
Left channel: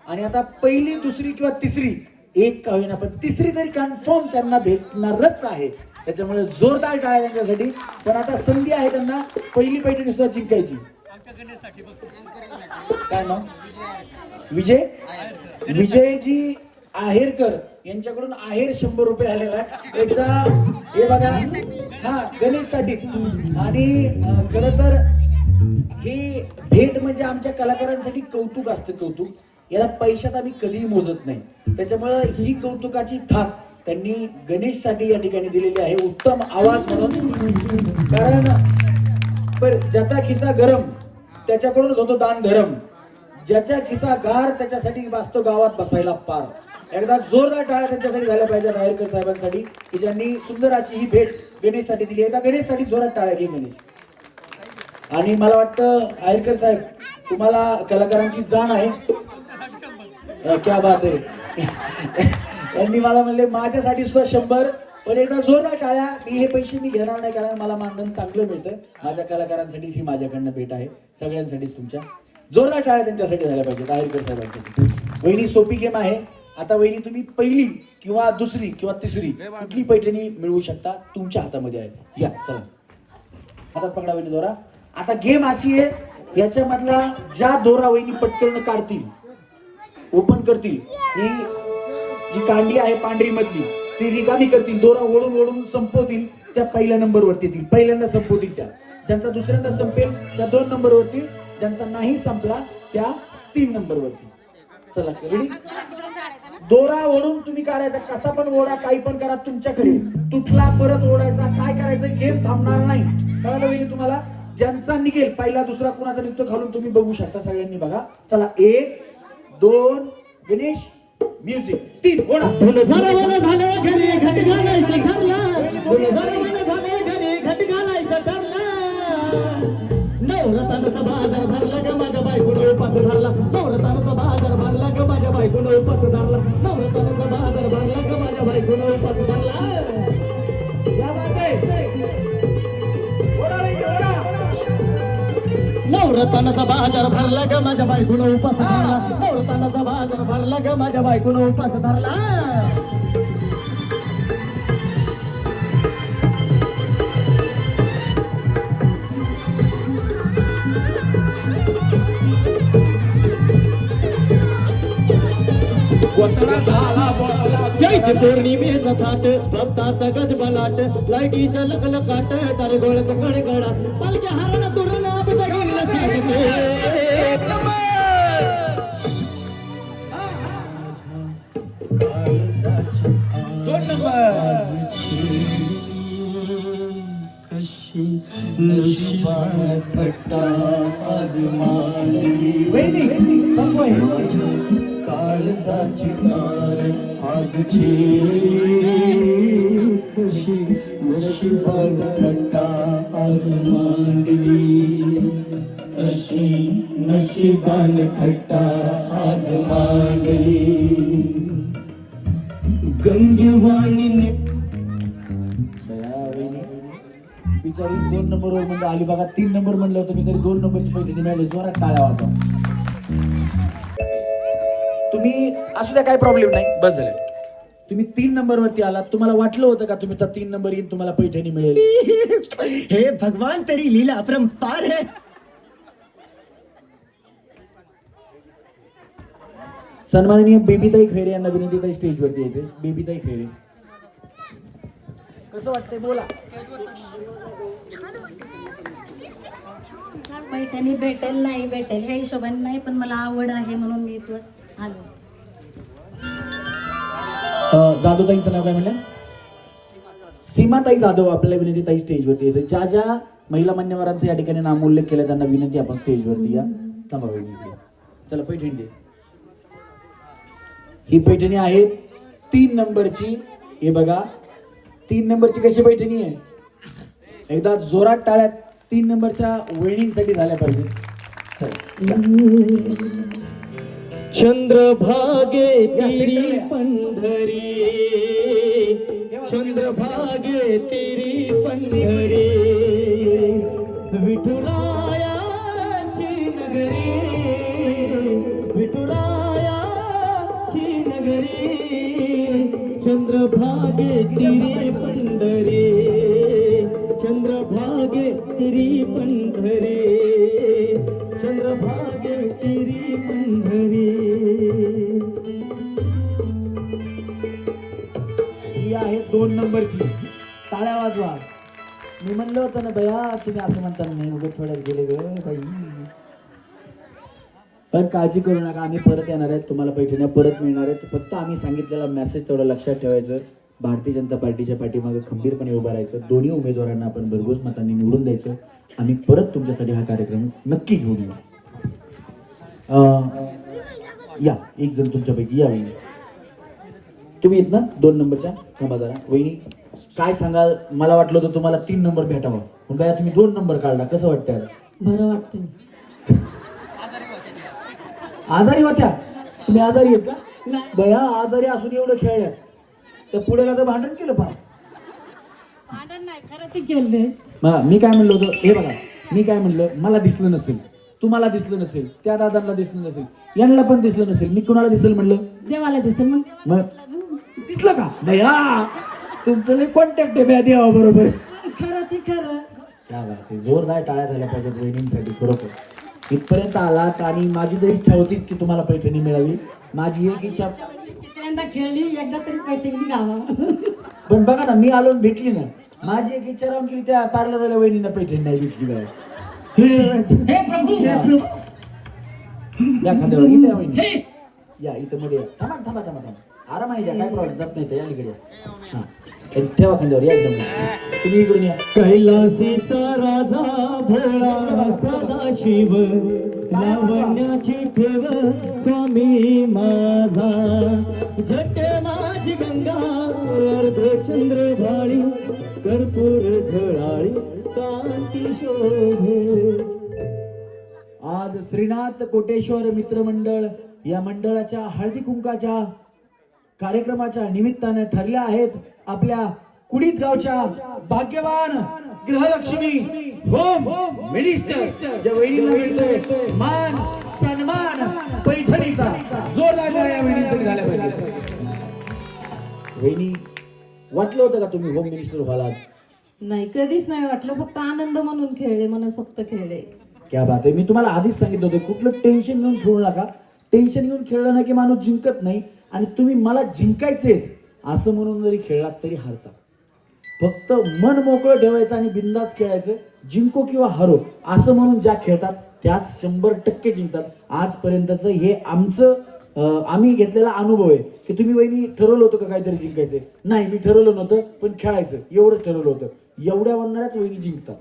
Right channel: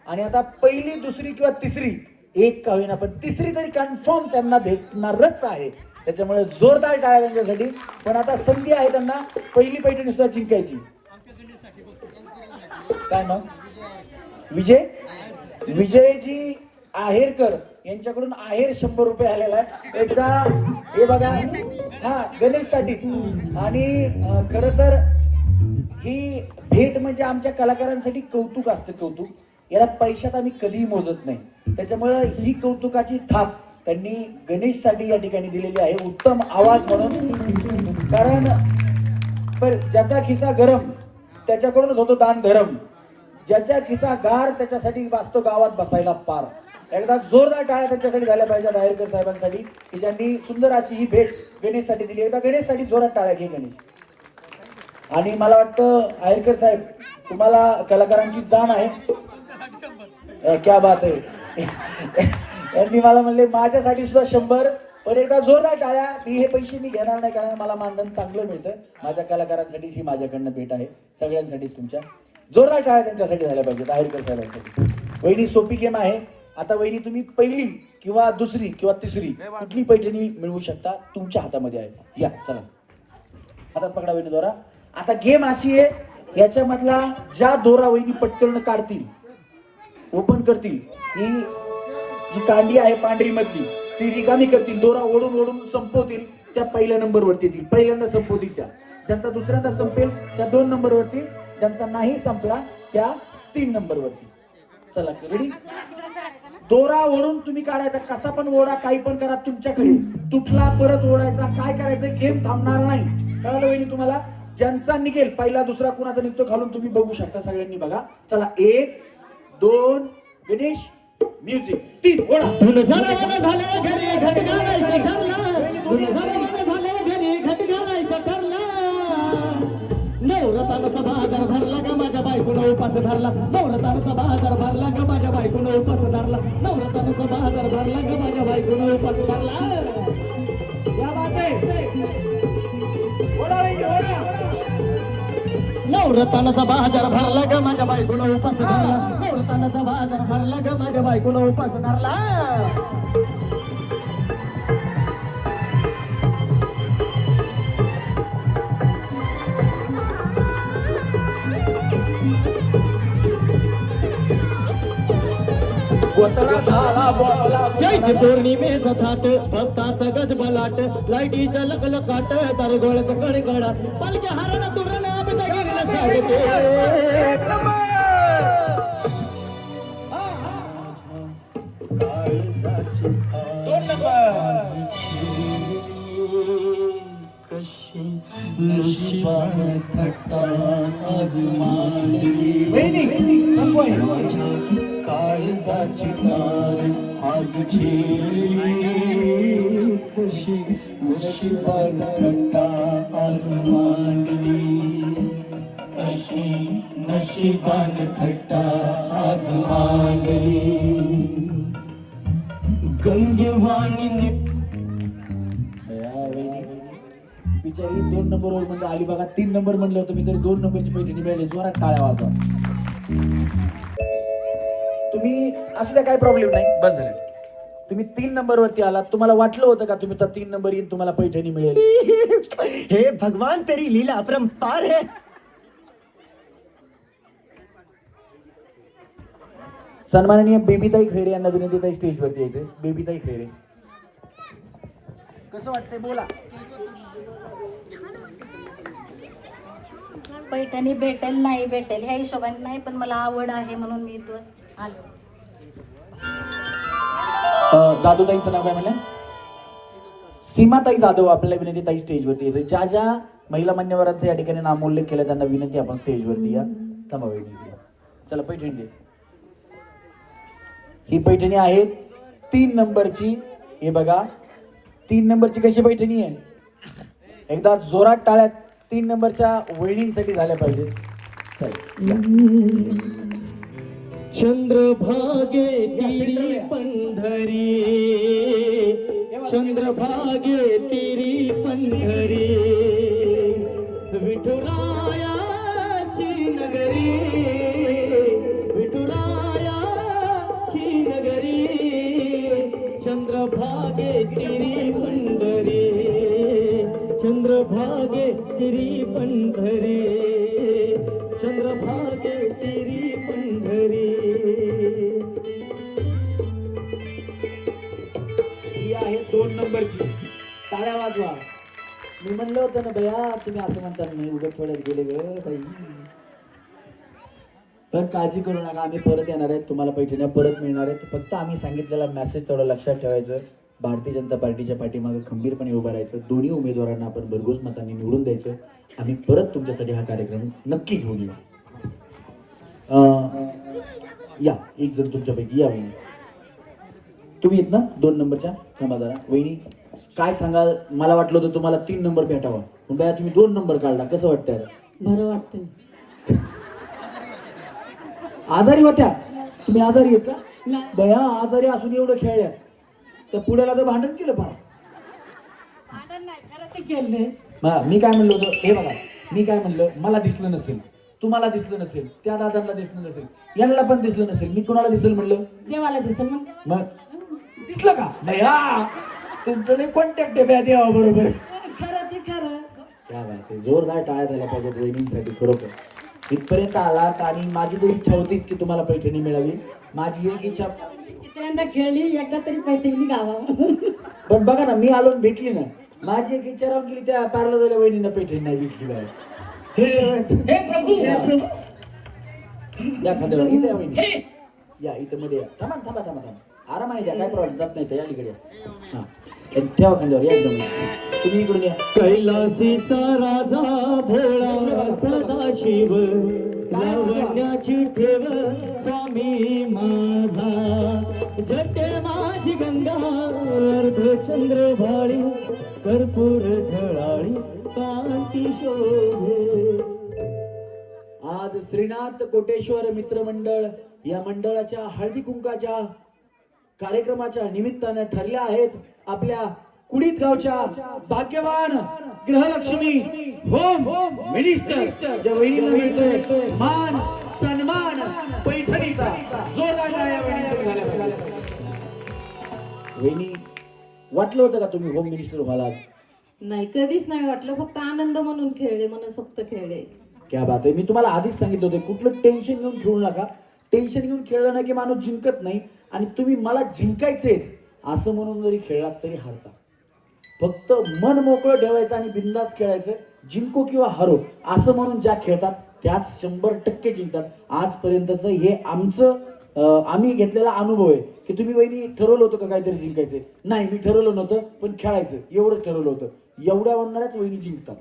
आणि आता पहिली, दुसरी किंवा तिसरी, एक का होईना पण तिसरी तरी कन्फर्म त्यांना भेटणारच आहे. त्याच्यामुळे जोरदार टाळ्या त्यांच्यासाठी. पण आता संधी आहे त्यांना पहिली पैठणी सुद्धा जिंकायची. काय नाव? विजयजी आहेरकर यांच्याकडून आहेर 100 रुपये आलेला आहे. एकदा हे बघा, हा गणेशसाठीच. आणि खरं तर ही भेट म्हणजे आमच्या कलाकारांसाठी कौतुक असतं. कौतुक याला पैशात आम्ही कधीही मोजत नाही. त्याच्यामुळं ही कौतुकाची थाप त्यांनी गणेशसाठी या ठिकाणी दिलेली आहे, उत्तम आवाज म्हणून. कारण पर ज्याचा खिसा गरम त्याच्याकडूनच होतो दान धरम, ज्याच्या खिसा गार त्याच्यासाठी वाचतो गावात बसायला पार. एकदा जोरदार टाळ्या त्यांच्यासाठी झाल्या पाहिजेत आहेरकर साहेबांसाठी, की ज्यांनी सुंदर अशी ही भेट गणेशसाठी दिली. एकदा गणेशसाठी जोरात टाळ्या घे गणेश. आणि मला वाटतं आहेरकर साहेब तुम्हाला कलाकारांची जाण आहे. क्या बात आहे. त्यांनी मला म्हणले माझ्यासाठी सुद्धा 100. पण एकदा जोरदार टाळ्या. मी हे पैसे मी घेणार नाही, कारण मला मानधन चांगलं मिळतं. माझ्या कलाकारांसाठीच ही माझ्याकडनं भेट आहे, सगळ्यांसाठीच तुमच्या. जोरदार टाळ्या त्यांच्यासाठी झाल्या पाहिजेत, आहेरकर साहेबांसाठी. वहिनी सोपी गेम आहे. आता वहिनी तुम्ही पहिली किंवा दुसरी किंवा तिसरी कुठली पैठणी मिळवू शकता, तुमच्या हातामध्ये आहे. या चला, हातात पकडा वहिनी दोरा. आता गेम अशी आहे, याच्यामधला ज्या दोरा वहिनी पटकन काढतील, ओपन करतील, ही जी कांडी आहे पांढरी मधली ती रिकामी करतील, दोरा ओढून ओढून संपवतील, त्या पहिल्या नंबरवरती येतील. पहिल्यांदा संपवतील त्या. ज्यांचा दुसऱ्यांदा संपेल त्या 2 नंबरवरती, ज्यांचा नाही संपला त्या 3 नंबरवरती. चला रेडी. दोरा ओढून तुम्ही काढायचा, कसा पण ओढा, काही पण करा, तुमच्याकडे. तुटला परत ओढायचा. काय करायचं, गेम थांबणार नाही. कळालं वहिनी तुम्हाला? ज्यांचा निघेल पहिला, दुसरा कुणाचा निघतो खालून तुम्ही बघू शकता. सगळ्यांनी बघा. चला 1 2 गणेश म्युझिक 3 ओढा. झालं घरी घट घालायचं ठरलं, झालं घरी घट घालायचं ठरलं. नवरताचा बाजार भरला ग माझ्या बायकोनं उपास धरला. नवरताचा बाजार भरला ग माझ्या बायकोनं उपास धरला. नवरताचा बाजार भरला ग माझ्या बायकोनं उपास धरला. या बाबा ओढा रे ओढा. नवरताचा बाजार भरला ग माझ्या बायकोनं उपास धरला. नवरताचा बाजार भरला ग माझ्या बायकोनं उपास धरला. चैत्र पौर्णिमेचा थाट, भक्ताचा गजबलाट, लाईटीच्या लखलखाट, तारे गोळ्याचा कडकडाट, पालख्या हाराला तोरण बहिणीला सांगते. काळजाची तार आजची नशिबान थट्टा आज मांडली. अशी नशिबान थट्टा आज मांडली. गंगेवाणी बिचारी 2 नंबरवर म्हणजे आली बघा. 3 नंबर म्हणलं होतं मी, तरी 2 नंबरची पैठणी मिळाली. जोरात टाळ्या वाजवा. तुम्ही असू द्या, काही प्रॉब्लेम नाही, बस झालं. तुम्ही 3 नंबरवरती आलात. तुम्हाला वाटलं होतं का तुम्ही तर 3 नंबर येईन तुम्हाला पैठणी मिळेल? हे भगवान तेरी लीला अपरंपार है. सन्माननीय बेबीताई खैरे यांना विनंती, स्टेजवरती यायचे. बेबीताई खैरे, कसं वाटतंय बोला. पैठणी भेटेल नाही भेटेल ह्या हिशोबाने नाही, पण मला आवड आहे म्हणून मी इथं आलो. जाधवताईंचं नाव काय म्हणलं? सीमाताई जाधव. आपल्याला विनंती, ताई स्टेजवरती येते. ज्या ज्या महिला मान्यवरांचा या ठिकाणी नामोल्लेख केला त्यांना विनंती, आपण स्टेजवरती या. थांबा विनंती. चला पैठणी दे. ही पैठणी आहे 3 नंबरची. हे बघा 3 नंबरची कशी पैठणी आहे. एकदा जोरात टाळ्यात 3 नंबरच्या वहिनींसाठी झाल्या पाहिजे. चल चंद्रभागे तिरी पंढरी, चंद्रभागे तिरी पंढरी, विठुरायाची नगरी, विठुरायाची नगरी, चंद्रभागे तिरी पंढरी, चंद्रभागे तिरी पंढरी, चंद्रभागे तिरी पंढरी. ही आहे 2 नंबरची. टाळ्या वाजवा. मी म्हणलं होतं ना बया, तुम्ही असं म्हणता नाही उगाच थोड्यात गेले ग बाई. पण काळजी करू नका, आम्ही परत येणार आहेत, तुम्हाला पैठण्या परत मिळणार आहेत. फक्त आम्ही सांगितलेला मेसेज तेवढं लक्षात ठेवायचं. भारतीय जनता पार्टीच्या पाठीमागे खंबीरपणे उभं राहायचं. दोन्ही उमेदवारांना आपण भरघोस मतांनी निवडून द्यायचं. आम्ही परत तुमच्यासाठी हा कार्यक्रम नक्की घेऊन येऊ. या एक जण तुमच्यापैकी या वहिनी. तुम्ही येत ना 2 नंबरच्या थांबादारा. वहिनी काय सांगाल? मला वाटलं होतं तुम्हाला 3 नंबर भेटावा, पण बाया तुम्ही 2 नंबर काढला. कसं वाटतंय आता? बरं वाटतंय. आजारी होत्या तुम्ही? आजारी आहेत का? बया आजारी असून एवढं खेळल्या, त्या पुढेला तर भांडण केलं फार. मी काय म्हणलं होतं हे बघा, मी काय म्हणलं, मला दिसलं नसेल, तुम्हाला दिसलं नसेल, त्या दादांना दिसलं नसेल, यांना पण दिसलं नसेल, मी कुणाला दिसेल म्हणलं? देवाला दिसेल. मग दिसलं का? नाही हा तुमचं कॉन्टॅक्ट आहे देवा बरोबर. खरं ते खरं. क्या बात आहे. जोरदार टाळ्या झाल्या पाहिजेत वहिनींसाठी. खरोखर इथपर्यंत आलात आणि माझी तरी इच्छा होतीच की तुम्हाला पैठणी मिळावी. माझी एक इच्छा खेळली एकदा तरी पैठणी गावा. पण बघा ना, मी आलो भेटली ना. माझी एक इच्छा राहून गेली, त्या पार्लर वाल्या वहिनींना पैठणी नाही भेटली मला. या खांद्यावर इथे वहिनी या, इथं मध्ये या. थांबा थांबा थांबा थांबा, आराम आहे द्या, काय प्रॉब्लेम जात नाही. या इकडे हा ठेवा खांद्यावर या एकदम. तुम्ही इकडून या. कैलासीचा राजा भोळा सदाशिव, लावण्याची ठेव स्वामी माझा, जटे माझी गंगा अर्धचंद्र भाळी, कर्पूर झळाळी कांती शोभे. आज श्रीनाथ कोटेश्वर मित्रमंडळ या मंडळाच्या हळदी कुंकाच्या कार्यक्रमाच्या निमित्ताने ठरल्या आहेत आपल्या कुडीत गावच्या भाग्यवान गृहलक्ष्मी होम मिनिस्टर ज्या वहिनीला मिळतोय मान सन्मान पैठणीचा. जोरदार टाळ्या वहिनीसाठी झाल्या पाहिजे. वहिनी वाटलं होतं का तुम्ही होम मिनिस्टर व्हालात? नाही, कधीच नाही वाटलं. फक्त आनंद म्हणून खेळले, मनसोक्त खेळले. क्या बात आहे. मी तुम्हाला आधीच सांगितलं होतं कुठलं टेन्शन घेऊन खेळू नका. टेन्शन घेऊन खेळलं ना की माणूस जिंकत नाही. आणि तुम्ही मला जिंकायचेच असं म्हणून जरी खेळलात तरी हारता. फक्त मन मोकळं ठेवायचं आणि बिंदास खेळायचं. जिंको किंवा हारो असं म्हणून ज्या खेळतात त्याच 100% जिंकतात. आजपर्यंतचं हे आमचं आम्ही घेतलेला अनुभव आहे की तुम्ही वहिनी ठरवलं होतं का काहीतरी जिंकायचं? नाही, मी ठरवलं नव्हतं, पण खेळायचं एवढंच ठरवलं होतं. एवढ्या म्हणणाऱ्याच वहिनी जिंकतात.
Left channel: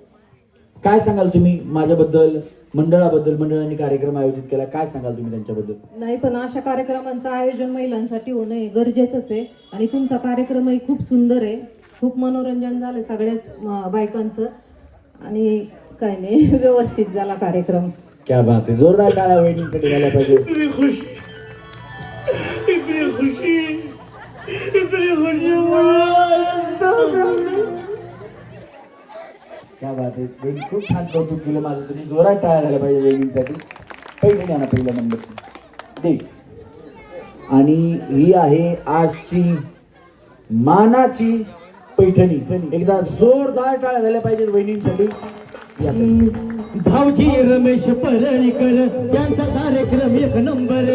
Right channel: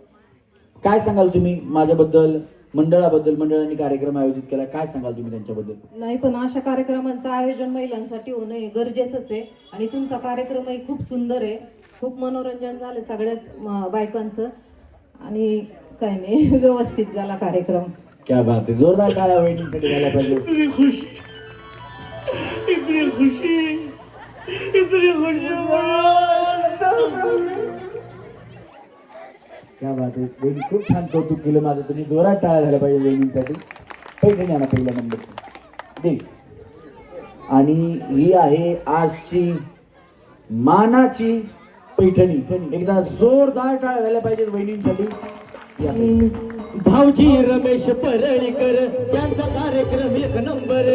काय सांगाल तुम्ही माझ्याबद्दल, मंडळाबद्दल? मंडळाने कार्यक्रम आयोजित केला, काय सांगाल तुम्ही त्यांच्याबद्दल? नाही, पण अशा कार्यक्रमांचं आयोजन महिलांसाठी होणं हे गरजेचंच आहे. आणि तुमचा कार्यक्रमही खूप सुंदर आहे. खूप मनोरंजन झालं सगळ्याच बायकांचं. आणि काय नाही, व्यवस्थित झाला कार्यक्रम. क्या बात आहे. जोरदार टाळ्या वहिनींसाठी झाल्या पाहिजे. क्या बात आहे. वहिनी खूप छान कौतुक केलं माझं. तुम्ही जोरात टाळ्या झाल्या पाहिजे वहिनींसाठी. पैठणी आणा पहिल्या नंबर दे. आणि ही आहे आजची मानाची पैठणी. एकदा जोरदार टाळ्या झाल्या पाहिजे वहिनींसाठी. भाऊजी रमेश परळीकर त्यांचा कार्यक्रम 1 नंबर.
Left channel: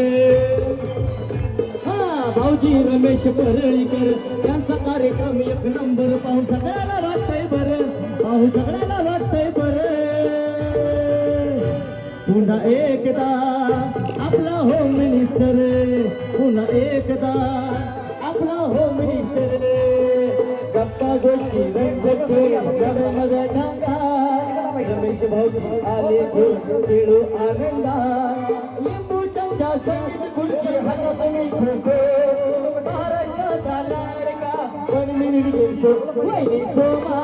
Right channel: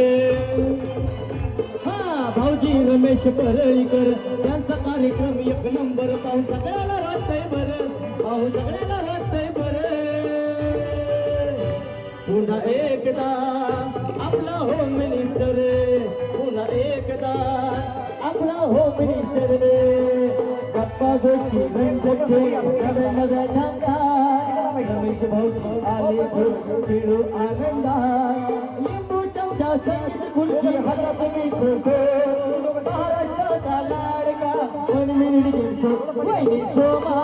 हा भाऊजी रमेश परळीकर त्यांचा कार्यक्रम 1 नंबर. पाहून सगळ्याला वाटतंय बरं, पाहून सगळ्याला वाटतंय बरं. पुन्हा एकदा आपला होम मिनिस्टर, पुन्हा एकदा आपला होम मिनिस्टर. गप्पा गोष्टी रंजक नव्या ढाका, रमेश भाऊ आले खेळू आनंदा. लिंबू चमचा सास खुर्ची हातात मी ठेवतो, महाराष्ट्राचा लाडका 1 मिनिट घेतो वहिनी सोमा.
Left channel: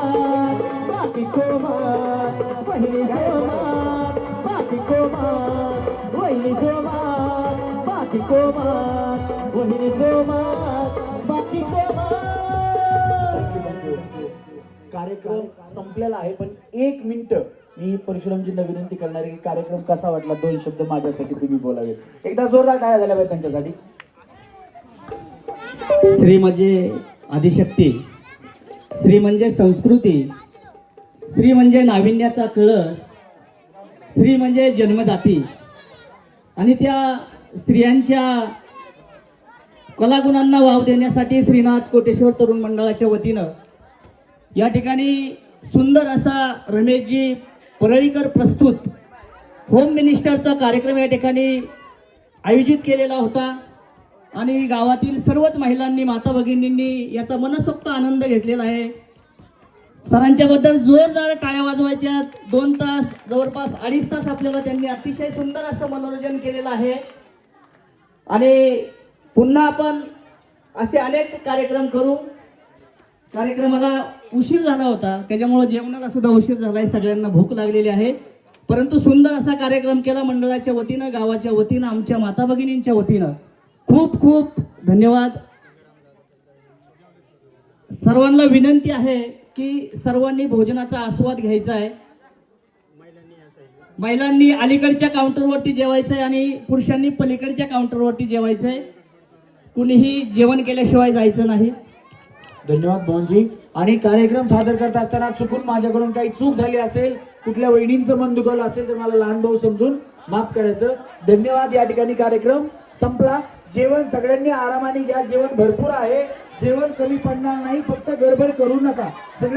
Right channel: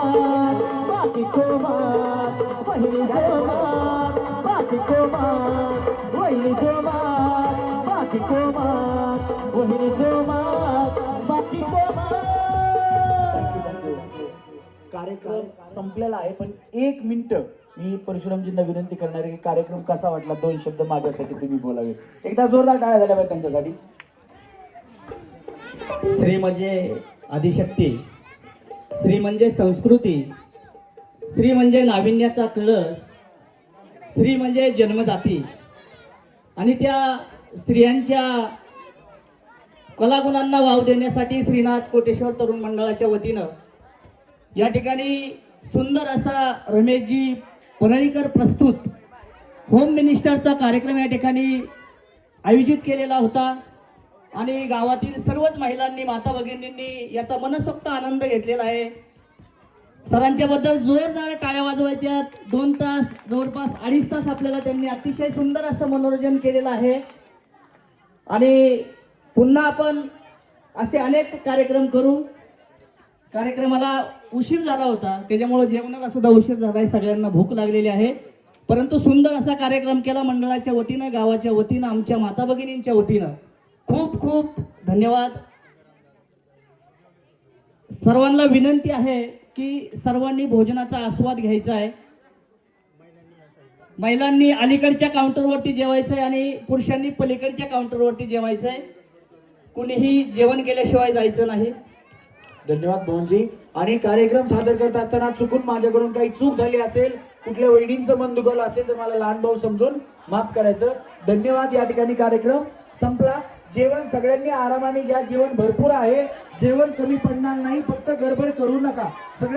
बाकी को मार वहिनी को मार बाकी को मार वहिनी को मार बाकी को मार वहिनी को मार बाकी को मार. कार्यक्रम संपलेला आहे, पण 1 मिनिट मी परशुरामजींना विनंती करणार आहे की कार्यक्रम कसा वाटला 2 शब्द माझ्यासाठी तुम्ही बोलावे. एकदा जोरदार टाळ्या झाल्या पाहिजे त्यांच्यासाठी. स्त्री म्हणजे आदिशक्ती, स्त्री म्हणजे संस्कृती, स्त्री म्हणजे नाविन्याचा कळस, स्त्री म्हणजे जन्मदाती. आणि त्या स्त्रियांच्या कलागुणांना वाव देण्यासाठी श्रीनाथ कोटेश्वर तरुण मंडळाच्या वतीनं या ठिकाणी सुंदर असा रमेशजी परळीकर प्रस्तुत होम मिनिस्टरचा कार्यक्रम या ठिकाणी आयोजित केलेला होता. आणि गावातील सर्वच महिलांनी, माता भगिनींनी याचा मनसोक्त आनंद घेतलेला आहे. सरांच्या बद्दल जोरदार टाळ्या वाजवायच्या. 2 तास, जवळपास 2.5 तास आपल्याला त्यांनी अतिशय सुंदर असं मनोरंजन केलेलं आहे. आणि पुन्हा आपण असे अनेक कार्यक्रम करू. कार्यक्रमाला उशीर झाला होता, त्याच्यामुळे जेवणाला सुद्धा उशीर झाला आहे, सगळ्यांना भूक लागलेली आहे. परंतु सुंदर असा कार्यक्रम केला मंडळाच्या वतीनं, गावाच्या वतीनं, आमच्या माता भगिनींच्या वतीनं. खूप खूप धन्यवाद. सर्वांना विनंती आहे की सर्वांनी भोजनाचा आस्वाद घ्यायचा आहे. महिलांनी अलीकडच्या काउंटरवरती जेवायचं आहे आणि पुरुषांनी पलीकडच्या काउंटरवरती जेवायचं आहे. कुणीही जेवण केल्याशिवाय जायचं नाही. धन्यवाद मोहनजी. आणि कार्यक्रम सादर करत असताना चुकून माझ्याकडून काही चूक झाली असेल, कुठल्या वहिनींचं मन दुखावलं असेल तर मला लहान भाऊ समजून माफ करायचं. धन्यवाद. या ठिकाणी कार्यक्रम संपला. जेवण सगळ्यांनी आरामाने घ्या, जेवण भरपूर आहे, जेवण कमी पडणार नाही, फक्त गडबड करू नका. सगळे